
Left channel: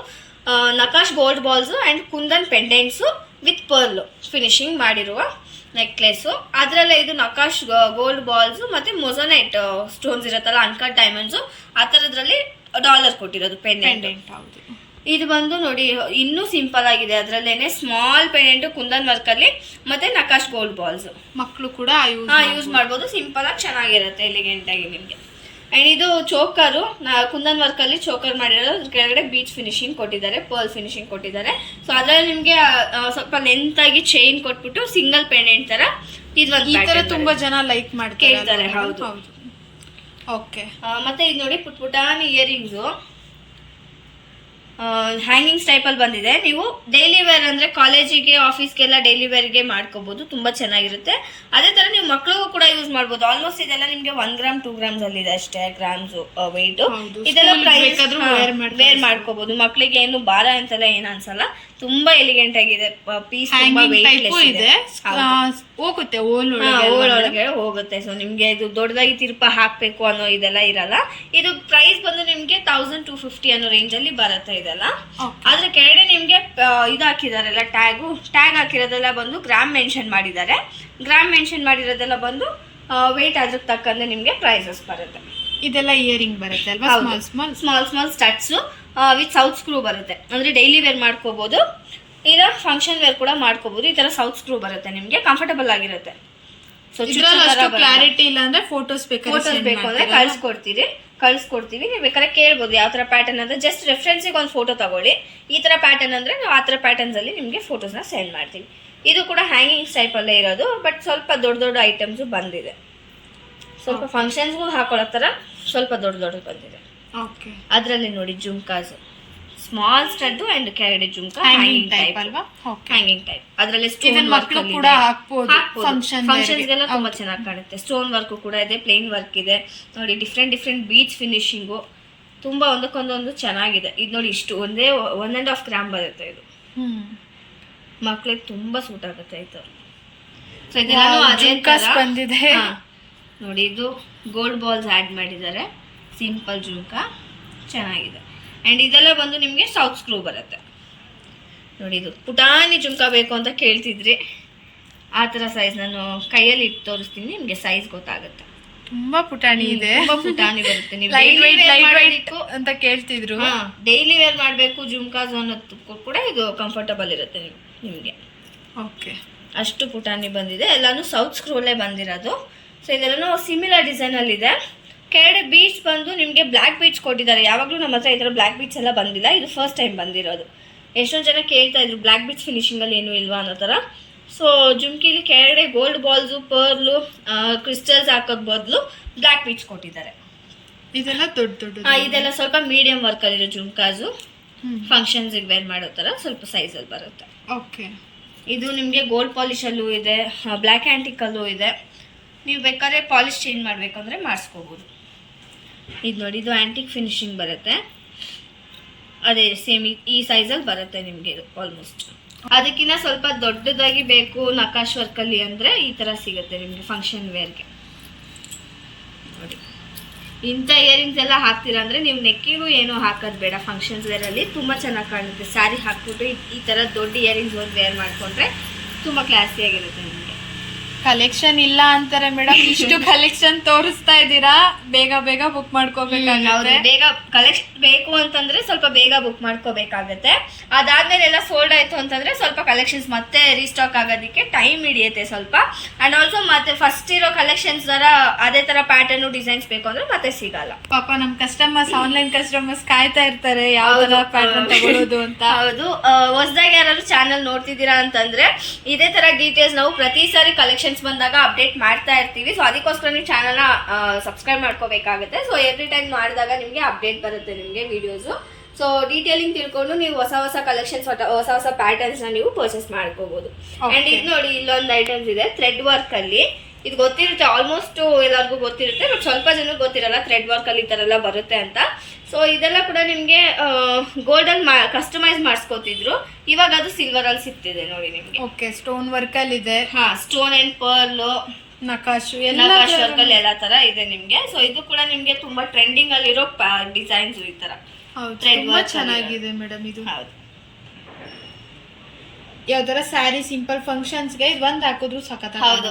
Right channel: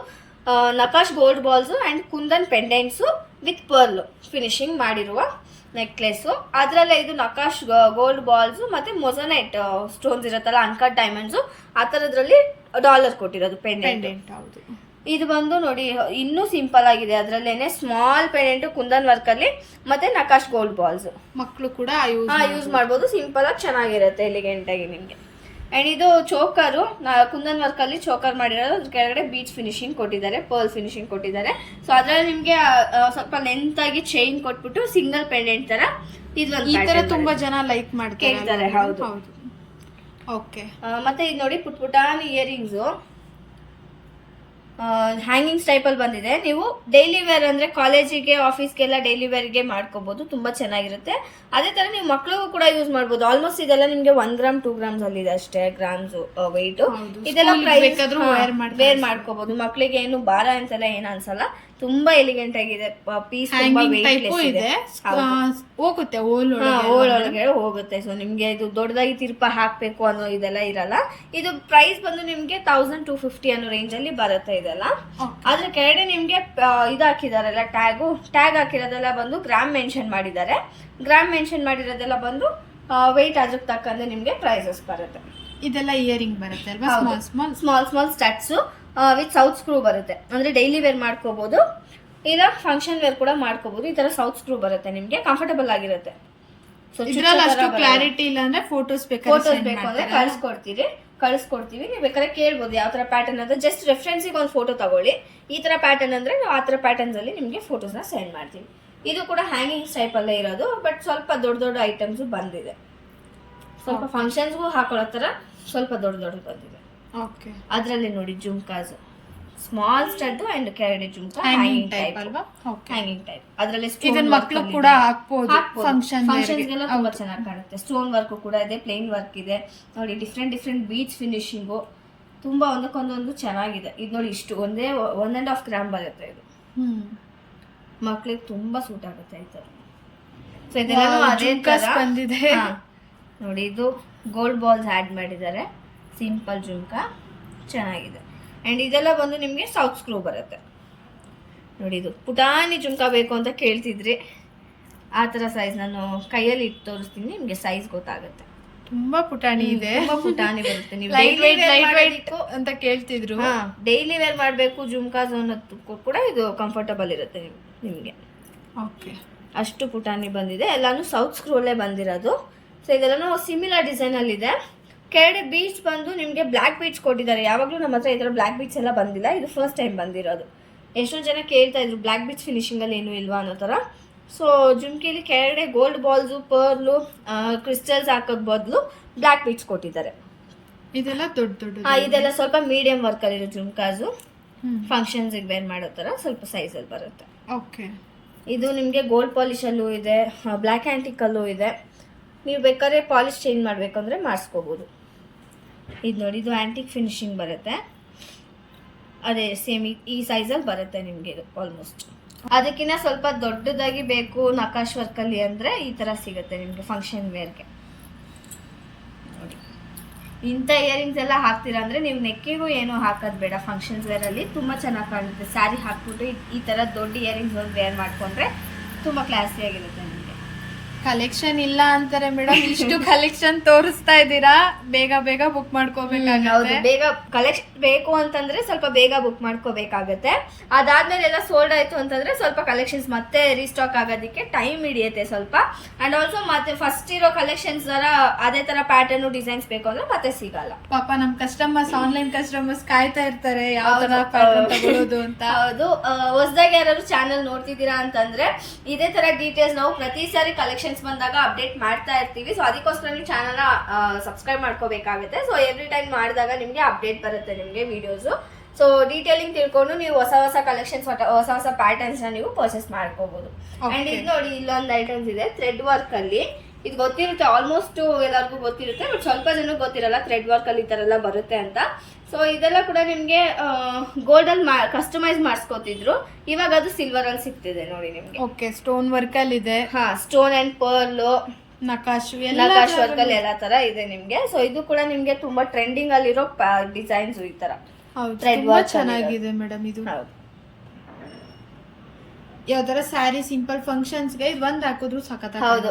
nakash gold balls and kundan pendants with pearl finishing ಮಾಡಿರುವ ನೆಕ್ಲೆಸು. ಅದರಲ್ಲೇ ಇದು ನಕಾಶ್ ಗೋಲ್ಡ್ ಬಾಲ್ಸ್ ಮತ್ತೆ ಮೊಸನೈಟ್ ಸ್ಟೋನ್ಸ್ ಇರುತ್ತಲ್ಲ, ಅನ್ಕಟ್ ಡೈಮಂಡ್ಸ್, ಆ ಥರದ್ರಲ್ಲಿ ಡಾಲರ್ ಕೊಟ್ಟಿರೋದು ಪೆಂಡೆಂಟ್. ಹೌದು. ಇದು ಬಂದು ನೋಡಿ ಇನ್ನೂ ಸಿಂಪಲ್ ಆಗಿದೆ. ಅದರಲ್ಲೇನೆ ಸ್ಮಾಲ್ ಪೆಂಡೆಂಟ್ ಕುಂದನ್ ವರ್ಕ್ ಅಲ್ಲಿ ಮತ್ತೆ ನಕಾಶ್ ಗೋಲ್ಡ್ ಬಾಲ್ಸ್. ಮಕ್ಕಳು ಕೂಡ ಯೂಸ್ ಮಾಡ್ಬೋದು. ಸಿಂಪಲ್ ಆಗಿ ಚೆನ್ನಾಗಿರುತ್ತೆ, ಎಲಿಗೆಂಟ್ ಆಗಿ ನಿಮಗೆ. ಅಂಡ್ ಇದು ಚೋಕರು ಕುಂದನ್ ವರ್ಕ್ ಅಲ್ಲಿ ಚೋಕರ್ ಮಾಡಿರೋದು, ಅದ್ರ ಕೆಳಗಡೆ ಬೀಚ್ ಫಿನಿಶಿಂಗ್ ಕೊಟ್ಟಿದ್ದಾರೆ, ಪರ್ಲ್ ಫಿನಿಶಿಂಗ್ ಕೊಟ್ಟಿದ್ದಾರೆ. ಸೊ ಅದ್ರಲ್ಲಿ ನಿಮ್ಗೆ ಸ್ವಲ್ಪ ಲೆಂತ್ ಆಗಿ ಚೈನ್ ಕೊಟ್ಬಿಟ್ಟು ಸಿಂಗಲ್ ಪೆಂಡೆಂಟ್ ತರ ಈ ತರ ತುಂಬಾ ಜನ ಲೈಕ್ ಕೇಳ್ತಾರೆ. ಹೌದು. ಓಕೆ. ಮತ್ತೆ ಇದು ನೋಡಿ ಪುಟಾಣಿ ಇಯರಿಂಗ್ಸು ಹ್ಯಾಂಗಿಂಗ್ಸ್ ಟೈಪಲ್ಲಿ ಬಂದಿದೆ. ನೀವು ಡೈಲಿ ವೇರ್ ಅಂದರೆ ಕಾಲೇಜಿಗೆ ಆಫೀಸ್ಗೆಲ್ಲ ಡೈಲಿ ವೇರ್ಗೆ ಮಾಡ್ಕೋಬೋದು, ತುಂಬ ಚೆನ್ನಾಗಿರುತ್ತೆ. ಅದೇ ಥರ ನೀವು ಮಕ್ಳಿಗೂ ಕೂಡ ಯೂಸ್ ಮಾಡ್ಬೋದು. ಆಲ್ಮೋಸ್ಟ್ ಇದೆಲ್ಲ ನಿಮಗೆ 1 ಗ್ರಾಮ್ 2 ಗ್ರಾಮ್ಸ್ ಅಲ್ಲಿ ಇದೆ ಅಷ್ಟೇ ಗ್ರಾಮ್ಸು ವೆಯ್ಟು. ಇದೆಲ್ಲ ಪ್ರೈಸ್ ವೇರ್ ಮಾಡ್ಕೋಬೋದು. ಮಕ್ಳಿಗೆ ಏನು ಭಾರ ಅಂತೆಲ್ಲ ಏನು ಅನ್ಸಲ್ಲ, ತುಂಬಾ ಎಲಿಗೆಂಟ್ ಆಗಿದೆ. ಪೀಸ್ ತುಂಬಾ ವೆಯ್ಟ್ಲೆಸ್ ಇದೆ, ಹೋಗುತ್ತೆ ಒಳಗೆ ಹೋಗುತ್ತೆ. ಸೊ ನಿಮ್ಗೆ ಇದು ದೊಡ್ಡದಾಗಿ ತಿರ್ಪ ಹಾಕ್ಬೇಕು ಅನ್ನೋ ಇದೆಲ್ಲ ಇರಲ್ಲ. ಇದು ಪ್ರೈಸ್ ಬಂದು ನಿಮ್ಗೆ 1250 ಅನ್ನೋ ರೇಂಜ್ ಅಲ್ಲಿ ಬರುತ್ತೆ ಇದೆಲ್ಲ. ಆದ್ರೆ ಕೆಳಗಡೆ ನಿಮ್ಗೆ ಇದು ಹಾಕಿದಾರಲ್ಲ ಟ್ಯಾಗ್ ಹಾಕಿರೋದೆಲ್ಲ ಬಂದು ಗ್ರಾಮ್ ಮೆನ್ಷನ್ ಮಾಡಿದ್ದಾರೆ. ಗ್ರಾಮ್ ಮೆನ್ಷನ್ ಮಾಡಿರೋದೆಲ್ಲ ಬಂದು ವೆಯ್ಟ್ ಅದ್ರ ತಕ್ಕಂತೆ ನಿಮ್ಗೆ ಪ್ರೈಸಸ್ ಬರುತ್ತೆ. ಇದೆಲ್ಲ ಇಯರಿಂಗ್ ಬರುತ್ತೆ ಅಲ್ವಾ? Small studs with south screw ಬರುತ್ತೆ. ಅಂದ್ರೆ ಡೈಲಿ ವೇರ್ ಮಾಡ್ಕೋಬಹುದು, ಇಲ್ಲ ಫಂಕ್ಷನ್ ವೇರ್ ಕೂಡ ಮಾಡ್ಕೋಬಹುದು. ಈ ತರ ಸೌತ್ ಸ್ಕ್ರೂ ಬರುತ್ತೆ, ನಿಮ್ಗೆ ಕಂಫರ್ಟಬಲ್ ಆಗಿರುತ್ತೆ. ಸೊ ಕ್ಲಾರಿಟಿ ಇಲ್ಲ ಅಂದ್ರೆ ಫೋಟೋಸ್ ಬೇಕು ಅಂದ್ರೆ ಕಳ್ಸ್ಕೊಡ್ತೀವಿ. ನೀವು ಬೇಕಾದ್ರೆ ಕೇಳ್ಬೋದು ಯಾವ ತರ ಪ್ಯಾಟರ್ನ್ ಅಂದ್ರೆ. ಜಸ್ಟ್ ರೆಫರೆನ್ಸಿಗೆ ಒಂದು ಫೋಟೋ ತಗೊಳ್ಳಿ. ಈ ತರ ಪ್ಯಾಟರ್ನ್ ಅಂದ್ರೆ ನಾವು ಆ ತರ ಪ್ಯಾಟರ್ನ್ಸ್ ಅಲ್ಲಿ ನಿಮ್ಗೆ ಫೋಟೋಸ್ನ ಸೆಂಡ್ ಮಾಡ್ತೀವಿ. ಇದು ಕೂಡ ಹ್ಯಾಂಗಿಂಗ್ಸ್ ಟೈಪ್ ಅಲ್ಲೇ ಇರೋದು, ಬಟ್ ಸ್ವಲ್ಪ ದೊಡ್ಡ ಐಟಮ್ಸ್ ಬಂದಿದೆ. ಸ್ವಲ್ಪ ಫಂಕ್ಷನ್ಸ್ಗೂ ಹಾಕೊಳ್ಳೋ ತರ ಸ್ವಲ್ಪ ದೊಡ್ಡ ಬಂದಿದೆ. ಅದ್ರಲ್ಲಿ ನೋಡಿ ಜುಮ್ಕಾಸ್, ಸ್ಮಾಲ್ ಸ್ಟಡ್ ಅಂಡ್ ಕೆಳಗಡೆ ಜುಮ್ಕಾ ಹ್ಯಾಂಗಿಂಗ್ ಟೈಪ್ ಅಲ್ವಾ? Hanging type. ಅದ್ರಲ್ಲಿ ಸ್ಟೋನ್ ವರ್ಕ್ ಕೂಡ ಹಾಕ್ಬೋದು. ಫಂಕ್ಷನ್ಸ್ಗೆಲ್ಲ ತುಂಬಾ ಚೆನ್ನಾಗಿ ಕಾಣುತ್ತೆ. ಸ್ಟೋನ್ ವರ್ಕ್ ಕೂಡ ಇದೆ, ಪ್ಲೇನ್ ವರ್ಕ್ ಇದೆ ನೋಡಿ. ಡಿಫ್ರೆಂಟ್ ಬೀಚ್ ಫಿನಿಶಿಂಗು ತುಂಬಾ ಒಂದಕ್ಕೊಂದೊಂದು ಚೆನ್ನಾಗಿದೆ. ಇದು ನೋಡಿ ಇಷ್ಟು 1.5 ಗ್ರಾಮ್ ಬರುತ್ತೆ. ಇದು ಮಕ್ಳಿಗೆ ತುಂಬಾ ಸೂಟ್ ಆಗುತ್ತೆ ಈ ತರ. ಸೊ ಇದೆಲ್ಲ ಅದೇ ಬಂದಿದೆ ನೋಡಿ. ಇದು ಗೋಲ್ಡ್ ಬಾಲ್ಸ್ ಆಡ್ ಮಾಡಿದ್ದಾರೆ, ಸಿಂಪಲ್ ಜುಮ್ಕಾ ಚೆನ್ನಾಗಿದೆ. ಆ್ಯಂಡ್ ಇದೆಲ್ಲ ಬಂದು ನಿಮಗೆ ಸೌತ್ ಸ್ಕ್ರೂ ಬರುತ್ತೆ ನೋಡಿ. ಇದು ಪುಟಾಣಿ ಜುಮ್ಕಾ ಬೇಕು ಅಂತ ಕೇಳ್ತಿದ್ರಿ, ಆ ಥರ ಸೈಜ್ ನಾನು ಕೈಯಲ್ಲಿ ಇಟ್ಟು ತೋರಿಸ್ತೀನಿ, ನಿಮಗೆ ಸೈಜ್ ಗೊತ್ತಾಗುತ್ತೆ. ತುಂಬಾ ಪುಟಾಣಿ ಇದೆ, ತುಂಬಾ ಪುಟಾಣಿ ಬರುತ್ತೆ. ನೀವು ಅಂತ ಕೇಳ್ತಿದ್ರು. ಡೈಲಿ ವೇರ್ ಮಾಡಬೇಕು ಜುಮ್ಕಾಸ್ ಅನ್ನೋದಕ್ಕೂ ಕೂಡ ಇದು ಕಂಫರ್ಟಬಲ್ ಇರುತ್ತೆ ನಿಮಗೆ. ಓಕೆ, ಅಷ್ಟು ಪುಟಾಣಿ ಬಂದಿದೆ. ಎಲ್ಲಾನು ಸೌತ್ ಸ್ಕ್ರೂಲೇ ಬಂದಿರೋದು. ಸೊ ಇದೆಲ್ಲನೂ ಸಿಮಿಲರ್ ಡಿಸೈನಲ್ಲಿ ಇದೆ. ಕೆಳಗಡೆ ಬೀಚ್ ಬಂದು ನಿಮಗೆ ಬ್ಲ್ಯಾಕ್ ಬೀಚ್ ಕೊಟ್ಟಿದ್ದಾರೆ. ಯಾವಾಗಲೂ ನಮ್ಮ ಹತ್ರ ಈ ಥರ ಬ್ಲ್ಯಾಕ್ ಬೀಚ್ ಎಲ್ಲ ಬಂದಿಲ್ಲ, ಇದು ಫಸ್ಟ್ ಟೈಮ್ ಬಂದಿರೋದು. ಎಷ್ಟೊಂದು ಜನ ಕೇಳ್ತಾ ಇದ್ರು ಬ್ಲ್ಯಾಕ್ ಬೀಚ್ ಫಿನಿಶಿಂಗಲ್ಲಿ ಏನೂ ಇಲ್ವಾ ಅನ್ನೋ ಥರ. ಸೊ ಜುಮ್ಕಿಲಿ ಕೆಳಗಡೆ ಗೋಲ್ಡ್ ಬಾಲ್ಸು, ಪರ್ಲು, ಕ್ರಿಸ್ಟಲ್ಸ್ ಹಾಕೋದ್ ಬದಲು ಬ್ಲ್ಯಾಕ್ ಬೀಚ್ ಕೊಟ್ಟಿದ್ದಾರೆ. ಇದೆಲ್ಲ ದೊಡ್ಡ ಇದೆಲ್ಲ ಸ್ವಲ್ಪ ಮೀಡಿಯಂ ವರ್ಕಲ್ಲಿರೋ ಜುಮ್ಕಾಸು, ಫಂಕ್ಷನ್ಸಿಗೆ ವೇರ್ ಮಾಡೋ ಥರ ಸ್ವಲ್ಪ ಸೈಜಲ್ಲಿ ಬರುತ್ತೆ. ಓಕೆ, ಇದು ನಿಮಗೆ ಗೋಲ್ಡ್ ಪಾಲಿಶಲ್ಲೂ ಇದೆ, ಬ್ಲ್ಯಾಕ್ ಆ್ಯಂಟಿಕಲ್ಲೂ ಇದೆ. ನೀವು ಬೇಕಾದ್ರೆ ಪಾಲಿಶ್ ಚೇಂಜ್ ಮಾಡಬೇಕಂದ್ರೆ ಮಾಡಿಸ್ಕೋಬೋದು. ಇದು ನೋಡಿ, ಇದು ಆ್ಯಂಟಿಕ್ ಫಿನಿಶಿಂಗ್ ಬರುತ್ತೆ. ಅದೇ ಸೇಮ್ ಈ ಸೈಜಲ್ಲಿ ಬರುತ್ತೆ ನಿಮಗೆ. ಇದು ಆಲ್ಮೋಸ್ಟ್ ಅದಕ್ಕಿಂತ ಸ್ವಲ್ಪ ದೊಡ್ಡದಾಗಿ ಬೇಕು ನಕಾಶ್ ವರ್ಕಲ್ಲಿ ಅಂದರೆ ಈ ಥರ ಸಿಗುತ್ತೆ ನಿಮಗೆ ಫಂಕ್ಷನ್ ವೇರ್ಗೆ. ನೋಡಿ, ಇಂಥ ಇಯರಿಂಗ್ಸ್ ಎಲ್ಲ ಹಾಕ್ತೀರಾ ಅಂದರೆ ನೀವು ನೆಕ್ಕಿಗೂ ಏನೂ ಹಾಕೋದು ಬೇಡ. ಫಂಕ್ಷನ್ಸ್ ವೇರಲ್ಲಿ ತುಂಬ ಚೆನ್ನಾಗಿ ಕಾಣುತ್ತೆ. ಸ್ಯಾರಿ ಹಾಕ್ಬಿಟ್ಟು ಈ ಥರ ದೊಡ್ಡ ಇಯರಿಂಗ್ಸ್ ಒಂದು ವೇರ್ ಮಾಡಿಕೊಂಡ್ರೆ ತುಂಬ ಕ್ಲಾಸಿಯಾಗಿರುತ್ತೆ ನಿಮಗೆ. ಕಲೆಕ್ಷನ್ ಇಲ್ಲ ಅಂತಾರೆ ಮೇಡಮ್, ಇಷ್ಟು ಕಲೆಕ್ಷನ್ ತೋರಿಸ್ತಾ ಇದ್ದೀರಾ, ಬೇಗ ಬುಕ್ ಮಾಡ್ಕೋಬೇಕಾಗುತ್ತೆ. ಬೇಗ ಕಲೆಕ್ಷನ್ ಬೇಕು ಅಂತಂದ್ರೆ ಸ್ವಲ್ಪ ಬೇಗ ಬುಕ್ ಮಾಡ್ಕೋಬೇಕಾಗತ್ತೆ. ಅದಾದ್ಮೇಲೆ ಎಲ್ಲ ಸೋಲ್ಡ್ ಆಯ್ತು ಅಂತಂದ್ರೆ ಸ್ವಲ್ಪ ಕಲೆಕ್ಷನ್ಸ್ ಮತ್ತೆ ರೀಸ್ಟಾಕ್ ಆಗೋದಕ್ಕೆ ಟೈಮ್ ಹಿಡಿಯುತ್ತೆ ಸ್ವಲ್ಪ. ಅಂಡ್ ಆಲ್ಸೋ ಮತ್ತೆ ಫಸ್ಟ್ ಇರೋ ಕಲೆಕ್ಷನ್ಸ್ ತರ ಅದೇ ತರ ಪ್ಯಾಟರ್ನ್ ಡಿಸೈನ್ಸ್ ಬೇಕು ಅಂದ್ರೆ ಮತ್ತೆ ಸಿಗಲ್ಲ. ಪಾಪ ನಮ್ ಕಸ್ಟಮರ್ಸ್, ಆನ್ಲೈನ್ ಕಸ್ಟಮರ್ಸ್ ಕಾಯ್ತಾ ಇರ್ತಾರೆ ಯಾವ ತರ ಪ್ಯಾಟರ್ನ್ ತಗೊಳ್ಳೋದು ಅಂತ. ಹೌದು, ಹೊಸದಾಗಿ ಯಾರು ಚಾನಲ್ ನೋಡ್ತಿದ್ದೀರಾ ಅಂತಂದ್ರೆ ಇದೇ ತರ ಡೀಟೇಲ್ಸ್ ನಾವು ಪ್ರತಿ ಸಾರಿ ಕಲೆಕ್ಷನ್ ಬಂದಾಗ ಅಪ್ಡೇಟ್ ಮಾಡ್ತಾ ಇರ್ತೀವಿ. ಸೊ ಅದಕ್ಕೋಸ್ಕರ ನೀವು ಚಾನಲ್ನ ಸಬ್ಸ್ಕ್ರೈಬ್ ಮಾಡ್ಕೋಬೇಕಾಗುತ್ತೆ. ಸೊ ಎವ್ರಿ ಟೈಮ್ ಮಾಡಿದಾಗ ನಿಮಗೆ ಅಪ್ಡೇಟ್ ಬರುತ್ತೆ ನಿಮಗೆ ವಿಡಿಯೋಸು. ಸೊ ಡೀಟೇಲಿಂಗ್ ತಿಳ್ಕೊಂಡು ನೀವು ಹೊಸ ಕಲೆಕ್ಷನ್ಸ್, ಹೊಸ ಪ್ಯಾಟರ್ನ್ಸ್ ನೀವು ಪರ್ಚೇಸ್ ಮಾಡ್ಕೋಬಹುದು. ಅಂಡ್ ಇದು ನೋಡಿ, ಇಲ್ಲೊಂದು ಐಟಮ್ಸ್ ಇದೆ ಥ್ರೆಡ್ ವರ್ಕ್ ಅಲ್ಲಿ. ಇದು ಗೊತ್ತಿರುತ್ತೆ, ಆಲ್ಮೋಸ್ಟ್ ಎಲ್ಲರಿಗೂ ಗೊತ್ತಿರುತ್ತೆ, ಬಟ್ ಸ್ವಲ್ಪ ಜನಕ್ಕೆ ಗೊತ್ತಿರಲ್ಲ ಥ್ರೆಡ್ ವರ್ಕ್ ಅಲ್ಲಿ ಈ ತರ ಎಲ್ಲ ಬರುತ್ತೆ ಅಂತ. ಸೊ ಇದೆಲ್ಲ ಕೂಡ ನಿಮ್ಗೆ ಗೋಲ್ಡ್ ಅಲ್ಲಿ ಕಸ್ಟಮೈಸ್ ಮಾಡಿಸ್ಕೊತಿದ್ರು, ಇವಾಗ ಅದು ಸಿಲ್ವರ್ ಅಲ್ಲಿ ಸಿಗ್ತಿದೆ ನೋಡಿ ನಿಮ್ಗೆ. ಓಕೆ, ಸ್ಟೋನ್ ವರ್ಕ್ ಅಲ್ಲಿ ಇದೆ. ಸ್ಟೋನ್ ಅಂಡ್ ಪರ್ಲ್, ನಕಾಶ್ ವರ್ಕ್ ಅಲ್ಲಿ ಎಲ್ಲ ತರ ಇದೆ ನಿಮ್ಗೆ. ಸೊ ಇದು ಕೂಡ ನಿಮ್ಗೆ ತುಂಬಾ ಟ್ರೆಂಡಿಂಗ್ ಅಲ್ಲಿರೋ ಡಿಸೈನ್ಸ್ ಈ ತರ. ಥ್ರೆಡ್ ವರ್ಕ್ ಚೆನ್ನಾಗಿದೆ ಮೇಡಮ್. ಇದು ಯಾವ್ದಾರ ಸ್ಯಾರಿ ಸಿಂಪಲ್ ಫಂಕ್ಷನ್ಸ್ಗೆ ಇದು ಒಂದ್ ಹಾಕಿದ್ರು ಸಖತ್. ಹೌದು,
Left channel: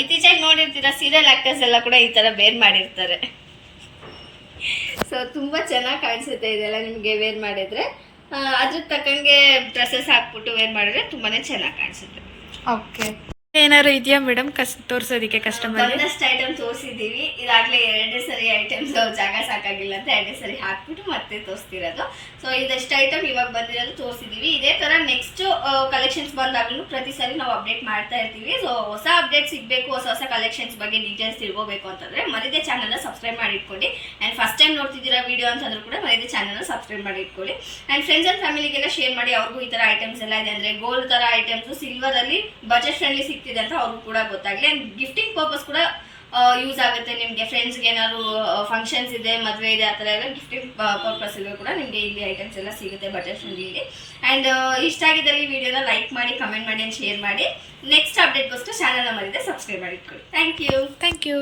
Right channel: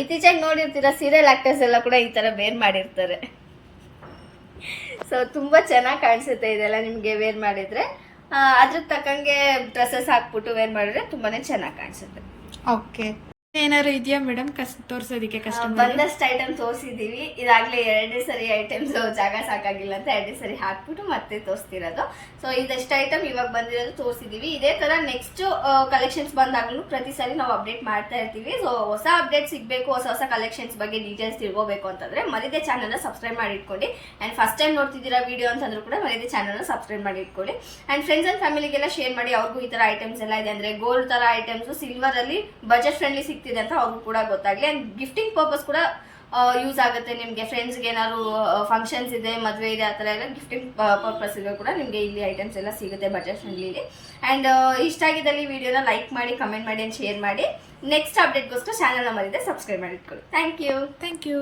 ಇತ್ತೀಚೆಗೆ ನೋಡಿರ್ತೀರಾ ಸೀರಿಯಲ್ ಆಕ್ಟರ್ಸ್ ಎಲ್ಲ ಕೂಡ ಈ ತರ ವೇರ್ ಮಾಡಿರ್ತಾರೆ. ಸೊ ತುಂಬಾ ಚೆನ್ನಾಗಿ ಕಾಣಿಸುತ್ತೆ ಇದೆಲ್ಲ ನಿಮ್ಗೆ ವೇರ್ ಮಾಡಿದ್ರೆ. ಅದ್ರ ತಕ್ಕಂಗೆ ಡ್ರೆಸ್ಸಸ್ ಹಾಕ್ಬಿಟ್ಟು ವೇರ್ ಮಾಡಿದ್ರೆ ತುಂಬಾನೇ ಚೆನ್ನಾಗಿ ಕಾಣಿಸುತ್ತೆ. ಓಕೆ, ಏನಾರು ಇದೆಯಾ ಮೇಡಮ್ ತೋರ್ಸೋದಿಕ್ಕೆ ಕಸ್ಟಮರ್ ಬಂದಷ್ಟು ಐಟಮ್ ತೋರಿಸಿದೀವಿ. ಇದಾಗ್ಲೇ 2 ಸರಿ ಐಟಮ್ಸ್ ಜಾಗ ಸಾಕಾಗಿಲ್ಲ ಅಂತ 2 ಸರಿ ಹಾಕ್ಬಿಟ್ಟು ಮತ್ತೆ ತೋರಿಸ್ತಿರೋದು. ಸೊ ಇದಷ್ಟು ಐಟಮ್ ಇವಾಗ ಬಂದಿರೋದು ತೋರಿಸಿದೀವಿ. ಇದೇ ತರ ನೆಕ್ಸ್ಟ್ ಕಲೆಕ್ಷನ್ಸ್ ಬಂದಾಗ್ಲೂ ಪ್ರತಿ ಸರಿ ನಾವು ಅಪ್ಡೇಟ್ ಮಾಡ್ತಾ ಇರ್ತೀವಿ. ಸೊ ಹೊಸ ಅಪ್ಡೇಟ್ ಸಿಗ್ಬೇಕು, ಹೊಸ ಕಲೆಕ್ಷನ್ಸ್ ಬಗ್ಗೆ ಡೀಟೇಲ್ಸ್ ತಿಳ್ಕೋಬೇಕು ಅಂತಂದ್ರೆ ಮರಿದೆ ಚಾನಲ್ ನ ಸಬ್ಸ್ಕ್ರೈಬ್ ಮಾಡಿ ಇಟ್ಕೊಳ್ಳಿ. ಅಂಡ್ ಫಸ್ಟ್ ಟೈಮ್ ನೋಡ್ತಿದ್ದೀರಾ ವಿಡಿಯೋ ಅಂತಂದ್ರೂ ಕೂಡ ಮರಿದೆ ಚಾನಲ್ ನ ಸಬ್ಸ್ಕ್ರೈಬ್ ಮಾಡಿ ಇಟ್ಕೊಳ್ಳಿ. ಅಂಡ್ ಫ್ರೆಂಡ್ಸ್ ಅಂಡ್ ಫ್ಯಾಮಿಲಿಗೆಲ್ಲ ಶೇರ್ ಮಾಡಿ. ಅವ್ರಿಗೂ ಈ ತರ ಐಟಮ್ಸ್ ಎಲ್ಲ ಇದೆ ಅಂದ್ರೆ ಗೋಲ್ಡ್ ತರ ಐಟಮ್ಸ್ ಸಿಲ್ವರ್ ಅಲ್ಲಿ ಬಜೆಟ್ ಫ್ರೆಂಡ್ಲಿ ಸಿಗ್ತಿದೆ ಅಂತ ಅವ್ರಿಗೂ ಕೂಡ ಗೊತ್ತಾಗ್ಲಿ. ಅಂಡ್ ಗಿಫ್ಟಿಂಗ್ ಪರ್ಪಸ್ ಕೂಡ ಯೂಸ್ ಆಗುತ್ತೆ ನಿಮ್ಗೆ. ಫ್ರೆಂಡ್ಸ್ಗೆ ಏನಾದ್ರು ಫಂಕ್ಷನ್ಸ್ ಇದೆ, ಮದುವೆ ಇದೆ, ಆ ಥರ ಎಲ್ಲ ಗಿಫ್ಟಿಂಗ್ ಪರ್ಪಸ್ ಇದೆ ಕೂಡ ನಿಮಗೆ ಇಲ್ಲಿ ಐಟಮ್ಸ್ ಎಲ್ಲ ಸಿಗುತ್ತೆ ಬಜೆಟ್ ಫ್ರೆಂಡ್ಲಿ. ಅಂಡ್ ಇಷ್ಟ ಆಗಿದ್ದಲ್ಲಿ ವಿಡಿಯೋನ ಲೈಕ್ ಮಾಡಿ, ಕಮೆಂಟ್ ಮಾಡಿ, ಶೇರ್ ಮಾಡಿ. ನೆಕ್ಸ್ಟ್ ಅಪ್ಡೇಟ್ಗೋಸ್ಕರ ಚಾನಲ್ನ ಮರಿದೆ ಸಬ್ಸ್ಕ್ರೈಬ್ ಮಾಡಿ ಇಟ್ಕೊಳ್ಳಿ. Thank you.